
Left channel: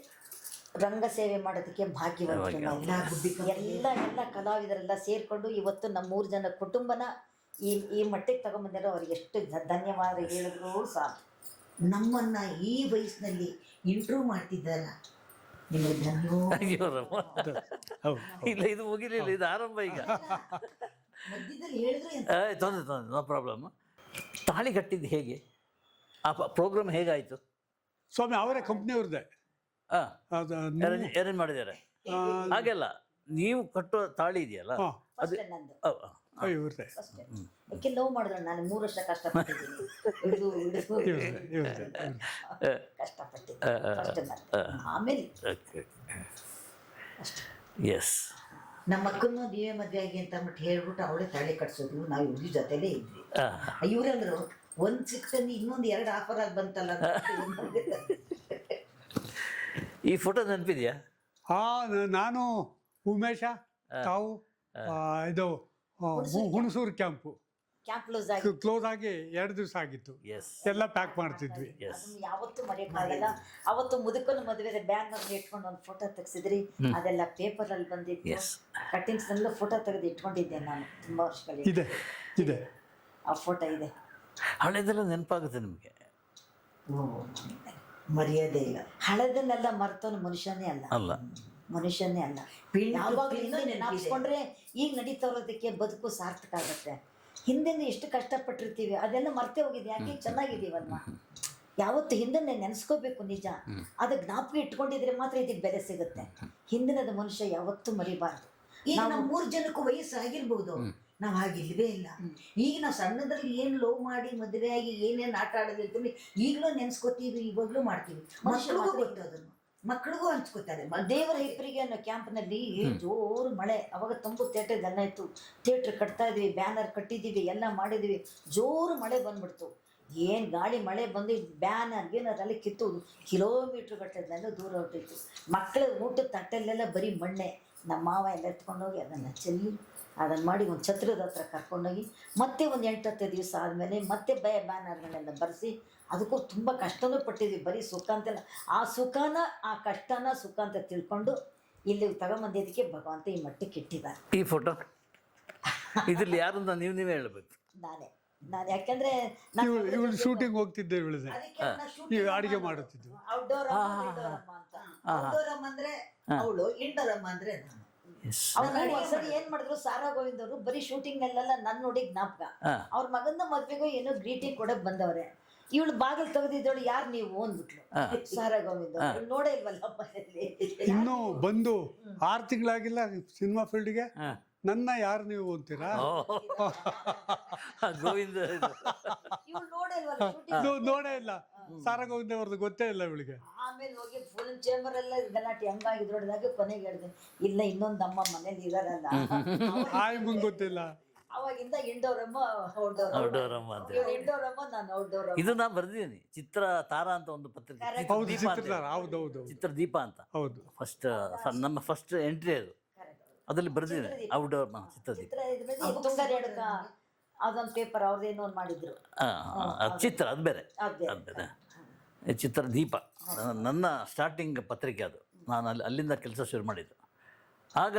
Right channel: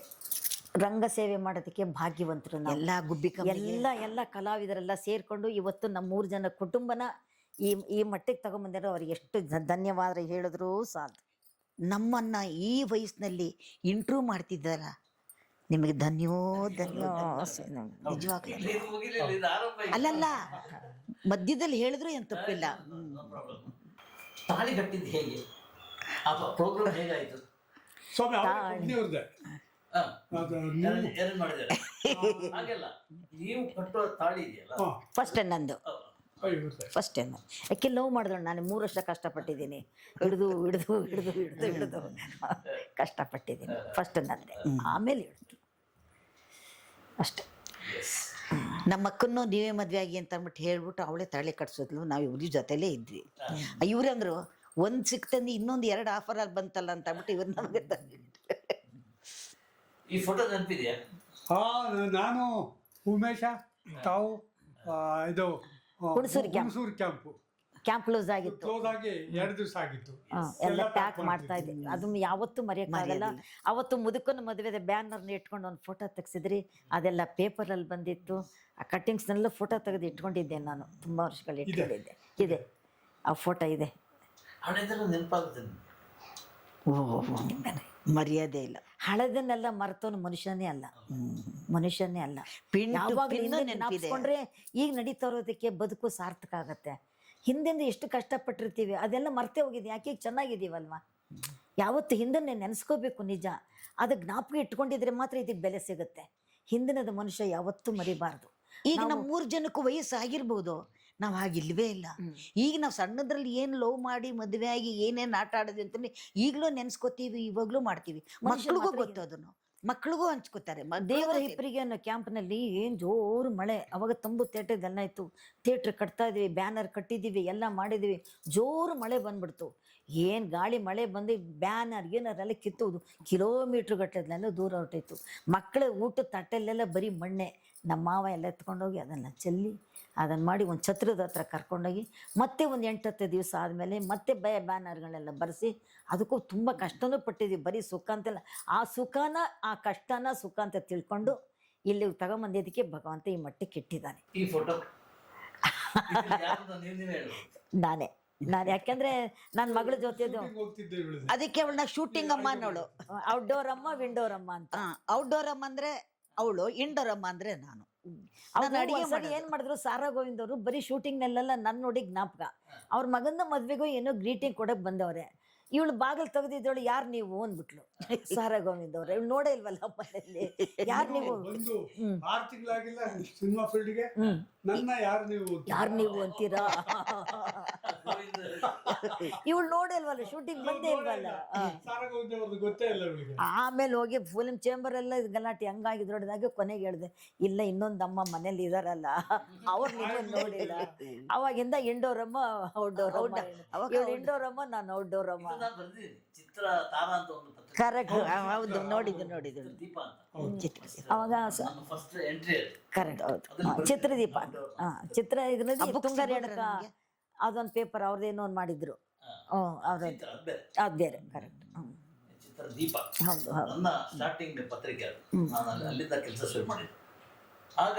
ರಂಗ ಸೇವೆ ಮಾಡೋದಕ್ಕೆ ಭಾಗ್ಯವಂತರು. ಎಲ್ಲ ಗುಬ್ಬಿ ಎಲ್ಲ ಕಲಾವಿದರೆಲ್ಲ ಸೇರ್ಕೊಂಡು ಇವತ್ತು ನಮ್ಮ 3 ಜನ ಕುಟುಂಬನ ಈ ಮಟ್ಟಿಗೆ ತಗೊಂಬಂದಿರೋ ಅವ್ರಿಗೆ ಎಷ್ಟು ಧನ್ಯವಾದ ಹೇಳಿದ್ರು ಸಾಕು. ನಮ್ಮನ್ನ ಈ ವಯಸ್ಸಿನಲ್ಲಿ ಇಂಟ್ರೂವ್ ಮಾಡ್ತಿದ್ದಾರ, ನಿಮಗೆ ಧನ್ಯವಾದ. ಇಲ್ಲ, ಇದು ಮುಗಿಲಿಲ್ಲ, ಇದು ಆರಂಭ ಈಗ. ಅಲ್ಲಲ್ಲ, ಮಧ್ಯದಲ್ಲಿ ಹೇಳಿದ್ರು ಎಂತ ನೋ ಪ್ರಾಬ್ಲಮ್. ತಾಳಿ ಕಟ್ಟಿದ್ದು ಹೇಗೆ, ಆ ಪ್ರೋಗ್ರಾಮ್ ಹೇಗಾಯ್ತು? ಸ್ವಾಮಿ ಅವರ ಕಂಪ್ನಿಯವ್ರದ್ದೆ. ಏನೇನು ಮಾಡಿದ್ದಾರೆ ಹಾಗೆಲ್ಲ ನೀವು ಕಟ್ಟುವ ತಾಳಿ ಇದೆಯಲ್ಲ, ಫಸ್ಟ್ ನಂದು ಇವ್ರದ್ದೆ. ಫಸ್ಟ್ ನಂದು. ಯಾಕೆ ಲವ್ ಮಾಡಿದ್ರು, ನಾನು 3 ವರ್ಷ ಕಷ್ಟಪಟ್ಟಿದ್ದೀನಿ, ಹಿಡಿದು ಕಷ್ಟಪಟ್ಟಿದ್ದೀನಿ. ಫಸ್ಟ್ ನಂದೆ, ಆಮೇಲೆ ಅಷ್ಟೆ. ಎಸ್. ನಮ್ಮ ಅಕ್ಕನ್ನು ನೀವೇ ಮದ್ವೆ ಆಗಿ ಅಂತ ಅಂದ್ಬಿಟ್ಟು ಹೇಳ್ಬಿಟ್ಟು ಅವಳೇ ತಾಳಿ ಕಟ್ಸೋದು, ನಾವು ಇವ್ರ ಜೊತೆಲೇ ಇದ್ವಿ. ಇವ್ರಂದ್ರು ಒಂದ್ ಸಿಕ್ತಂದು ಇನ್ನೊಂದು 2 ಆಫರ್ ಆಗಿ ಬಂತಲ್ಲ ಅಂತ ಈ ಫೋಟೋ ನೆನಪಿದ್ಯಾ? ಹಾ, ನಾನು ಉಮೇಶ ತಾವು ಇದು ಹುಣಸೂರು ಕ್ಯಾಂಪು ಕ್ಯಾಂಪ್ ಕ್ಲೋಸ್ ಆಗಿತ್ತು, ಕ್ಲೋಸ್ ಆಗಿ 2 ದಿವಸ ಆಗಿತ್ತು. ಎಲ್ಲ ಪ್ಯಾಕ್ ಮಾಡ್ತಾ ಇದ್ದೀನಿ. ಅದನ್ನ ಯಾವತ್ತೂ ಮರೆಯಕ್ಕಾಗಲ್ಲ. ಅವತ್ತು ಮುದುಕನ ಮದುವೆ ಬ್ಯಾನರ್ ಇಟ್ಕೊಂಡು ಒಂದು ಫೋಟೋ ತೆಗ್ಸಿದ್ರಿ, ಅದೆಲ್ಲ ಪೇಪರ್ ಅಲ್ಲಿ ಬಂದಿತ್ತು. ಕಟ್ಟಿಂಗ್ಸ್ ನಲ್ಲೂ ಫೋಟೋ ತೆಗೆದು ಇಟ್ಕೊಂಡಿದ್ದೆ ನಾನು ತುಂಬಾ ವರ್ಷಗಳು. ಇದೆ ಆ ಫೋಟೋ ಇದೆ. ಹಳೆದೆಲ್ಲ ನೆನಪಾಗುತ್ತೆ ನಿಮಗೆ? ಮರ್ಯಾದೆ ಇಲ್ಲ. ಹಳೆದನ್ನೆಲ್ಲ ಮರ್ತವನು ಮನುಷ್ಯನೇ ಅಲ್ಲ, ಮನುಷ್ಯನೇ ಅಲ್ಲ. ಯಾವಾಗಲೂ ಹಿಂದೆ ನೆನಪಿಸ್ಕೊಂಡ್ರೆ ಈಗ ನಡೀತಾ ಇರೋದಕ್ಕೆ ಬದುಕು ಸಾರ್ಥಕ ಆಗುತ್ತೆ. ಹಿಂದೆಂದು ಎಷ್ಟು ಕಷ್ಟಪಟ್ಟಿರ್ತೀವಿ ಅದೆಲ್ಲ ಮರ್ತೇ ಹೋಗಿದೆ. ಯಾಕೆ ಚೆನ್ನಾಗಿದ್ದೀವಲ್ವಾ? ಯಾವತ್ತು ಹಿಂದನ್ನೇ ನೆನೆಸ್ಕೋಬೇಕು. ನಿಜ, ಅದು ಜ್ಞಾಪಕ ಇಟ್ಕೊಂಡಿದ್ರೆ ಮಾತ್ರ ಇದಕ್ಕೆ ಬೆಲೆ ಸಿಗುತ್ತೆ. ಹಿಂದಿನದ ಮನುಷ್ಯ ಯಾವತ್ತೂ ಮರಿಬಾರ್ದು. ಈಗ ನಾವು 3 ಜನಕ್ಕೂ ವಯಸ್ಸಾಗಿರ್ಬೋದು, ನಾವು ಹಾಗಿಲ್ವೇ ಇಲ್ಲ. ಈಗ ನಾವು ಸಣ್ಣದ್ರಲ್ಲಿ ಏನ್ ಲವ್ ಮಾಡಿ ಮದುವೆ ಆಗಿ ಏನೇನ್ ಆಟ ಆಡೋದು ಅಂತಂದ್ರೆ ಈಗಲೂ ನೆನ್ಸ್ಕೊತೀವಿ, ಇವಾಗ್ಲೂ ಮಾಡ್ತೀವಿ. ಮಕ್ಳಿಗೂ ಗೊತ್ತು, ಅದನ್ನು ಮಕ್ಳಿಗೂ ಹಂಚ್ಕೋತಾರೆ. ದೇವರ ಹಿಪ್ಪರಿಗೆ ಅನ್ನೋ ಕ್ಯಾಂಪ್ನಲ್ಲಿ ಜೋರು ಮಳೆ, ಅವಾಗ ತುಂಬು ಥಿಯೇಟರ್ ಎಲ್ಲ ಇತ್ತು. ಥಿಯೇಟ್ರ್ ಕಟ್ತಾ ಇದ್ವಿ, ಬ್ಯಾನರ್ ಕಟ್ಟಿದ್ದೀವಿ, ಎಲ್ಲ ಮಾಡಿದ್ವಿ. ಜೋರು ಮಳೆ ಬಂದ್ಬಿಡ್ತು. ಏನು ಗಾಳಿ ಮಳೆ ಬಂದು ಬ್ಯಾನರ್ ಏನರೆಲ್ಲ ಕಿತ್ತೋದು, ಕಿಲೋಮೀಟ್ರ್ ಗಟ್ಟಲೆಲ್ಲ ದೂರ ಹೊರಟಿತ್ತು. ಮಕ್ಕಳ ಊಟದ ತಟ್ಟೆಲ್ಲೆಲ್ಲ ಬರೀ ಮಣ್ಣೆ. ನಮ್ಮ ಮಾವ ಎಲ್ಲ ಎತ್ಕೊಂಡೋಗಿ ಅದನ್ನು ಚೆಲ್ಲಿ ಅದನ್ನು ಮಾಡಿ ಒಂದು ಛತ್ರದ ಹತ್ರ ಕರ್ಕೊಂಡೋಗಿ ಮತ್ತೆ ಒಂದು 8-10 ದಿವಸ ಆದಮೇಲೆ ಮತ್ತೆ ಬ್ಯಾನರ್ಗಳನ್ನೆಲ್ಲ ಬರೆಸಿ ಅದಕ್ಕೂ ತುಂಬ ಕಷ್ಟನೂ ಪಟ್ಟಿದ್ವಿ. ಬರೀ ಸುಖ ಅಂತೆಲ್ಲ, ಆ ಸುಖನ ಆ ಕಷ್ಟನ ಸುಖ ಅಂತ ತಿಳ್ಕೊಂಡು ಇಲ್ಲಿ ತಗೊಂಬಂದಿದ್ದಕ್ಕೆ ಭಗವಂತ ಈ ಮಟ್ಟಕ್ಕೆ ಇಟ್ಟಿದ್ದಾನೆ. ಈ ಫೋಟೋ ಇದ್ರಲ್ಲಿ ಯಾರು ನೀವೇ ಹೇಳ್ಬೋದು? ನಾನೇ ಯಾಕೆಂದ್ರೆ ನನ್ನ ಮಗಳ ಜೊತೆ ಶೂಟಿಂಗ್ ಹೋಗ್ತಿದ್ದೆ ಬೆಳೆದೆ. ಅದಕ್ಕೆ ಶೂಟಿಂಗ್ ಔಟ್ಡೋರ್ ಅಮ್ಮ ವಿಂಡೋರ್ ಅಮ್ಮ ಅಂತ. ಔಟ್ಡೋರ್ ಅಮ್ಮ ಅಂದ್ರೆ ಅವಳು, ಇಂಡೋರ್ ಅಮ್ಮ ಅಂದ್ರೆ ನಾನು. ಅವ್ರು ಒಂದ್ಸರಿ ಏನ್ ಮಾಡಿದ್ರು, ಸಾರಾ ಗೋವಿಂದ್ ಅವರು ಬರೀ ಶೂಟಿಂಗ್ ನಲ್ಲೆಲ್ಲ ನನ್ನ ನೋಡಿ ಜ್ಞಾಪಕ. ಅವ್ರ ಮಗನ ಮದ್ವೆಗೂ ಏನೋ ಗ್ರೀಟಿಂಗ್ ಕೊಡಕ್ ಬಂದವ್ರೆ. ಇವಳು ಬಾಗಿಲು ತೆಗೆದಿದ್ದವಳು, ಯಾರು ನೀವು ಅಂದ್ಬಿಟ್ಲು. ಸಾರಾ ಗೋವಿಂದ್ ಅವರು ನೋಡೇ ಇಲ್ವಲ್ಲ ಮನೆಯಲ್ಲಿ. ಯಾರು ನೀವು ಬಂದು 6 ತಿಂಗಳಾಗಿಲ್ಲ ಸಿನಿಮಾ ಫೀಲ್ಡ್ಗೆ, ನನ್ನ ಯಾರು ನೀವು ಅಂತೀರಾ? ಗೋವಿಂದ ಇವಳು ನೋಡೇ ಇಲ್ವಲ್ಲ ಶೂಟಿಂಗ್. ನೋಡೇ ಇಲ್ಲ. ಸಾರಾ ಗೋವಿಂದ ಅವ್ರದ್ದು ಗೊತ್ತೇ ಇಲ್ಲ ಇವಳಿಗೆ. ಆಮೇಲೆ ಹೋಗಿ ಫಿಲ್ಮ್ ಚೇಂಬರ್ ಎಲ್ಲ ಗಲಾಟೆ ಹಂಗಾಗಿದ್ರೊಡದಾಗ ಕೊನೆಗೆ ಹೇಳಿದೆ, ಇಲ್ಲ ಇನ್ನೊಂದಮ್ಮ ಮನೇಲಿ ಇದಾರಲ್ಲ, ಗೊತ್ತಿಲ್ಲ. ಅವಾಗಿಂದ ಇಂಡೋರ್ ಅಮ್ಮ ಔಟ್ಡೋರ್ ಅಮ್ಮ, ಇಂಡೋರ್ ಅಮ್ಮ, ನಾನು ಔಟ್ಡೋರ್ ಅಮ್ಮ. ಇದು ನಾನು ಬರ್ದಿದ್ದೀನಿ. ಚಿತ್ರ ತಾರಾ ಅಂತ ಒಂದು ಪತ್ರಿಕೆ, ನೋಡಿದ್ದು ಚಿತ್ರ ದೀಪ ಅಂತ. ನಮ್ಮ ಫಸ್ಟ್ ಎಂಟ್ರಿ ಚಿತ್ರದೀಪ ಚಿತ್ರ ತುಂಗ ರೇಣುಕ ಅದೊಂದು ಪೇಪರ್ ಅವ್ರದ್ದೇನೋ ಒಂದು ಮಾಡಿದ್ರು. ಚಿತ್ರ ಅದು ಬೇರೆ. ಚಿತ್ರ ದೀಪ ನನ್ನ ಸ್ಟಾರ್ಟಿಂಗ್ ಪತ್ರಿಕೆ. ಅದು ನಾನು ಅಲ್ಲಿಂದ ಕೆಲಸ ಶುರು ಮಾಡಿದ್ದು. ಆಗ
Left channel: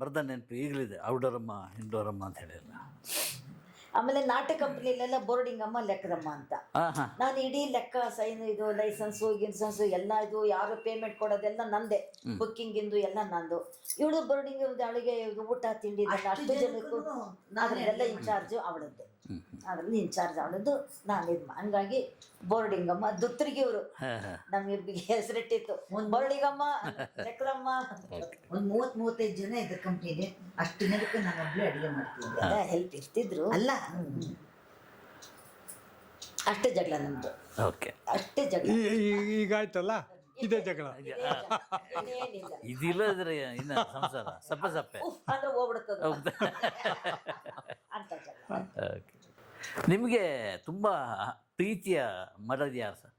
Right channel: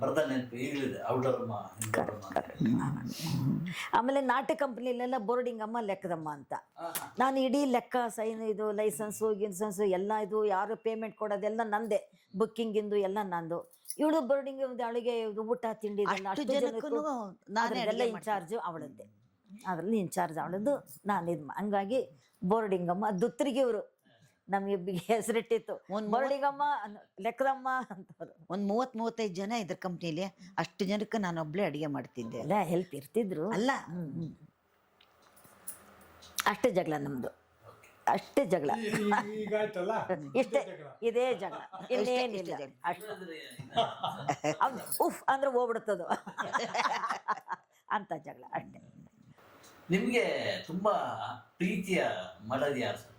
ಬರ್ದ ನೆನಪು ಈಗಲೂ ಇದೆ, ಔಟ್ಡೋರಮ್ಮ ಇಂಡೋರಮ್ಮ ಅಂತ ಹೇಳಿ. ಆಮೇಲೆ ನಾಟಕ ಕಂಪ್ನಿಲೆಲ್ಲ ಬೋರ್ಡಿಂಗ್ ಅಮ್ಮ ಲೆಕ್ಕದಮ್ಮ ಅಂತ. ನಾನು ಇಡೀ ಲೆಕ್ಕ ಸೈನ್ ಇದು ಲೈಸೆನ್ಸು ಗಿನ್ಸೆನ್ಸು ಎಲ್ಲ ಇದು, ಯಾರು ಪೇಮೆಂಟ್ ಕೊಡೋದೆಲ್ಲ ನಂದೆ, ಬುಕ್ಕಿಂಗ್ ಇಂದು ಎಲ್ಲ ನಂದು. ಇವಳು ಬೋರ್ಡಿಂಗ್ ಅವಳಿಗೆ ಊಟ ತಿಂಡಿ ಅಷ್ಟು ಜನಕ್ಕೂ ಅದೆಲ್ಲ ಇನ್ಚಾರ್ಜ್ ಅವಳದ್ದೆ. ಅದರಲ್ಲಿ ಇನ್ಚಾರ್ಜ್ ಅವಳದ್ದು ನಾನು ಇದು ಹಂಗಾಗಿ ಬೋರ್ಡಿಂಗಮ್ಮ ದುತ್ತರಿಗೆ ಇವರು ನಮಗೆ ಹೆಸರಿಟ್ಟಿತ್ತು ಬೋರ್ಡಿಂಗಮ್ಮ ಲೆಕ್ಕದಮ್ಮ. ಒಂದು 30-35 ಜನ ಇದ್ರ ಕಂಪ್ನಿಲಿ, ಅಷ್ಟು ಜನಕ್ಕೆ ನಾನು ಒಬ್ಳೆ ಅಡಿಗೆ ಮಾಡ್ತಿದ್ದೆ. ಅದೇ ಹೆಲ್ಪ್ ಇರ್ತಿದ್ರು. ಅಲ್ಲ ಅಷ್ಟೇ ಜಗಳ ನಮ್ದು, ಓಕೆ. ಅಷ್ಟೇ ಜಗಳ. ಈಗಾಯ್ತಲ್ಲ ಇದೇ ಜಗಳ. ಇದೇ ಜಗಳ, ಇನ್ನೇನಿಲ್ಲ. ಇದಿಲ್ಲದ್ರೆ ಇನ್ನು ಸಂಸಾರ ಸಪ್ಪ ಸಪ್ಪೆ. ಉಫ್ ಅಂದ್ರೆ ಹೋಗ್ಬಿಡ್ತದ ಅಂತ ಜಗಳ. ನಿಮಗೆ ತುಂಬಾ ಪ್ರೀತಿಯ ಮರದಿ ಯಾರು ಸರ್?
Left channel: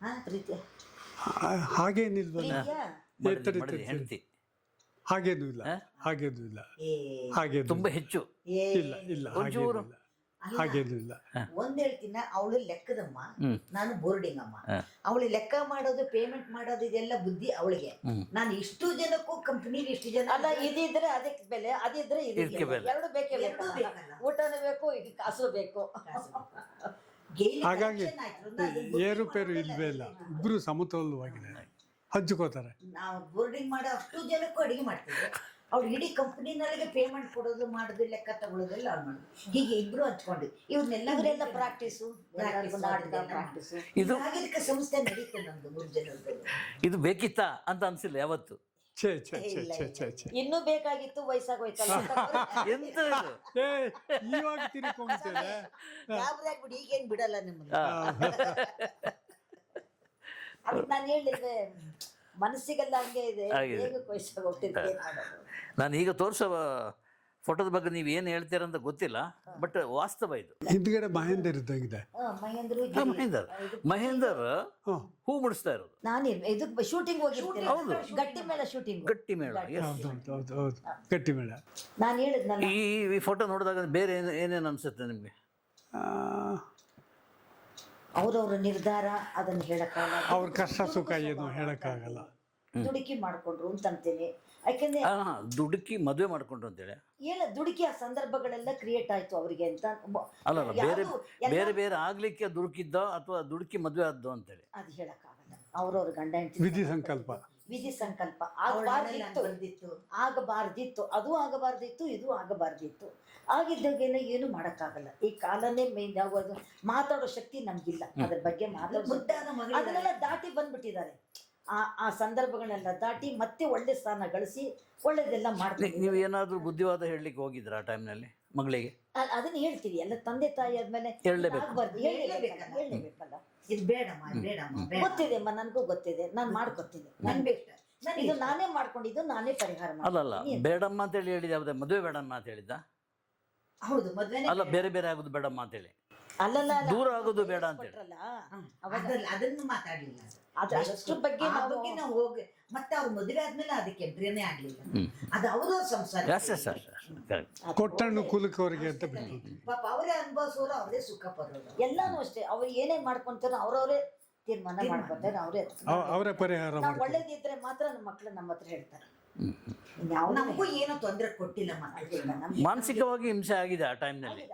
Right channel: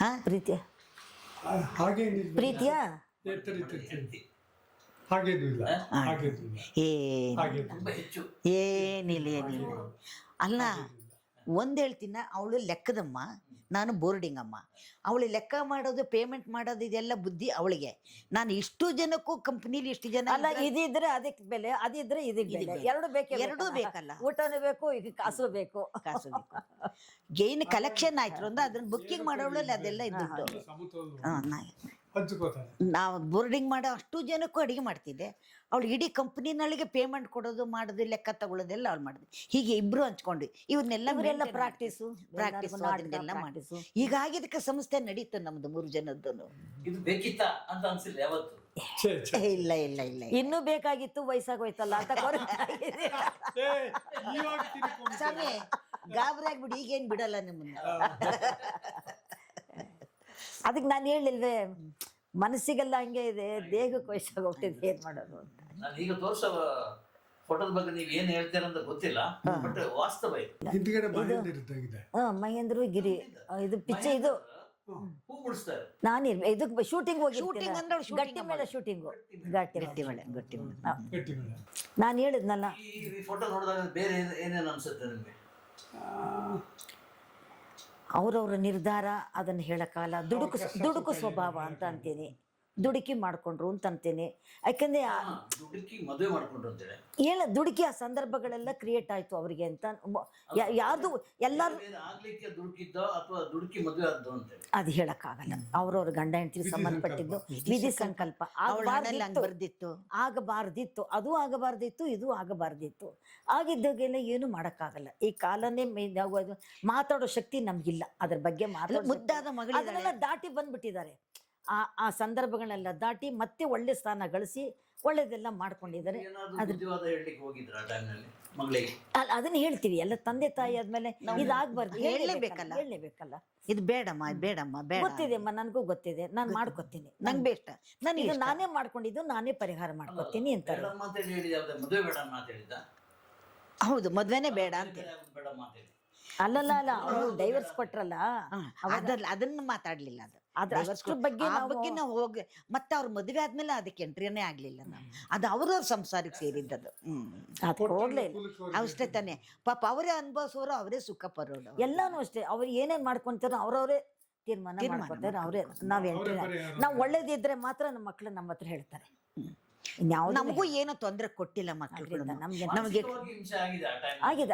ಹಾ ಪ್ರೀತಿಯ ಹಾಗೇನಿಲ್ಲ, ಪ್ರೀತಿಯ ಹೆಂಡತಿ ಹಾಗೇನು ಇಲ್ಲ, ಹಾಗೇನು ಇಲ್ಲ, ಏ ಹಾಗೇನು ತುಂಬಾ ಹೆಚ್ಚು ಏನಿಲ್ಲ. ಅಲ್ಲ ಹಾಗೇನು ಇಲ್ಲ. ಒಂದ್ ಹೇಳ್ತೀನ, ಅವಳು ಲೆಕ್ಕದಮ್ಮ, ನಾನು ಬೋರ್ಡಿಂಗ್ ಅಮ್ಮ. ಅವಳು ಲೆಕ್ಕ ಮಾಡೋದು, ಪೇಮೆಂಟ್ ಮಾಡೋದು, ಇದೆಲ್ಲ ಬುದ್ಧಿ ಅವಳಿಗೆ. ನಾನು ಇಷ್ಟು ಜನಕ್ಕೂ ಕಂಪ್ನಿಲಿ ಇಷ್ಟು ಜನ ಅಲ್ಲ, ಇದಿದ್ರೆ ಅದಕ್ಕೆ ಬೆಲೆ, ಅದಿದ್ರೆ ಇದಕ್ಕೆ ಬೆಲೆ. ಎರಡು ಬೇಕೇ, ಎರಡೂ ಬೇಕಲ್ಲ. ಊಟನೂ ಬೇಕು, ಈಗ ಕಾಸು ಬೇಕು. ಗೇನ್ ಕಲೆಕ್ಷನ್ ಆಯ್ತು ಅಂದ್ರೆ ಅದನ್ನ ಬುಕ್ಕಿಂಗ್ ಮಾಡೋದ್ರಲ್ಲಿ ಅದೆಲ್ಲ ಇದ್ದು ಇಬ್ರು ಸಮತೋಲವಾಗಿ ಹಂಚ್ಕೋತಾರೆ. ನಾವು ಬೋರ್ಡಿಂಗ್ ಮಾಡೋ ಅಷ್ಟು ಜನಕ್ಕೂ ಅಡಿಗೆ ಮಾಡ್ತಿದ್ದೆ. ಅವಳು ಇಡೀ ಕಂಪ್ನಿನೊಳಗೆ ಪೇಮೆಂಟ್ ಕೊಡೋದು, ಮಾಡೋದು, ಲೆಕ್ಕ ತಗೊಳ್ಳೋದೆಲ್ಲ ಅವ್ಳು ಮಾಡಿದ್ವಿ. ಹೀಗೆ ಇಬ್ರು ಹಂಚ್ಕೊಂಡು ಇವ್ರನ್ನೆಲ್ಲ ಪ್ರಾಕ್ಟೀಸು ಅದನ್ನೆಲ್ಲ ಮಾಡಿಸು. ಹೀಗಾಗಿ ಇದಕ್ಕೆ ಸಂಸ್ಥೆ ನಡೀತು ನಮ್ದು 3 ಜನದ್ದು. ಇದು ಬೇಕಿತ್ತಾ ಅಂತ ಅನ್ಸಿಲ್ಲ ಯಾವತ್ತು? ಇಲ್ಲ ಇಲ್ಲ ಇಲ್ಲ, ಇನ್ನೂ ಬೇಕಾಗಿತ್ತು, ವಯಸ್ಸಾಗೋಯ್ತಲ್ಲ ಅಂತ ಗಾಬರಿ ಆಗ್ಬಿಡಿ, ಈಗೇನ್ ಬಿಡಲ್ಲ ನಮ್ಮನ್ನ. ಅದಕ್ಕೆ ನಾನು ಹೇಳಿಲ್ವೇ, ಮನಸ್ಸಿಗೆಲ್ಲ ಹಂಗೆ ಇದೆ, ಬೇಗಕ್ಕೆ ವಯಸ್ಸಾಗೋಗ್ತಿದೆ. ನಾನು ಈಗ ತೋರಿಸೋ ಫೋಟೋದ ಬಗ್ಗೆ ನೀವು ಏನು ಹೇಳ್ತೀರಂತ ಗೊತ್ತಿಲ್ಲ, ಬಟ್ ವಾಸ್ತವ ಇದು. ಹಿಂದ್ಗಡೆ ಮಹೇಂದರ್ ಇದ್ದಾಗಿದೆ. ಮಹೇಂದ್ರ ಮಹೇಂದರ್ ಹೂ ಮುಡಿಸ್ತಾರೆ. ನಾನೇನು ಇದಕ್ಕೆ ಶೂಟಿಂಗ್ ಹೋಗಿರ್ತೀನಿ, ಗಟ್ಟಿ ಮೇಳ ಶೂಟಿಂಗ್. ಗಟ್ಟಿ ಮೇಳ. ಗಟ್ಟಿ ಮೇಳ. ನಾನು ಹೇಳಿದ್ನಲ್ಲ, ಈ ಫೋಟೋ ನೋಡಿದಾಗ ಬೇರೆ ಏನೇನು ಅನ್ಸುತ್ತೆ ನಿಮಗೆ? ಅವ್ರವ್ರ ನಿರ್ಧಾರ ಅದನ್ನ ಹೇಳಕ್ಕಾಗಲ್ಲ. ದುಡುಕು ಸ್ವಭಾವ ಅಂತ ಅಂತೀನಿ, ದುಡುಕಿ ಮಾಡ್ಕೊಂಡ್ರು ಅಂತ ಅಂತೀನಿ. ಯಾಕಂದ್ರೆ ದುಡುಕಿ ಮದುವೆ ಮಾಡ್ಕೊಂಡ್ರು ಅಂತೇಳಿ ದುಡುಕಿ ಆ ಸಂದರ್ಭಗಳೆಲ್ಲ ಕ್ರಿಯೇಟ್ ಆಯ್ತು ಅವ್ರಿಗೆ ಅಂತ. ಬೇರೆ ಬೇರೆ ಆಗ್ಲಿಕ್ಕೆ ದುಡುಕಿದ್ದ ಅಥವಾ ದುಡುಕಿ ಮದುವೆ ಆದ್ದು ಅಂತೇಳಿ ಅದು ಹೇಳಕ್ಕಾಗಲ್ಲ. ಅವ್ರವ್ರ ಗಂಡ ಹೆಂಡತಿ ಸಂಬಂಧಪಟ್ಟಿದ್ದು ವಿಧಿ ಸಂಕಲ್ಪ ಬರ್ದಿತ್ತು, ಆಗಬಾರ್ದಿತ್ತು, ಅದು ಆಗಬಾರ್ದಿತ್ತು, ಇದು ಆಗಬಾರ್ದಿತ್ತು. ಆಗಿದ್ದಾಗೆಲ್ಲ ಏನು ಮಾಡಕ್ಕಾಗಲ್ಲ. ಈ ಕಾಲನೇ ಮೇನ್ ಆಗೋದು, ಮಾತಾಡೋ ಶಕ್ತಿ ನಮ್ಗಿಲ್ಲ. ಅದ್ರ ಬಗ್ಗೆ ಮುದ್ದಾದ ಅದನ್ನೆಲ್ಲ ದಾಟಿ ಬಂದ್ಬಿಟ್ಟಿದ್ದಾರೆ. ಆ ಸಂದರ್ಭಗಳೆಲ್ಲ ದಾಟಿ ಮತ್ತೆ ಒಳ್ಳೆ ಸ್ಥಾನ ಗಳಿಸಿ ಒಳ್ಳೇದೆಲ್ಲ ಮಾಡ್ತೀವಿ. ನೀವು ಏನಾದ್ರು ಬುದ್ಧಿವಾದ ಹೇಳಲಿಕ್ಕೆ ಹೋಗಿದ್ರ ಆ ಟೈಮ್ನಲ್ಲಿ ಮಗಳಿಗೆ? ಅದನ್ನ ಹೇಳ್ತೀವಿ, ಎಲ್ಲ ತಂದೆ ತಾಯಿ ಆದ್ಮೇಲೆ ಇದಾಗಬಾರ್ದು, ಹೇಳಲೇಬೇಕಲ್ಲ. ಇದು ಬೇಡಮ್ಮ ಬೇಡಮ್ಮ ಬೇಡ. ಗೊತ್ತಿದೆ ಅಮ್ಮ, ನನಗೂ ಗೊತ್ತಿದೆ, ನಾನು ಮಾಡ್ಕೊತೀನಿ, ನಂಗೆ ಬೇಡ, ನಾನು ಇದು ನಾನೇ ಮಾಡ್ಕೊಂಡಿದ್ದು, ನಾನೇ ಪರಿಹಾರ ಮಾಡ್ಕೊತೀನಿ. ಬೇಡಮ್ಮ ಅಂತ ಹೇಳಿ ಹೇಳಿದ, ಯಾವ್ದು ಮದುವೆ ಬೇಡಮ್ಮ ಅಂತ ಹೇಳಿದ್ದ? ಹೌದು, ಮದ್ವೆನೇ ಬೇರೆ ಬೇರೆ ಆಗುದು ಬೇಡಮ್ಮ ಅಂತ ಹೇಳಿ. ಅಲ್ಲಲ್ಲ, ದೂರ ಆಗೋದು ಬೇಡ ಅಂತ ಕೊಟ್ರಲ್ಲ, ಅದನ್ನ ಮಾತಾಡ್ಲಿಲ್ಲ. ಅದ್ರ ಬಗ್ಗೆ ಆ ಬಗ್ಗೆ ನಾವು ಹೋಗಿ ಮತ್ತೆ ಅವ್ರ ಮದುವೆ ಆದ್ಮೇಲೆ ಅದಕ್ಕೆ ಎಂಟ್ರಿನೇ ಆಗ್ಲಿಲ್ಲ. ಅದು ಅವ್ರವ್ರ ಸಂಸಾರ ಅಷ್ಟೇ ತಾನೆ. ಪಾಪ ಅವರೇ ಅನುಭವಿಸೋರು, ಅವರೇ ಸುಖ ಪಡೋರು. ಎಲ್ಲಾನು ಅಷ್ಟೇ. ಅವ್ರು ಏನೇನ್ ಮಾಡ್ಕೊಂತಾರೋ ಅವ್ರವ್ರೇ ತೀರ್ಮಾನ ಮಾಡ್ಕೊಂತಾರೆ, ಅವರೇ. ನಾವು ಒಳ್ಳೇದಿದ್ರೆ ಮಾತ್ರ ನಮ್ಮ ಮಕ್ಳು ನಮ್ಮ ಹತ್ರ ಹೇಳ್ತಾರೆ. ನಮಗೂ ಏನೋ ತೊಂದರೆ ಕೊಟ್ಟಿಲ್ಲ ಮಕ್ಕಳು. ಮಾನಸಿಕವಾಗಿ ಹಿಂಸೆ ಆಗಿದೆ ಆ ಟೈಮ್. ಈಗ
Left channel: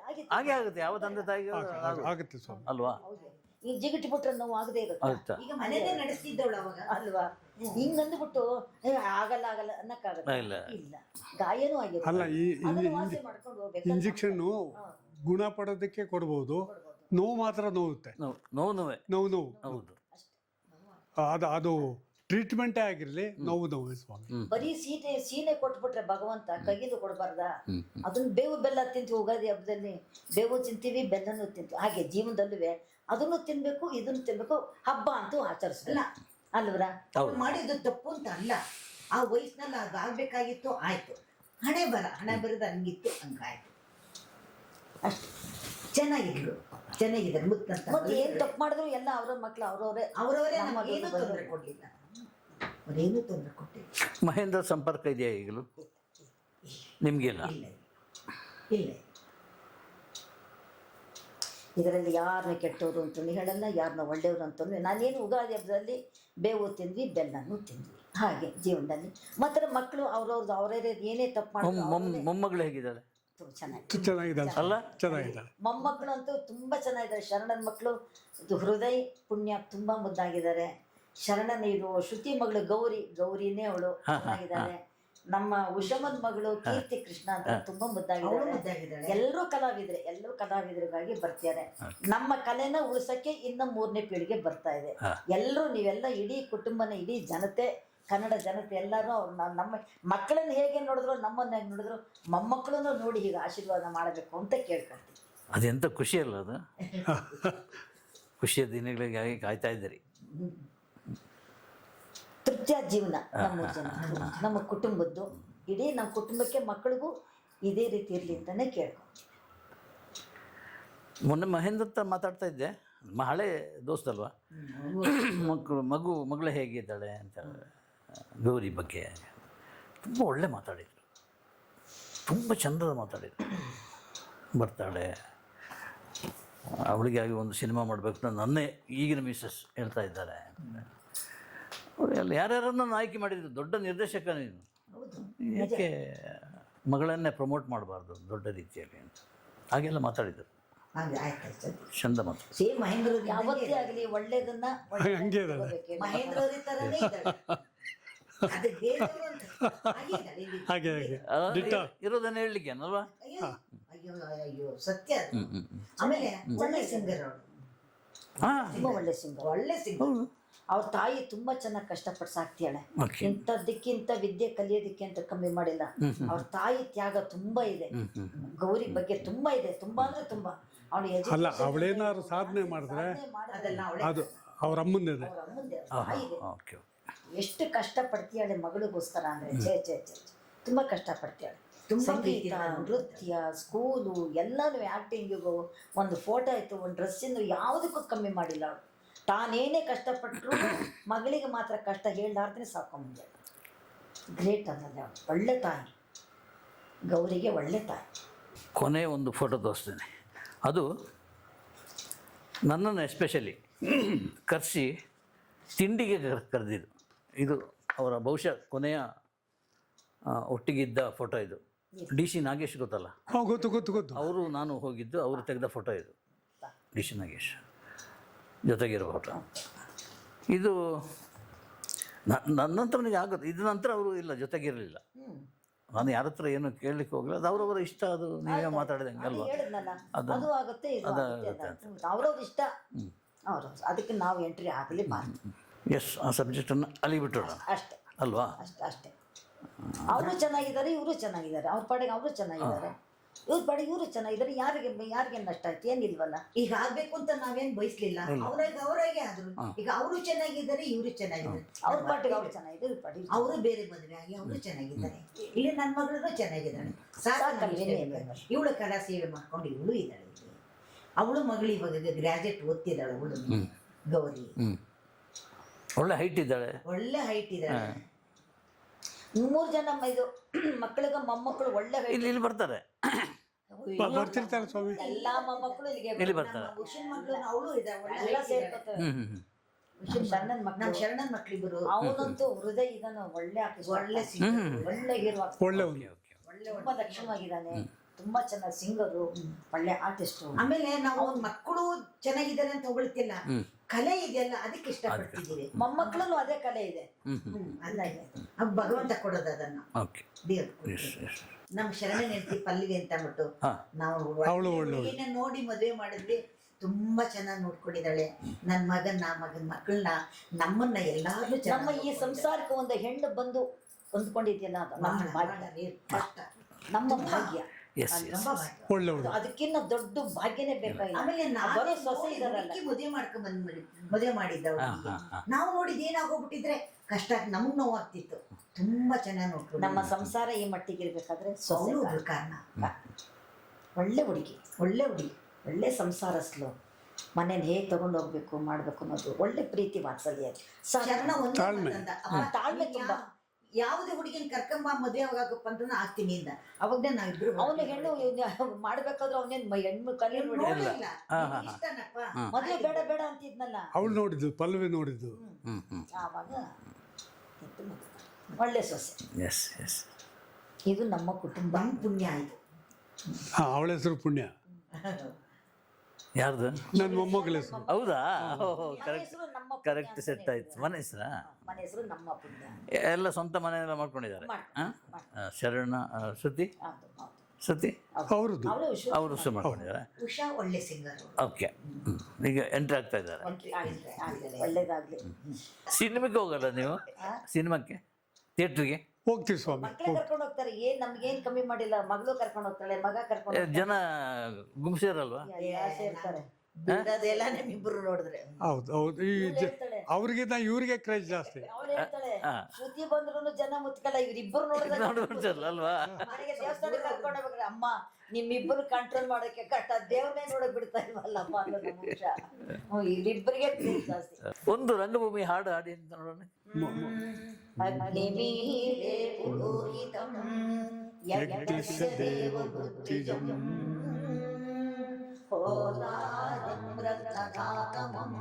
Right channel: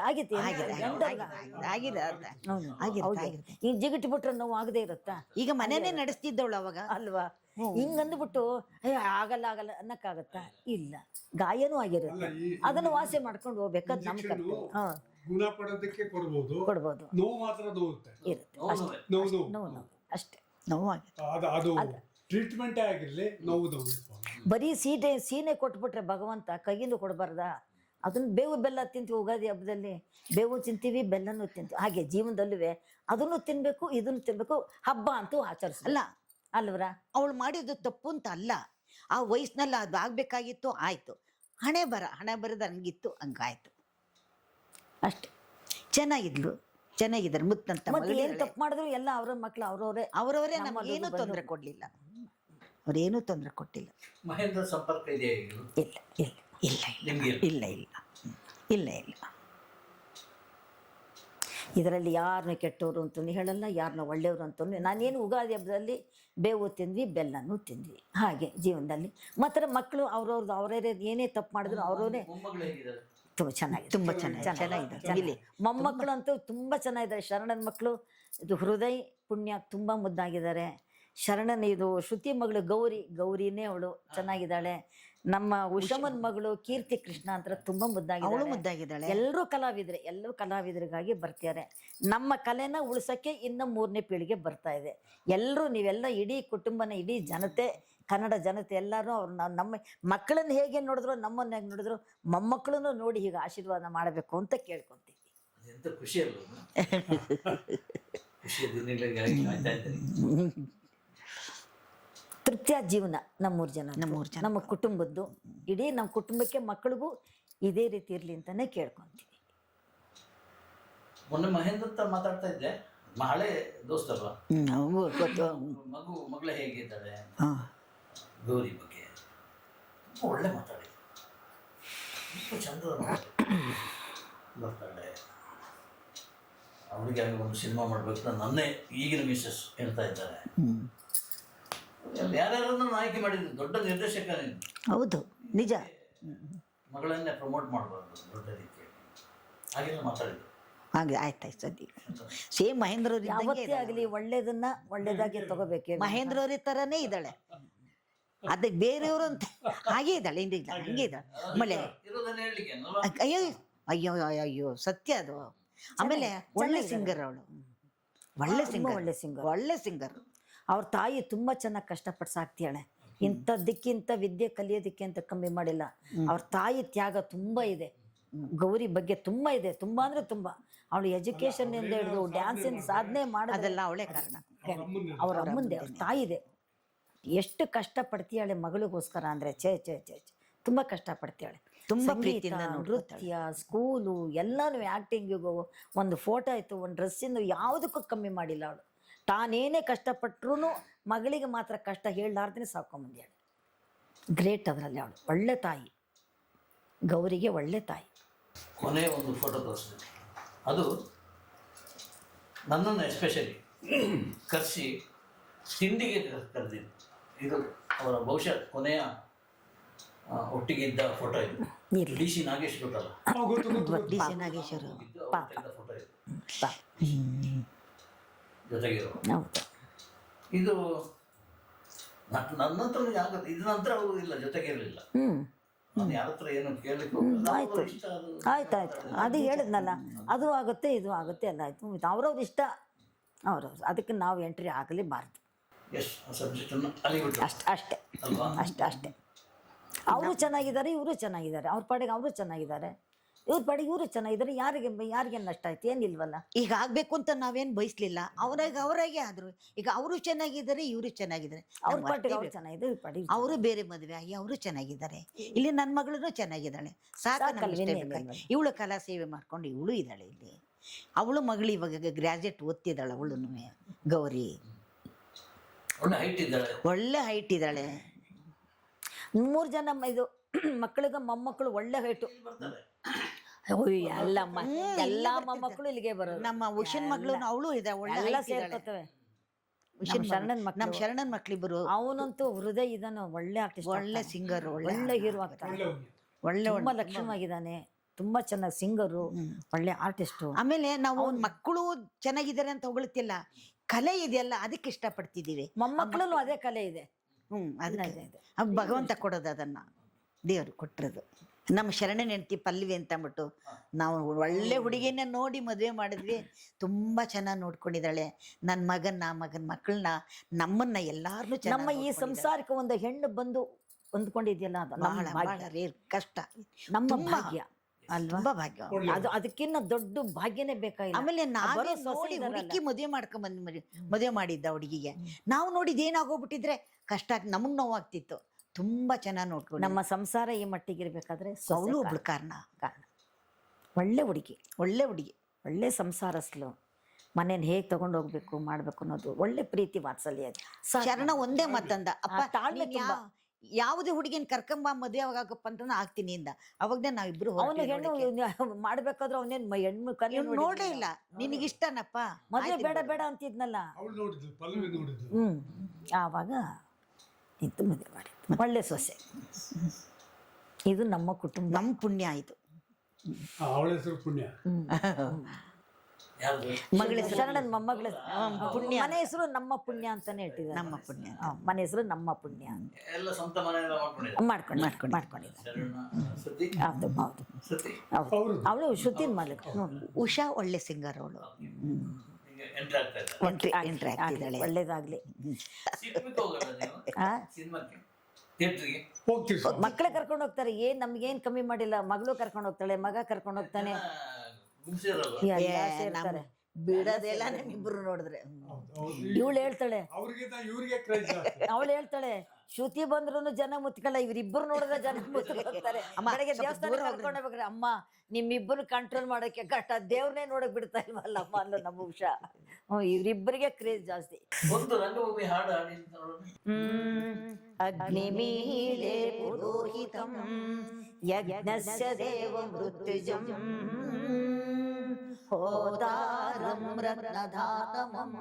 ಜಿಗಿಟ್ ಬಿಟ್ರೆ ನೋವು ಆಗದೆ ಇರುತ್ತೆ. ಈಗ ಮನೇನೆ ನಡೆಸ್ತಿದ್ದವಳು ಅವಾಗ ಅಲ್ವಾ? ಹಿಂಗಂದ್ಬಿಟ್ಟು ಆಗಲ್ಲ ಆಗಲ್ಲ ಅನ್ನಕ್ಕಾಗಲ್ಲ. ಇಲ್ಲ, ಗಾಯನೂ ಆಗಿರಲ್ಲ, ಅದನ್ನ ವಾಸಿ ಮಾಡ್ಕೊಂಡು ಹೋಗ್ಬೇಕು. ಇಂಜೆಕ್ಷನ್ ಗುಣ ಪಡೋದಕ್ಕೆ ಕೊಡ್ಬೋದು, ನೋವು ಮಾತ್ರ ನೋವುತ್ತೆ. ನೋವು ಅಷ್ಟೇ. ಅದು ಟ್ರೀಟ್ಮೆಂಟೇ ಆಗಿರ್ಲಿ, ನೋವು ಬರೀ ಸೀನೆ ಕೊಟ್ಬಿಟ್ರೆ ಭಗವಂತ ಕೈಯಲ್ಲೂ ಕೊಡಬಾರ್ದ? ಅದನ್ನ ಬೇವು ಬೆಲ್ಲ ತಿಂತೀವಿ. ಉಗಾದಿ ಹಬ್ಬದಲ್ಲಿ ಬೇವು ತಿಂತೀವಿ, ಬೆಲ್ಲನೂ ತಿಂತೀವಿ. ಹಾಗೆ ಜೀವನದಲ್ಲೂ ಅದನ್ನು ತಿನ್ಬೇಕು, ಇದನ್ನು ತಿನ್ಬೇಕು. ಹಬ್ಬ ಅಂತೂ ಆಚರಿಸಲ್ಲ ಅಲ್ವರ? ಅವ್ಳು ಮಾಡಿದ್ದು ತಪ್ಪು ಅಂತ ಅಲ್ಲ. ಆ ವಯಸ್ಸಿನಲ್ಲಿ ಅದು ಆಗ್ಬೇಕಾಗಿತ್ತು, ಆಯ್ತು. ಹಣೆ ಬರದ ಹಂಗಿತ್ತು, ಹಂಗಾಯ್ತು ಅಷ್ಟೆ. ಚೆನ್ನಾಗಿದ್ರು ಮುತ್ತಂತ. ಏನ್ ತಪ್ಪು ಮಾಡಿದ್ರು ಎಲ್ಲ ಅವ್ರ ಮಕ್ಳು ಅವ್ರವರೇ ನಮಗೇನು ತೊಂದರೆ ಕೊಡ್ಲಿಲ್ಲ, ಅವ್ರೇನು ತೊಂದರೆ ಕೊಟ್ಟಿಲ್ಲ. ಮಹೇಂದ್ರ ಸಂಪರ್ಕ ಇದೆಯಾ ಈಗಲೂ? ಇಲ್ಲ ಇಲ್ಲ ಇಲ್ಲ ನಿಮ್ಗೆ ಇಲ್ಲ ಇಲ್ಲ ಇಲ್ಲ ಇಲ್ಲ. ಇದರಲ್ಲಿ ಯಾರನ್ನ ಕೆಟ್ಟವರು ಅಂತಂದು ಹೇಳಲ್ಲ, ಯಾರನ್ನ ಒಳ್ಳೆಯವರು ಅಂತಂದ್ರೆ. ನಾನೇನು ಉಗಾದಿ ಹಬ್ಬದಲ್ಲಿ ಬೇವು ತಿಂದ್ವಿ, ಬೆಲ್ಲನೂ ತಿಂದ್ವಿ. ಹಾಗೆ ಜೀವನದಲ್ಲಿ ಮಾತ್ರ ಮಕ್ಕಳು ಅವ್ರವ್ರದ್ದು ಅವರೇ ಏನೇ ತಪ್ಪು ಮಾಡಿದ್ರು ಅವ್ರವ್ರೇ. ಮೊಮ್ಮಗಳು ಹೇಗಿದ್ದಾರೆ? ಚೆನ್ನಾಗಿದೆ. ಮೊಮ್ಮಕ್ಕಳು ತುಂಬಾ ಚೆನ್ನಾಗಿದ್ದಾರೆ. ಶರಣನ ಮಕ್ಕಳು ಇದು ಹೃದಯ ಪುಣ್ಯ, ತುಂಬಾ ಮುದ್ದಾಗಿದ್ದಾರೆ. ಶರಣನ ಇದು ಶ್ರುತಿ ಮಗಳು ಗೌರಿನೇ ಅವಳು ಚೆನ್ನಾಗಿದ್ದಾಳೆ. ನಮ್ಮ ಉಷಮನ್ ಮಗಳು ಕೀರ್ತಿ ಕೃಷ್ಣ ಅಂತ ತುಂಬಾ ಅವಳು ಮುದ್ದಾಗಿದ್ದಾಳೆ. ಮುದ್ದಾಗಿದ್ದಾಳೆ. ಎಲ್ಲರೂ ಕಲಾವಿದರಿಗಾಗಿ ಬರ್ತಿದ್ದಾರೆ. ನಮ್ಮ ಕಲೆನ ಉಳಿಸಕ್ಕೆ ಇನ್ನ 3ನೇ ಪೀಳಿಗೆ ಬರ್ತಾ ಇದೆ. ಎಲ್ಲರೂ ನೀವೆಲ್ಲ ಇಡೀ ಕುಟುಂಬನ, ಇಡೀ ಜನತೆ, ಕನ್ನಡ ಜನತೆ ಎಲ್ಲರೂ ಅವ್ರು ನಮ್ಮ ಮಕ್ಕಳನ್ನ ಹೇಗೆ ನೋಡಿದ್ರು, ನಮ್ಮನ್ನ ಹೇಗೆ ನೋಡಿದ್ರು, ಮೊಮ್ಮಕ್ಕಳನ್ನು ನೋಡಿ ಹೀಗೆ ಆಶೀರ್ವಾದ ಮಾಡಬೇಕು ಅಂತ ಕೇಳ್ಕೊಳ್ತೀವಿ. ಅದೆಂತ ಖುಷಿ ಅಲ್ಲ ಅದು. ಖುಷಿಯ ದಿನಗಳಿಗೆ ಕಾಯ್ತಾ ಇದ್ದೀರಿ. ತೃಪ್ತಿಯ ಜೀವನ ನಮ್ಮೂರು ಜನ, ನಮ್ಮ ಕುಟುಂಬದ್ದು, ಇಡೀ ನಮ್ಮ ಕುಟುಂಬಕ್ಕೆ ಮಕ್ಕಳಿಗೂ ಇದೇ ರೀತಿ ಇರಲಿ ಅಂತಾನೆ ಕೇಳ್ಕೊಂತೀವಿ. ಮೊನ್ನೆ ಮಹೇಂದ್ರ ಹತ್ರ ಮಾತಾಡ್ತಾ ಇದ್ದೆ, ಹಳೆ ದೋಸ್ತ ಅಲ್ವಾ, ಮಗಳು ಹೇಗಿದ್ದಾಳೆ ಅಂತ, ಗೌರಿ ಬಗ್ಗೆ ತುಂಬ ಒಳ್ಳೆ ಮಾತಾಡಿದ್ರು, ತುಂಬ ಚಂದದ ಮಾತಾಡಿದ್ರು. ಬರ್ತಾಳೆ, ಅವಳಿಗೆ ಒಂದು ಸಿನಿಮಾ ಮಾಡಬೇಕು ಅಂತ ನನ್ನೇ ಈಗಿನ ಮಿಸಸ್ ಹೇಳ್ತಾ ಇದ್ದಾರೆ. ಯಾರ್ಯಾರನ್ನು ಆಯ್ಕೆ ಮಾಡಿದ್ರು, ದೊಡ್ಡ ನಿರ್ದೇಶಕ ನೀನು, ಹೌದು ನಿಜ. ಇದಕ್ಕೆ ಮಗಳನ್ನೇ ಪ್ರಮೋಟ್ ಮಾಡಬಾರ್ದು ದೊಡ್ಡ ರೀತಿಯಲ್ಲಿ, ಹಾಗೆಲ್ಲ ಮಾತಾಡಿದ್ರು. ಹಾಗೆ ಆಯ್ತಾಯ್ತು ಸರಿ. ಚಂದ ಮಾತು. ಸೇಮ್ ಮಹೇಂದ್ರ ಅವ್ರ ಯಾವತ್ತೇ ಆಗಲಿ ಒಳ್ಳೇದನ್ನ ಒಳ್ಳೇದಾಗಿ ತಗೋಬೇಕು. ಮಹೇಂದ್ರ ಅವ್ರ ತರನೇ ಇದ್ದಾಳೆ. ಅದಕ್ಕೆ ಬೇರೆಯವರು ಅಂತ ಹಾಗೆ ಇದ್ದಾಳೆ, ಹಿಂಗೆ ಇದ್ದಾಳೆ. ಆಮೇಲೆ ಇರೋದನ್ನ ಹೇಳಲಿಕ್ಕೆ ಅಲ್ವಾ. ಅಯ್ಯೋ ಅಯ್ಯೋ ಅಯ್ಯೋ ಸತ್ಯ ಅದು. ಆಮೇಲೆ ಒಳ್ಳೆ ಸಿಂಗರ್ ಅವಳು, ಒಳ್ಳೆ ಸಿಂಗರ್. ಒಳ್ಳೆ ಸಿಂಗರ್. ಅವ್ರ ತಾಯಿ ತುಂಬಾ ಚೆನ್ನಾಗಿ ಕಷ್ಟಪಟ್ಟು ಸಾಕ್ತಿಯಾಳೆ. ಇಂಥದ್ದಕ್ಕಿಂತ ವಿದ್ಯೆ ಕಲಿಯೋದಕ್ಕೆ ಅಂತ ಕಮ್ಮಿ ಮಾಡಿಲ್ಲ. ಅವ್ರ ತಾಯಿ ತ್ಯಾಗ ತುಂಬಾ ಇದೆ. ಗೌರಿ ಬಗ್ಗೆ ತುಂಬಾ ಇದೆ, ತುಂಬಾ ಅಂದ್ರೆ ತುಂಬಾ. ಅವಳು ಎಜುಕೇಶನ್ ಡ್ಯಾನ್ಸ್ ಸಾಧನೆ ಮಾಡೋದೆಲ್ಲ ಅವಳೇ, ಅವ್ರ ಅಮ್ಮಂದೇ, ಅವ್ರ ತಾಯಿ ಇದೆ. ಎಷ್ಟು ಕಷ್ಟ ಪಡ್ತೀಯಾಳೆ ಮಗಳಿಗೋಸ್ಕರ ಅಂದ್ರೆ ಛೇ ಛೇ ಛೇ ತುಂಬಾ ಕಷ್ಟ ಪಡ್ತೀಯಾಳೆ. ಸಂಗೀತ, ನೃತ್ಯ, ಸ್ಕೂಲು ಎಲ್ಲಾನು, ಆಕ್ಟಿಂಗಿಗೂ, ಒಂದು ಫೋಟೋ ಆಯ್ತು, ಒಂದು ಡ್ರೆಸ್ಸಿಂದ ಯಾವುದಕ್ಕೂ ಕಮ್ಮಿ ಮಾಡಿಲ್ಲ ಅವಳು. ತಾನೇನೇ ಕಷ್ಟಪಟ್ಟರು ಮಗಳಿಗೆ ಮಾತ್ರ ಕಷ್ಟ ಹೇಳಲಾರ್ದೇ ಸಾಕೊಂಡ್ಬಂದ್ಯಾಳೆ. ಗ್ರೇಟ್ ಅದರಲ್ಲಿ ಅವಳು. ಒಳ್ಳೆ ತಾಯಿ, ಗೌರಿಗೆ ಒಳ್ಳೆ ತಾಯಿ. ಕೊನೆ ಒಂದು ಫೋಟೋ ತೋರಿಸ್ತೇನೆ, ಅದು ನನ್ನನ್ನು ಎಸ್ಪೆಷಲಿ ಕರೆಸಿ ತಿಂಡಿಗೆ ಕರೆದಿದ್ದು. ಇದು ಅವರ ಬಹುಶಃ ಕೊನೆಯ ಒಟ್ಟಿಗಿದ್ದ ಫೋಟೋ. ಇದು ಡಿ ಸಿ ನಾಗೇಶ್ ಗೊತ್ತಲ್ಲ, ನಾನು ಹೋಗಿದ್ದು ಅವರು ತೆಗೆದ ಫೋಟೋ. ಇದು ಡಿ ಸಿ ನಾಗೇಶ್ ಜೊತೆಗಿರುವ ಇದು ನನ್ನ ಹತ್ರ ಆಗುತ್ತೆ. ಇದ್ರ ನಂತರ ಅವರು ಇಲ್ಲ, ಜೊತೆಗಿರಲಿಲ್ಲ. ನಾನು ಯಾರ ಹತ್ರ ಏನು ಕೇಳಲಿಕ್ಕೆ ಹೋಗೋದು, ಅವ್ರ ಇಷ್ಟ, ಅದು ಮಾತಾಡಿದೆ. ಅದು ಹೇಳಿದ್ನಲ್ಲ, ಅದು ಆಗುತ್ತೆ, ಇದು ಆಗುತ್ತೆ ಅಂತ ಅವ್ರವ್ರ ಇಷ್ಟ, ಅವ್ರವ್ರು. ಅದಕ್ಕೆ ನಾವು ಎಂಟ್ರಿ ಆಗಲೇಬಾರ್ದು. ಎಸ್, ಆ ಸಬ್ಜೆಕ್ಟನ್ನು ಅಲ್ಲಿ ಬಿಟ್ಟು ಅಷ್ಟೇ ಅಲ್ವಾ. ಅಷ್ಟೇ. ಅವರು ಚೆನ್ನಾಗಿದ್ದಾರೆ, ಇವರು ಚೆನ್ನಾಗಿದ್ದಾರೆ, ಅವ್ರ ಪಾಡಿಗೆ ಅವರು ಚೆನ್ನಾಗಿದ್ದಾರೆ, ಇವ್ರ ಪಾಡಿಗೆ ಇವರು ಚೆನ್ನಾಗಿದ್ದಾರೆ. ಯಾರಿಗೆ ನಷ್ಟ ಆಯ್ತು? ಏನಿಲ್ವಲ್ಲ. ಈಗ ಆಗ್ಬೇಕು ಅಂತ ನಾವೇನ್ ಬಯಸ್ಲಿಲ್ಲ, ಅವರಾಗೆ ಆದ್ರು. ಈಗ ಅವರು ಚೆನ್ನಾಗಿದ್ದಾರೆ, ಇವರು ಚೆನ್ನಾಗಿದ್ದಾರೆ, ಅವ್ರ ಪಾಟಿಗೆ ಅವ್ರು ಚೆನ್ನಾಗಿದೆ, ಇವ್ರ ಪಾಡಿಗೆ ಅವರು ಬೇರೆ ಮದುವೆ ಆಗಿ ಅವರು ಚೆನ್ನಾಗಿದ್ದಾರೆ. ಇಲ್ಲಿ ನನ್ನ ಮಗಳು ಚೆನ್ನಾಗಿದ್ದಾಳೆ, ಇವಳು ಕಲಾ ಸೇವೆ ಮಾಡ್ಕೊಂಡು ಇವಳು ಇದ್ದಾಳೆ ಇಲ್ಲಿ. ಅವಳು ಮಗಳು ಇವಾಗ ಗ್ರಾಜುಯೇಟ್ ಓದ್ತಿದ್ದಾಳೆ. ಅವಳು ಗೌರಿ ಒಳ್ಳೆ ಹೈಟ್ ಇದ್ದಾಳೆ, ಒಳ್ಳೆ ಹೈಟ್ ಇದ್ದಾಳೆ. 3 ಜನ ಇದು ಮಕ್ಕಳಿಗೆ ಮೊಮ್ಮಕ್ಕಳು ಒಳ್ಳೆ ಇಲ್ಲಿ ಬರ್ತಾರೆ. ಎಲ್ಲಾ ಮೊಮ್ಮಕ್ಕಳು ಇಲ್ಲಿಗೆ ನಮ್ಮ ಉಷನ್ ಮಗಳು ಅವಳು ಇದೆ, ಒಳ್ಳೆ ಎಲ್ಲ ಸೇರ್ಕೊತವೆ. ನಮ್ಮ ಶರಣನ್ ಮಕ್ಳಿಬ್ಬರು. ಅವನಂತೂ ಹೃದಯ ಇದನ್ನು ಒಳ್ಳೆ ಆರ್ಟಿಸ್ಟ್, ಒಳ್ಳೆ ಸಿಂಗರ್, ಒಳ್ಳೆ ಹೀರೋ, ತುಂಬಾ ಲಕ್ಷಣವಾಗಿದ್ದಾನೆ, ತುಂಬಾ ಚೆನ್ನಾಗಿ ಸಿಂಗರು, ಒಳ್ಳೆ ಆರ್ಟಿಸ್ಟ್. ಆಮೇಲೆ ನಾವು ಮಕ್ಕಳು ಚೆನ್ನಾಗಿದ್ದಾರೆ ಅಂತ ಹೊಗಳ್ತಿಲ್ಲ, ಕಲೆ ಇದೆಯಲ್ಲ ಅದಕ್ಕೆ ಇಷ್ಟಪಡ್ತಿದ್ದೀವಿ. ಮೊಮ್ಮಕ್ಕಳು ಅದೇ ಕಲೆ ಇದೆ. ಅದು ಭಗವಂತ ಕೊಡೋದು, ಅದನ್ನ ದೇವ್ರು ಕೊಟ್ಟರು. ನಮ್ಮ ಶರಣ ಹೆಂಡತಿ ಪಲ್ವಿ ಅಂತ ಅಂದ್ಬಿಟ್ಟು ನಾವು ಒಳ್ಳೆ ಹುಡುಗಿನ ನೋಡಿ ಮದುವೆ ಮಾಡಿದ್ವಿ. ತುಂಬಾ ಚೆನ್ನಾಗಿ ನೋಡ್ಕೊಂಡಿದ್ದಾಳೆ. ನನ್ನ ಮಗನ ಮಕ್ಕಳನ್ನ, ನಮ್ಮನ್ನ ಎಲ್ಲಾರು. ನಮ್ಮ ಈ ಸಂಸಾರಕ್ಕೆ ಒಂದು ಹೆಣ್ಣು ಬಂದು ಹೊಂದ್ಕೊಂಡಿದ್ಯಲ್ಲ, ಕಷ್ಟ, ನಮ್ಮ ಭಾಗ್ಯ. ಅದಕ್ಕಿಂತ ದೊಡ್ಡ ಭಾಗ್ಯನೇ ಬೇಕಾಗಿಲ್ಲ. ಆಮೇಲೆ ಹುಡುಕಿ ಮದುವೆ ಮಾಡಿದ್ದ ಹುಡುಗಿಗೆ ನಾವು ನೋಡಿದ್ ಏನಾಗೋಗ್ಬಿಟ್ಟಿದ್ರೆ ಕಷ್ಟ, ನಮಗ್ ನೋವಾಗ್ತಿತ್ತು. ತುಂಬಾ ಚೆನ್ನಾಗಿ ನೋಡ್ಕೊಂಡು ನಮ್ಮ ಸಂಸಾರ ಈ ಮಟ್ಟಿಗೆ ಇರ್ಬೇಕಾದ್ರೆ ಅವಳು ಒಬ್ಳು ಕಾರಣ. ಒಳ್ಳೆ ಹುಡುಗಿ, ಒಳ್ಳೆ ಸಂಸಾರಸ್ಲು. ಮನೇನ ಹೇಗೆ ತಗೊಂಡು ಹೋಗ್ಬೇಕು ಮಾಡ್ಬೇಕು ಅನ್ನೋದು ಒಳ್ಳೆ ಪ್ರೀತಿ ವಾತ್ಸಲ್ಯ. ಶರಣ ಒಂದೇ ಮಾತಂದ, ಅಪ್ಪ ತಾಳ್ಮೆ, ಯಾವುದೇ ಹುಡುಗಿನ ಕರ್ಕೊಂಬ ಮದುವೆ ಆಗಪ್ಪ ಅಂತ ಆಗ್ತೀನಿ ಇಂದ. ಅವಾಗ ನಾವಿಬ್ರು ಅವನು ಹೆಣ್ಣು ಮಾಡ್ಬೇಕಾದ್ರೆ ಅವನೇನ್ ಹೆಣ್ಣು ಕಲಿ ನೋಡಿಲ್ಲ. ನಿನಗೆ ಇಷ್ಟನಪ್ಪ ಮದುವೆ ಬೇಡ ಬೇಡ ಅಂತಿದ್ನಲ್ಲ, ಅವಳು ನೋಡಿದ್ದು, ಪಲ್ಲವಿ ನೋಡಿದ್ದು. ಆವಾಗ ಇತ್ತು ಮದುವೆ ಮಾಡಿ. ಒಳ್ಳೆ ಸೊಸೆ. ಇದು ನಮ್ಮ ಕುಟುಂಬ, ನಮ್ಮ ಪುಣ್ಯ. ಇದು ಅವಳ ಹೆಸರು ಪುಣ್ಯ. ಯಾರ್ದು? ಮಗಳ ಹೆಸರು ನನ್ನ ಮೊಮ್ಮಗಳ. ಹೌದಾ? ಪುಣ್ಯ. ಮನೆ ಹೆಸರು ನಮ್ಮ ಪುಣ್ಯ Correct ಅಂತಾನೆ set ಆಯ್ತು. ಇಟ್ಟಿದ್ದಾರೆ. ಮನೆ ಹೆಸರಾ? ಮನೆ ಹೆಸರು ನಮ್ಮ ಪುಣ್ಯ ಅಂತ. ಎಲ್ಲ ಸ್ವಂತ ಮನೆಯೆಲ್ಲ ಮಾಡ್ಕೊಂಡಿದ್ದಾರೆ. ಮಾಡ್ಕೊಂಡು ಶರಣ ಶ್ರುತಿ ಹೌದು ಹೌದು ಶ್ರುತಿ ಅವ್ರದ್ದು ಅವಳು ಶ್ರುತಿ ಅವರು ಮಾಡ್ಕೊಂಡಿದ್ದಾರೆ. ಉಷಾ ಒಳ್ಳೆ ಸಿಂಗರ್ ಅವಳು. ಓಕೆ, ಈಗ ಎಂಟ್ರಿ ಆಗ್ತಾ ಇದ್ದಾರೆ. ಎಂಟ್ರಿ ಆಗ್ತಿದ್ದಾಳೆ. ಒಳ್ಳೇದಾಗ್ಲಿ. ಸಿನಿಮಾಕ್ಕೆ ಹೋಗಲ್ಲ ನೀವು? ಸಿನಿಮಾಕ್ಕೆ, ಥಿಯೇಟ್ರಿಗೆ ಹೋಗ್ತೀವಿ ಸ್ವಾಮಿ. ಮಕ್ಕಳೇ ಕರ್ಕೊಂಡು ಹೋಗ್ತಾರೆ. ನಮ್ಗೇನ್ ಕಮ್ಮಿ ಮಾಡಿಲ್ಲ. ಮಗಳು ಕರ್ಕೊಂಡು ಹೋಗ್ತಾಳೆ, ಮಗ ಕರ್ಕೊಂಡು ಜನ ಗುಂಪಿಸಿರಲ್ವ? ಸೇರ್ತಾರೆ. ಬಿಡೋದೆಲ್ಲ ನಿಮ್ಮಿಬ್ರು ನೋಡಿದ್ರೆ. ಹೌದು ಹೌದು. ಇವಳು ಹೇಳ್ತಾಳೆ, ಅವ್ರಿಗಿಂತ ಇವ್ರಿಗೆ ಕ್ರೇಜ್ ಜಾಸ್ತಿ. ಅವಳು ಹೇಳ್ತಾಳೆ, ಶ್ರುತಿ ಬಂದ್ರು ಜನ ಮುತ್ಕಲ್ಲ, ಇವ್ರಿಬ್ಬರು ನೋಡಿದ್ರೆ ಜನ ಮುತ್ಕಲ್ಲ. ಕಡೆಗೆ ದೇವಸ್ಥಾನಕ್ಕೆ ಕರ್ಕೊಂಡು ಹೋಗ್ಬೇಕ್ರೆ, ಅಮ್ಮ ನಿಮ್ಮಿಬ್ಬರು ಕಂಟ್ರೋಲ್ ಮಾಡೋಕೆ ಕಷ್ಟ, ದೇವ್ರನ್ನೇ ನೋಡಕ್ ಬಿಡ್ತಾ ಇಲ್ವಲ್ಲಪ್ಪ ಅನ್ನೋ ನಮ್ಮ ಉಷ. ಇವ್ರಿಬ್ಬರಿಗೆ ಕ್ರೇಜ್ ಜಾಸ್ತಿ. ಒಂದು ರಂಗಭೂಮಿ ಹಾಡು ಹಾಡಿ ಅಂತ ನೋಡೋಣ. ಅಗ್ನಿ ಮೀಳೆ ಪುರೋಹಿತಂ ಯಜ್ಞಸ್ಯ ದೇವವೃತ್ತಿಜಂ ಹೋದಾರಂ ರತ್ನಧಾತಮಂ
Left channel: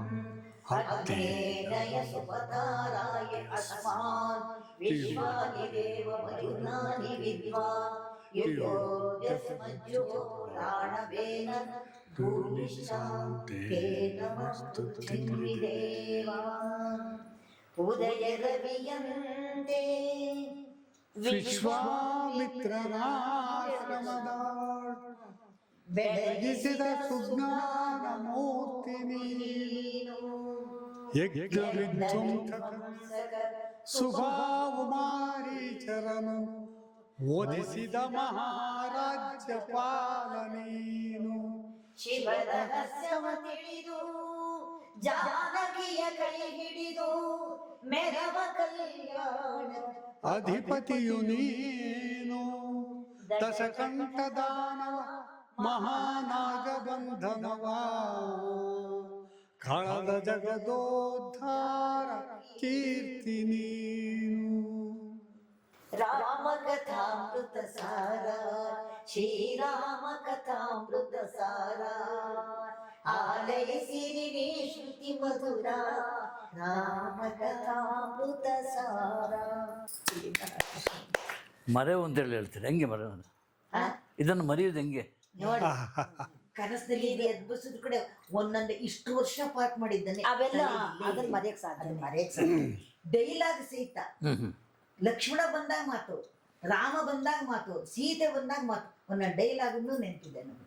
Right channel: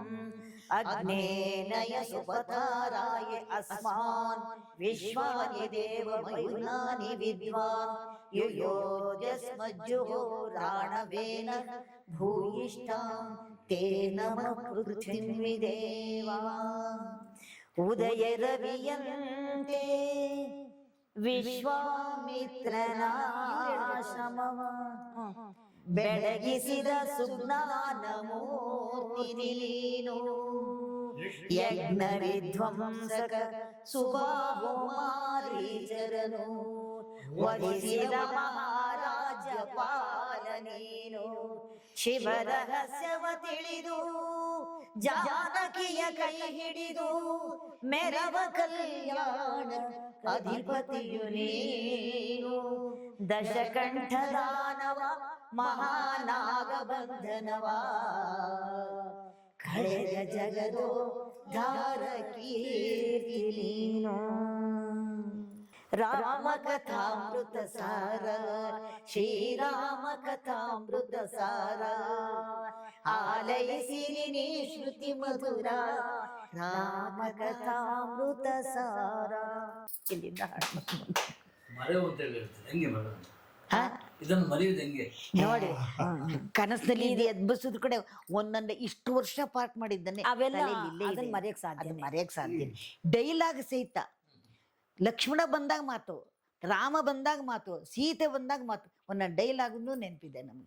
ಅಗ್ನೇನಯ ಸುಪತಾರಾಯ ಅಸ್ಮಾನ್ ವಿಶ್ವಾನಿ ದೇವಮಯುನಾನಿ ವಿದ್ವಾನ್ ಯುಯೋಜಸ್ಮಜ್ಜುಹೋರಾಣವೇನ ಭೂಯಿಶ್ಚಾಂ ತೇನ ಪೃಥ್ವಿದೇವಾ ಉದಯ ರವಿಯಂತೆ ವಿಶ್ವಾಮಿತ್ರನಾಮ ಬೆಳಗಿಸಿದ ಸುಜ್ಞಾನ ಮೂರ್ತಿ ನೀನು ಯಜ್ಞ ವಿಧ್ವಂಸಕ ಸುಭಾವಮಾರೀಚರನು ವಹಿಸಿದ ಮಹಾರಾಜ್ಯಪಾಲ ನೀನು ಶಿವ ರಹಸ್ಯವ ತಿಳಿದು ಜಾನಕಿಯ ಕೈ ಹಿಡಿದು ಮೆರವ ಕಲ್ಯಾಣ ಅಧಿಪತಿಯು ನೀನು ದಶಕಂಠ ದಾನವ ಮಹಾನಾಗಬಂಧನವ ಖಳದ ಜಗದೋದ್ಧಾರ ಕೀರ್ತಿ ನೀನು. ರಾಮ ಕಥಾಮೃತ ಸಾರ ಶ್ರೀರಾಮ ಕಥಾಮೃತ ಸಾರ ಆಲಯಿಸಿರಿ ನೀ ಶ್ರುತಿ ಮಧುರ ರಾಮ ಕಥಾಮೃತ ಸಾರ. ಮರೆವು ಅಂತ ಹೇಳಿ ಹೇಳ್ತಾರೆ. ಹೆಂಗೆ ಮರೆವು? ಇದನ್ನು ಮರೆಯುವುದು ಹೆಂಗೆ? ನೋಡಿ, ಕನಸಲ್ಲಿ ಇದು ಎದ್ಬಿಸಿದ ಕಡೆ ಒಂದೊಂದು ಇಷ್ಟು ವರ್ಷ ಪಾಠ ಮಾಡಿದ್ದಾನೆ. ಅವೆಲ್ಲ ಅದನ್ನ ಮರೆಯಕ್ ಸಾಧ್ಯ. ಮರೆಯಕ್ ಸಾಧ್ಯ. ಡೈಲಾಗ್ ಸಹಿತ ಲಕ್ಷ್ಮಣ ಬಂದಾಗ ಮಾತು, ರಾಮ ಬಂದಾಗ ಮಾತು, ಸೀತೆ ಬಂದಾಗ ಮಾತು, ಒಂದೊಂದು ಡೈಲಾಗ್ನು ನೆನಪಿದೆ ನಮ್ಗೆ.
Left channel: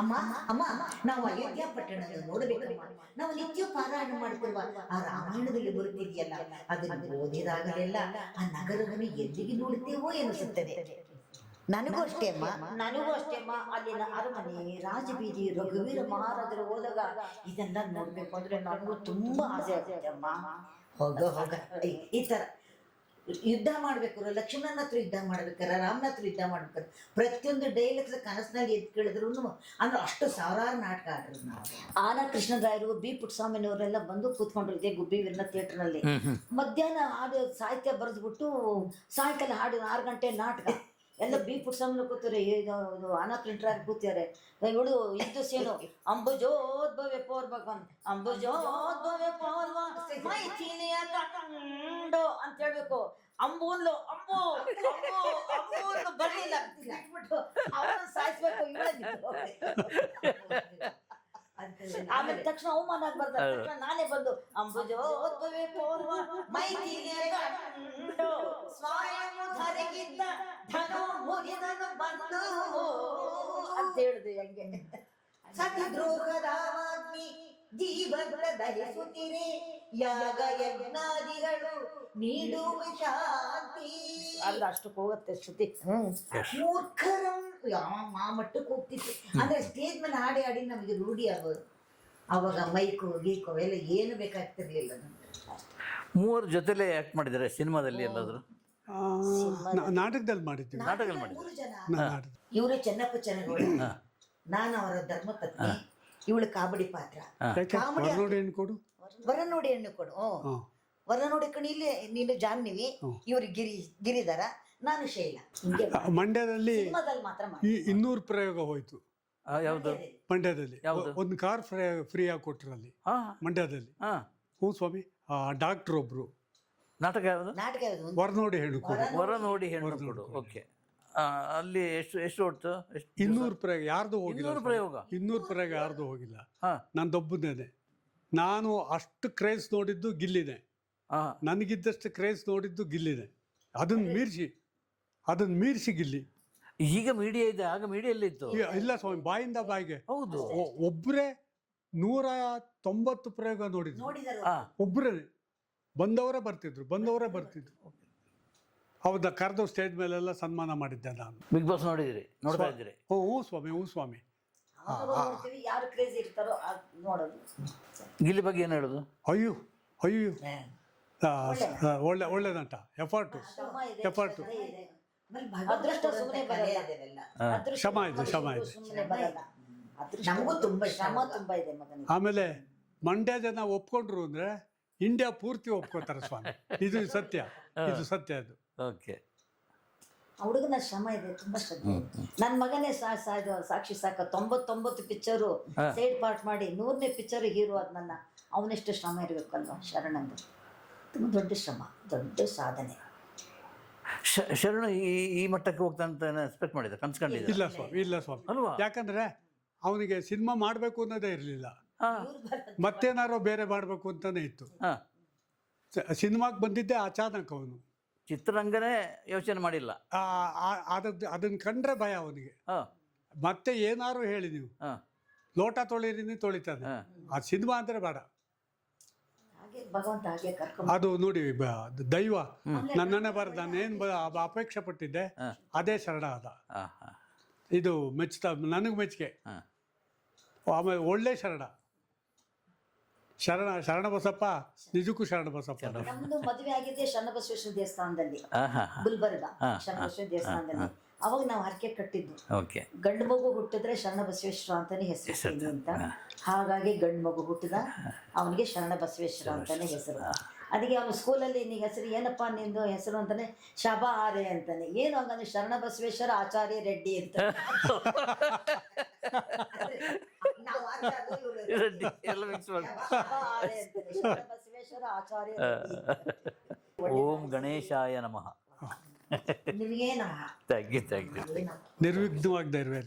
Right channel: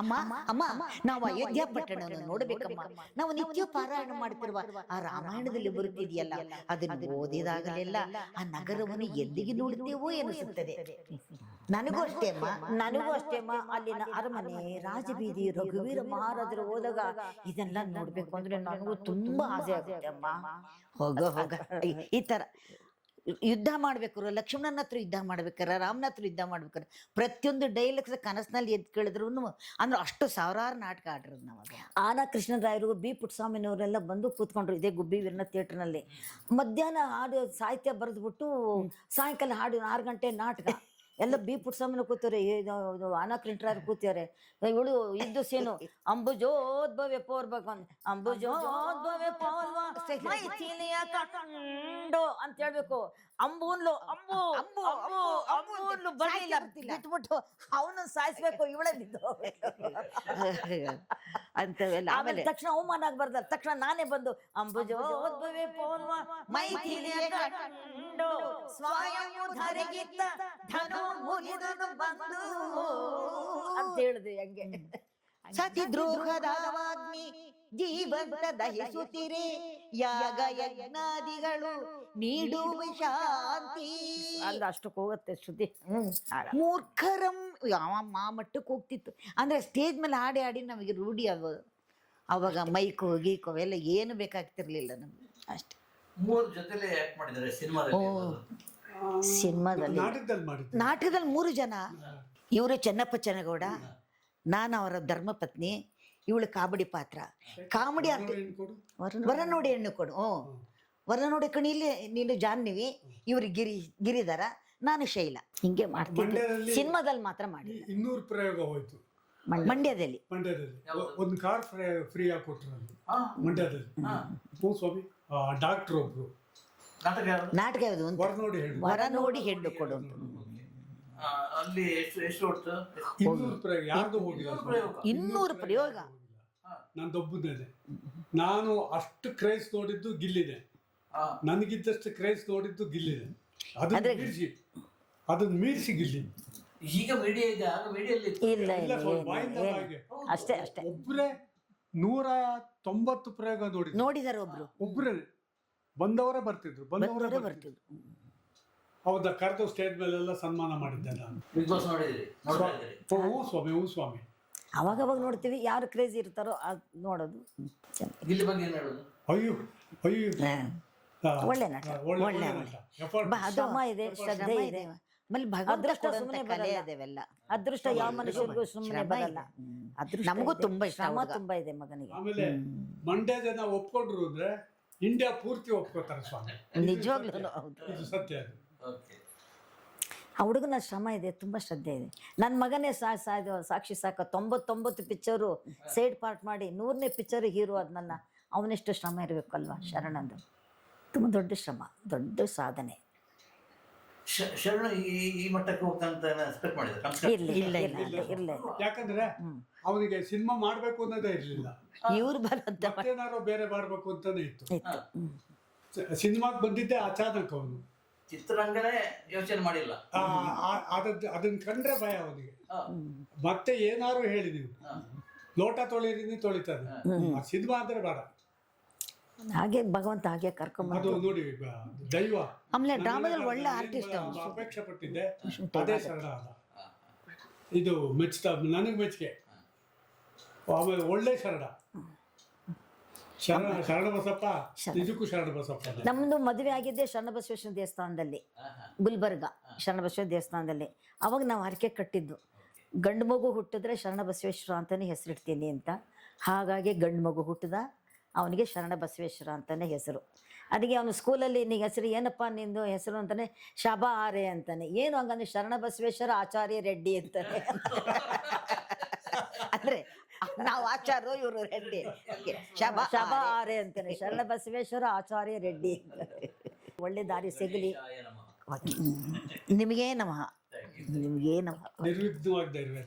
ಅಮ್ಮ ಅಮ್ಮ ನಾವು ಅಯೋಧ್ಯ ಪಟ್ಟಣವನ್ನು ನೋಡ್ಬೇಕಮ್ಮ. ನಾವು ನಿತ್ಯ ಪಾರಾಯಣ ಮಾಡ್ತಿರುವ ಆ ರಾಮಾಯಣದಲ್ಲಿ ಬರುತ್ತಿದೆಯಲ್ಲ, ಅದನ್ನು ಓದಿದಾಗಲೆಲ್ಲ ಆ ನಗರವನ್ನು ಎಲ್ಲಿಗೆ ನೋಡ್ತೇವೋ ಎನಿಸುತ್ತದೆ. ನನಗೂ ಅಷ್ಟೇ ಅಮ್ಮ, ನನಗೂ ಅಷ್ಟೇ ಅಮ್ಮ. ಅಲ್ಲಿನ ಅರಮನೆ, ರಾಜಬೀದಿ, ರಘುವೀರ ಮಹಾರಾಜರು ಹೋದಾಗ ಇದೆಲ್ಲ ನೋಡ್ಬೇಕು ಅಂದ್ರೆ ನನಗೂ ತುಂಬಾ ಆಸೆ ಆಗುತ್ತೆ ಅಮ್ಮ. ಹೋಗ ಹೋಗ ಈ ತರ ಯುದ್ಧ ಮಾಡ್ಬೇಕಾರೆ ಲಕ್ಷ್ಮಣನ ಹತ್ರ ಯುದ್ಧ ಮಾಡ್ಬೇಕಾರೆ, ರಾಮನ ಹತ್ರ ಯುದ್ಧ ಮಾಡ್ಬೇಕಾರೆ ಪ್ರತಿಯೊಂದು ಡೈಲಾಗ್ಸ್ ಕನಸಿನಲ್ಲಿ ಎದ್ದು ಕೇಳಿದ್ರು ಅಂದ್ರೆ ಅಷ್ಟು ಸಾವಿರಾರು ನಾಟಕ ಆಡ್ರು ನಾವು. ಆನ ಕೃಷ್ಣರಾಯರು, ಬಿ ಪುಟ್ಟಸ್ವಾಮಿನವರೆಲ್ಲ ಬಂದು ಕೂತ್ಕೊಂಡ್ರು ಇದೇ ಗುಬ್ಬಿ ವೀರನ ಥಿಯೇಟರ್ನಲ್ಲಿ. ಮಧ್ಯಾಹ್ನ ಹಾಡು ಸಾಹಿತ್ಯ ಬರೆದ್ಬಿಟ್ಟು ಸಾಯಂಕಾಲ ಹಾಡು 6 ಗಂಟೆ ನಾಟಕ ಎಲ್ಲ ಬಿ ಪುಟ್ಟಸ್ವಾಮಿನ ಕೂತಾರೆ, ಆನ ಕೃಷ್ಣರಾಯರು ಕೂತಾರೆ. ಇವಳು ಇದ್ದು ಸೇನು ಅಂಬುಜೋದ್ಭವೆ ಪೋರ್ಬಕಂದ್ ಅಂಬುಜೋದ್ಭವೆ ಪೋರ್ವ ಮೈಥಿಲಿಯ ಕಂಡು ಅಂತ ಹೇಳ್ಬೇಕು. ಅಂಬುನ್ಲು ಅಂಬು ಅಂಬು ಅಂಬುನ್ನು ಬರ್ಲಿಲ್ಲ ಬಿಟ್ಬಿಟ್ಟು ಅವಳನ್ನ ಸಾಯಿಸ್ಬೇಕು, ಇವಳೇ ಅಂತವೆಲ್ಲ ಆಮೇಲೆ ತಕ್ಷಣ ಅವಮಾನ ಆಗ್ಬಾರ್ದು. ತಕ್ಷಣ ನಾನೇ ಬಂದು ಅಂಬುಜೋದ್ಭವೆ ಪೋರ್ವ ಮೈಥಿಲಿಯ ಕಂಡು ಸ್ವಯಂ ಧರಿಗಿದ್ದ ಧನು ಮುರಿದನು ಬಂದು ಅಂತ ಹೇಳಿದೆ. ಹೆಂಗೆ ಸತಿ ದ್ರೋಹದಾವಾಗ್ನಿ ಜೀವನ ದಹಿಸುತ್ತಿರೆ ಯಾಗ ಯಜ್ಞಾದಿಗಳು ನೀಡುವ ಶಾಂತಿ. ಆದ್ರೆ ಅಷ್ಟಕ್ಕೆ ಹೋಗುತ್ತೆ ಶ್ರುತಿ. ಮೂರ್ಖರಂ ಆ ಮಟ್ಟಕ್ಕೆ ಹೋಗ್ತಿತ್ತು. ಅಂದ್ರೆ ಸ್ಟೇಜ್ ಮೇಲೆ ಹಾಡಿ ಹಾಡಿ ನಮಗೆ ರೂಢಿ ಆಗೋದು. ಅವಾಗ ಮೈಕು ಗೀಕು ಅವೆಲ್ಲ ಏನು ಬೇಕಾಗ್ತಿರ್ಲಿಲ್ಲ ನಮ್ಗೆ ಅಷ್ಟೇ. ಮೂವರು ಜೊತೆಲೆ ಆಕ್ಟ್ ಮಾಡಿದ್ದಾರೆ ಸಿನಿಮಾದಲ್ಲಿ ಎಲ್ಲಾದ್ರು? ನಾಟಕದಲ್ಲಿ ಮಾಡಿದ್ದೆ. ನಾಟಕದಲ್ಲಿ 3 ಜನ. ಇವರು ಚೆನ್ನಪ್ಪ ಚೆನ್ನಗೌಡ, ನಾನು ಅವರ ಧರ್ಮಪತ್ನಿ, ಇವಳು ಕಾಬಡಿ ಪಾತ್ರ. ಕಾಮಿಡಿ ಕೊಡು ವರ ನೋಡಿ ಹೆಣ್ಣು ಕೊಡು. ವರ ನೋಡಿ ಕಣಿಲಿ ನೀನು ಜಾಹ್ನವಿ, ಇವ್ರು ಗಿರಿಧರ, ನಾನು ಶೈಲಾ. ಹಿಂಗೆ ಮಂಡ್ಯದಲ್ಲಿ ಸಿನಿಮಾದಲ್ಲಿ ಮಾತ್ರ ಮಾಡಿ 200 ಪ್ರಯೋಗ ಹೋಯ್ತು. ಮಂಡ್ಯದಲ್ಲಿ ಒಂದು ಕಾರ್ ಫ್ರೀ ಆಗಿ ಕೊಟ್ರು ಅಲ್ಲಿ ಮಂಡ್ಯದಲ್ಲಿ. ಹ್ಞೂ ಸ್ವಾಮಿ. ಡಾಕ್ಟರ್ ಒಬ್ರು ನಾಟಕ ಯಾವುದು? ನಾಟಕ ಯಾವುದು? ವರ ನೋಡಿ ಹೇಳು. ವರ ನೋಡಿ ನೋಡಿ ಹೇಳು. ಓಕೆ. ಅಲ್ಲಿ ಎಷ್ಟು ಹೊಡ್ತು? 200 ಪ್ರಯೋಗ ಯಾರ್ದು ಹೋಗಿಲ್ಲ 200 ಪ್ರಯೋಗ. 200 ಪ್ರಯೋಗ ಯಾರ್ದು ಹೋಗಿಲ್ಲ. ಹಾ. ನಂದೊಬ್ಬನೇ. ನಾನು ಅಷ್ಟು ಕ್ರೇಜ್ ನೋಡಿದ್ದು ಗಿಲ್ಲಿದೆ. ಹಾ. ನನಗಿದ್ದಷ್ಟು ಕ್ರೇಜ್ ನೋಡಿದ್ದು ಗಿಲ್ಲಿದೆ. ಅದನ್ನ ಮೀರಿಸಿ ಗಿಲ್ಲಿ. ಈಗ ಮೀಡಿಯಾ ಇದೆ, ಆಗ ಮೀಡಿಯಲ್ಲಿ ಇತ್ತು. ಇಲ್ಲ ಸ್ವಲ್ಪ ಬಾಯಿಂದ ಬಾಯಿಗೆ ಅಷ್ಟೇ ಒಬ್ಬರೇ 190 ಪ್ರಯೋಗ ನೋಡಿದಾರೆ ಒಬ್ಬರೇ ಬಂದವರೇ ಬರ್ತಿದ್ರು. ಹೌದಾ, ಕರೆದು ಸ್ಟೇಜ್ ಮೇಲೆಲ್ಲ ಸನ್ಮಾನ ಮಾಡಿದ್ದೆ ನಾನು. ಬಿಗ್ ಬಾಸ್ ನೋಡಿದ್ರಿ? ನೋಡ್ತಾ ಇದ್ದೀರಿ? ಹೂ ಸ್ವಾಮಿ ಅವಾಗ ನೋಡ್ತೀವಿ, ಯಾರು ಕ್ರೇಜ್ ಇರ್ತಾರೋ ಅದ್ ನೋಡೋದು. ಗಿಲ್ಲಿ ಬಗ್ಗೆ ಏನು ಹೇಳೋದು? ಅಯ್ಯೋ ಒಳ್ಳೆ ನಟ. ಶ್ರಮ ಇದೆ, ಶ್ರದ್ಧೆ ಇದೆ. ಅದೃಷ್ಟ ಸುಮ್ಮನೆ ಬರಲ್ಲ. ಅದೃಷ್ಟ ಶ್ರಮ ಯಾವ ಇದೆ, ಮನುಷ್ಯರಿಗೂ ಸುಮ್ಮನೆ ಬರಲ್ಲ. ಅದೃಷ್ಟ ನಮಗೂ ತುಂಬಾ ಇಷ್ಟ ಶ್ರಮ ಅವಾಗ. ತುಂಬಾ ಇದೆ ಮಗನಿಗೆ. ಆಮೇಲೆ ಮಂಡ್ಯ ಜನ ಒಪ್ಕೊಂಡ್ರು ಅಂದ್ರೆ ಇಂಡಿಯಾ ಪೂರ್ತಿ ಒಪ್ಕೋತಾರೆ ಸ್ವಾಮಿ. ಇದು ಸತ್ಯ, ಇದು ಸತ್ಯ. ಅದು ಓಕೆ. ಆ ಹುಡುಗನ ಶ್ರಮ ಇದೆ, ತುಂಬಾ ಶ್ರದ್ಧೆ ಇದೆ. ನನ್ನ ಮಗನೇ ಸಾಕ್ಷಿ ಸಾಕ 99 ಪಿಕ್ಚರು ಸೈಡ್ ಪಾರ್ಟ್ ಮಾಡಿ 100ನೇ ಪಿಕ್ಚರ್ ಹೀರೋ ಅದ್ ನನ್ನ. ಅವನೆಷ್ಟು ಶ್ರಮ ಇರಬೇಕು ಅಲ್ವಾ ಶರಣಂದು. ತುಂಬ ದೊಡ್ಡ ಶ್ರಮ, ದೊಡ್ಡ ಸಾಧನೆ. ಶರಣ ಈ ಮಟ್ಟಕ್ಕೆ ಹೋಗ್ತಾನೆ ಅಂತ ಎಕ್ಸ್ಪೆಕ್ಟ್ ಮಾಡಿದ್ರೆ ಇಲ್ಲ ಸ್ವಾಮಿ. ಯಾಕಂದ್ರೆ ಅವನಿಗೆ ಸಿನಿಮಾ ಮಾಡ್ಬೇಕು ಅನ್ನೋದೇ ಇರ್ಲಿಲ್ಲ. ಇವ್ರು ಬರೋದು ಮತ್ತೇನಾರು ಬೇರೆ ಮಾಡ್ಬೇಕು ಅಂತಾನೆ ಇತ್ತು. ಸಿನಿಮಾಗ್ ಬಂದಿದ್ದೆ ಅಚಾನಕ್. ಅವನು ಚಿತ್ರರಂಗನೇ ಯೋಚನೆ ಮಾಡಿಲ್ಲ. ಅದನ್ನ ಕಂಡ್ರೆ ಭಯ ಅವನಿಗೆ. ಮತ್ತೆ ಏನಾರು ಹೇಳಿ ನೀವು ಲೋಟ ತೊಳೆಯrini ತೊಳಿತಾನೆ. ಆ ಸಿನಿಮಾ ಅಂದ್ರೆ ಬೇಡ. ಹಾಗೆ ಭಗವಂತ ಹಾಗೆ ಕರ್ಕೊಂಡು ಅದು ನೋಡಿ ದೈವ ನನ್ನನ್ನೇ ಬರ್ದ. ಏನ್ ಅಪೇಕ್ಷೆ ಪಟ್ಟಿದ್ದೆ ಅದೇ ಶರಣ ಆದ. ಇದು ನನಗ್ ಮೆಚ್ಚುಗೆ. ಆಮೇಲೆ ಒಳ್ಳೆ ಶರಣ ಬಸಪ್ಪ, ನಿಜಕ್ಕೂ ಶರಣ ಬಸಪ್ಪ. ನಮ್ದು ಮದುವೆ ಆಗಿದ್ದೆ ಶರಣಬಸವೇಶ್ವರ ದೇವಸ್ಥಾನದಲ್ಲಿ, ಗುಲ್ಬರ್ಗ ಶರಣಬಸವೇಶ್ವರ ದೇವಸ್ಥಾನದಲ್ಲಿ. ಅವಾಗ ನಾವು ಹರಕೆ ಕಟ್ಟಿದ್ದು, ಗಂಡು ಮಗು ಹುಟ್ಟಿದ್ರೆ ಶರಣ ಬಸವೇಶ್ವರ ಅಂತಾನೆ ಹೆಸರಿಸ್ತೀನಿ ಅಂತ. ಹಾಗಾಗಿ ಗಂಡು ಮಗು ಹುಟ್ಟಿದ, ಅವನಿಗೆ ಶರಣ ಬಸವೇಶ್ವರ ಅಂತಾನೆ ಹೆಸರು. ಅದಕ್ಕೆ ಅವನು ಸ್ಕೂಲಲ್ಲಿ ನಿನ್ನ ಹೆಸರು ಏನಪ್ಪಾ ನಿಂದು ಹೆಸರು ಅಂತಾನೆ, ಶಬಾ ಆರೆ ಅಂತಾನೆ. ಏನು ಹಂಗಂದ್ರೆ ಶರಣ ಬಸವೇಶ್ವರ ಆಚಾರ್ಯ ರೆಡ್ಡಿ ಅಂತ. ಅಂದ್ರೆ ನಾವು ಆಚಾರ್ಯ, ಇವರು ರೆಡ್ಡಿ. ಶಬಾ ಆರೆ ಅಂತಾನೆ, ಶರಣ ಬಸವೇಶ್ವರ ಆಚಾರ್ಯ ರೆಡ್ಡಿ. ಒಳ್ಳೆ ದಾರಿ ಸಿಗಲಿ. ಗಣೇಶಾಯ ನಮಃ. ನಿಮಗೇ ನಮಃ. Thank you. ನಿಮಗೇ ನಮಃ. ನಿರ್ವಿಘ್ನವಾಗದೇ ಇರುವೆ.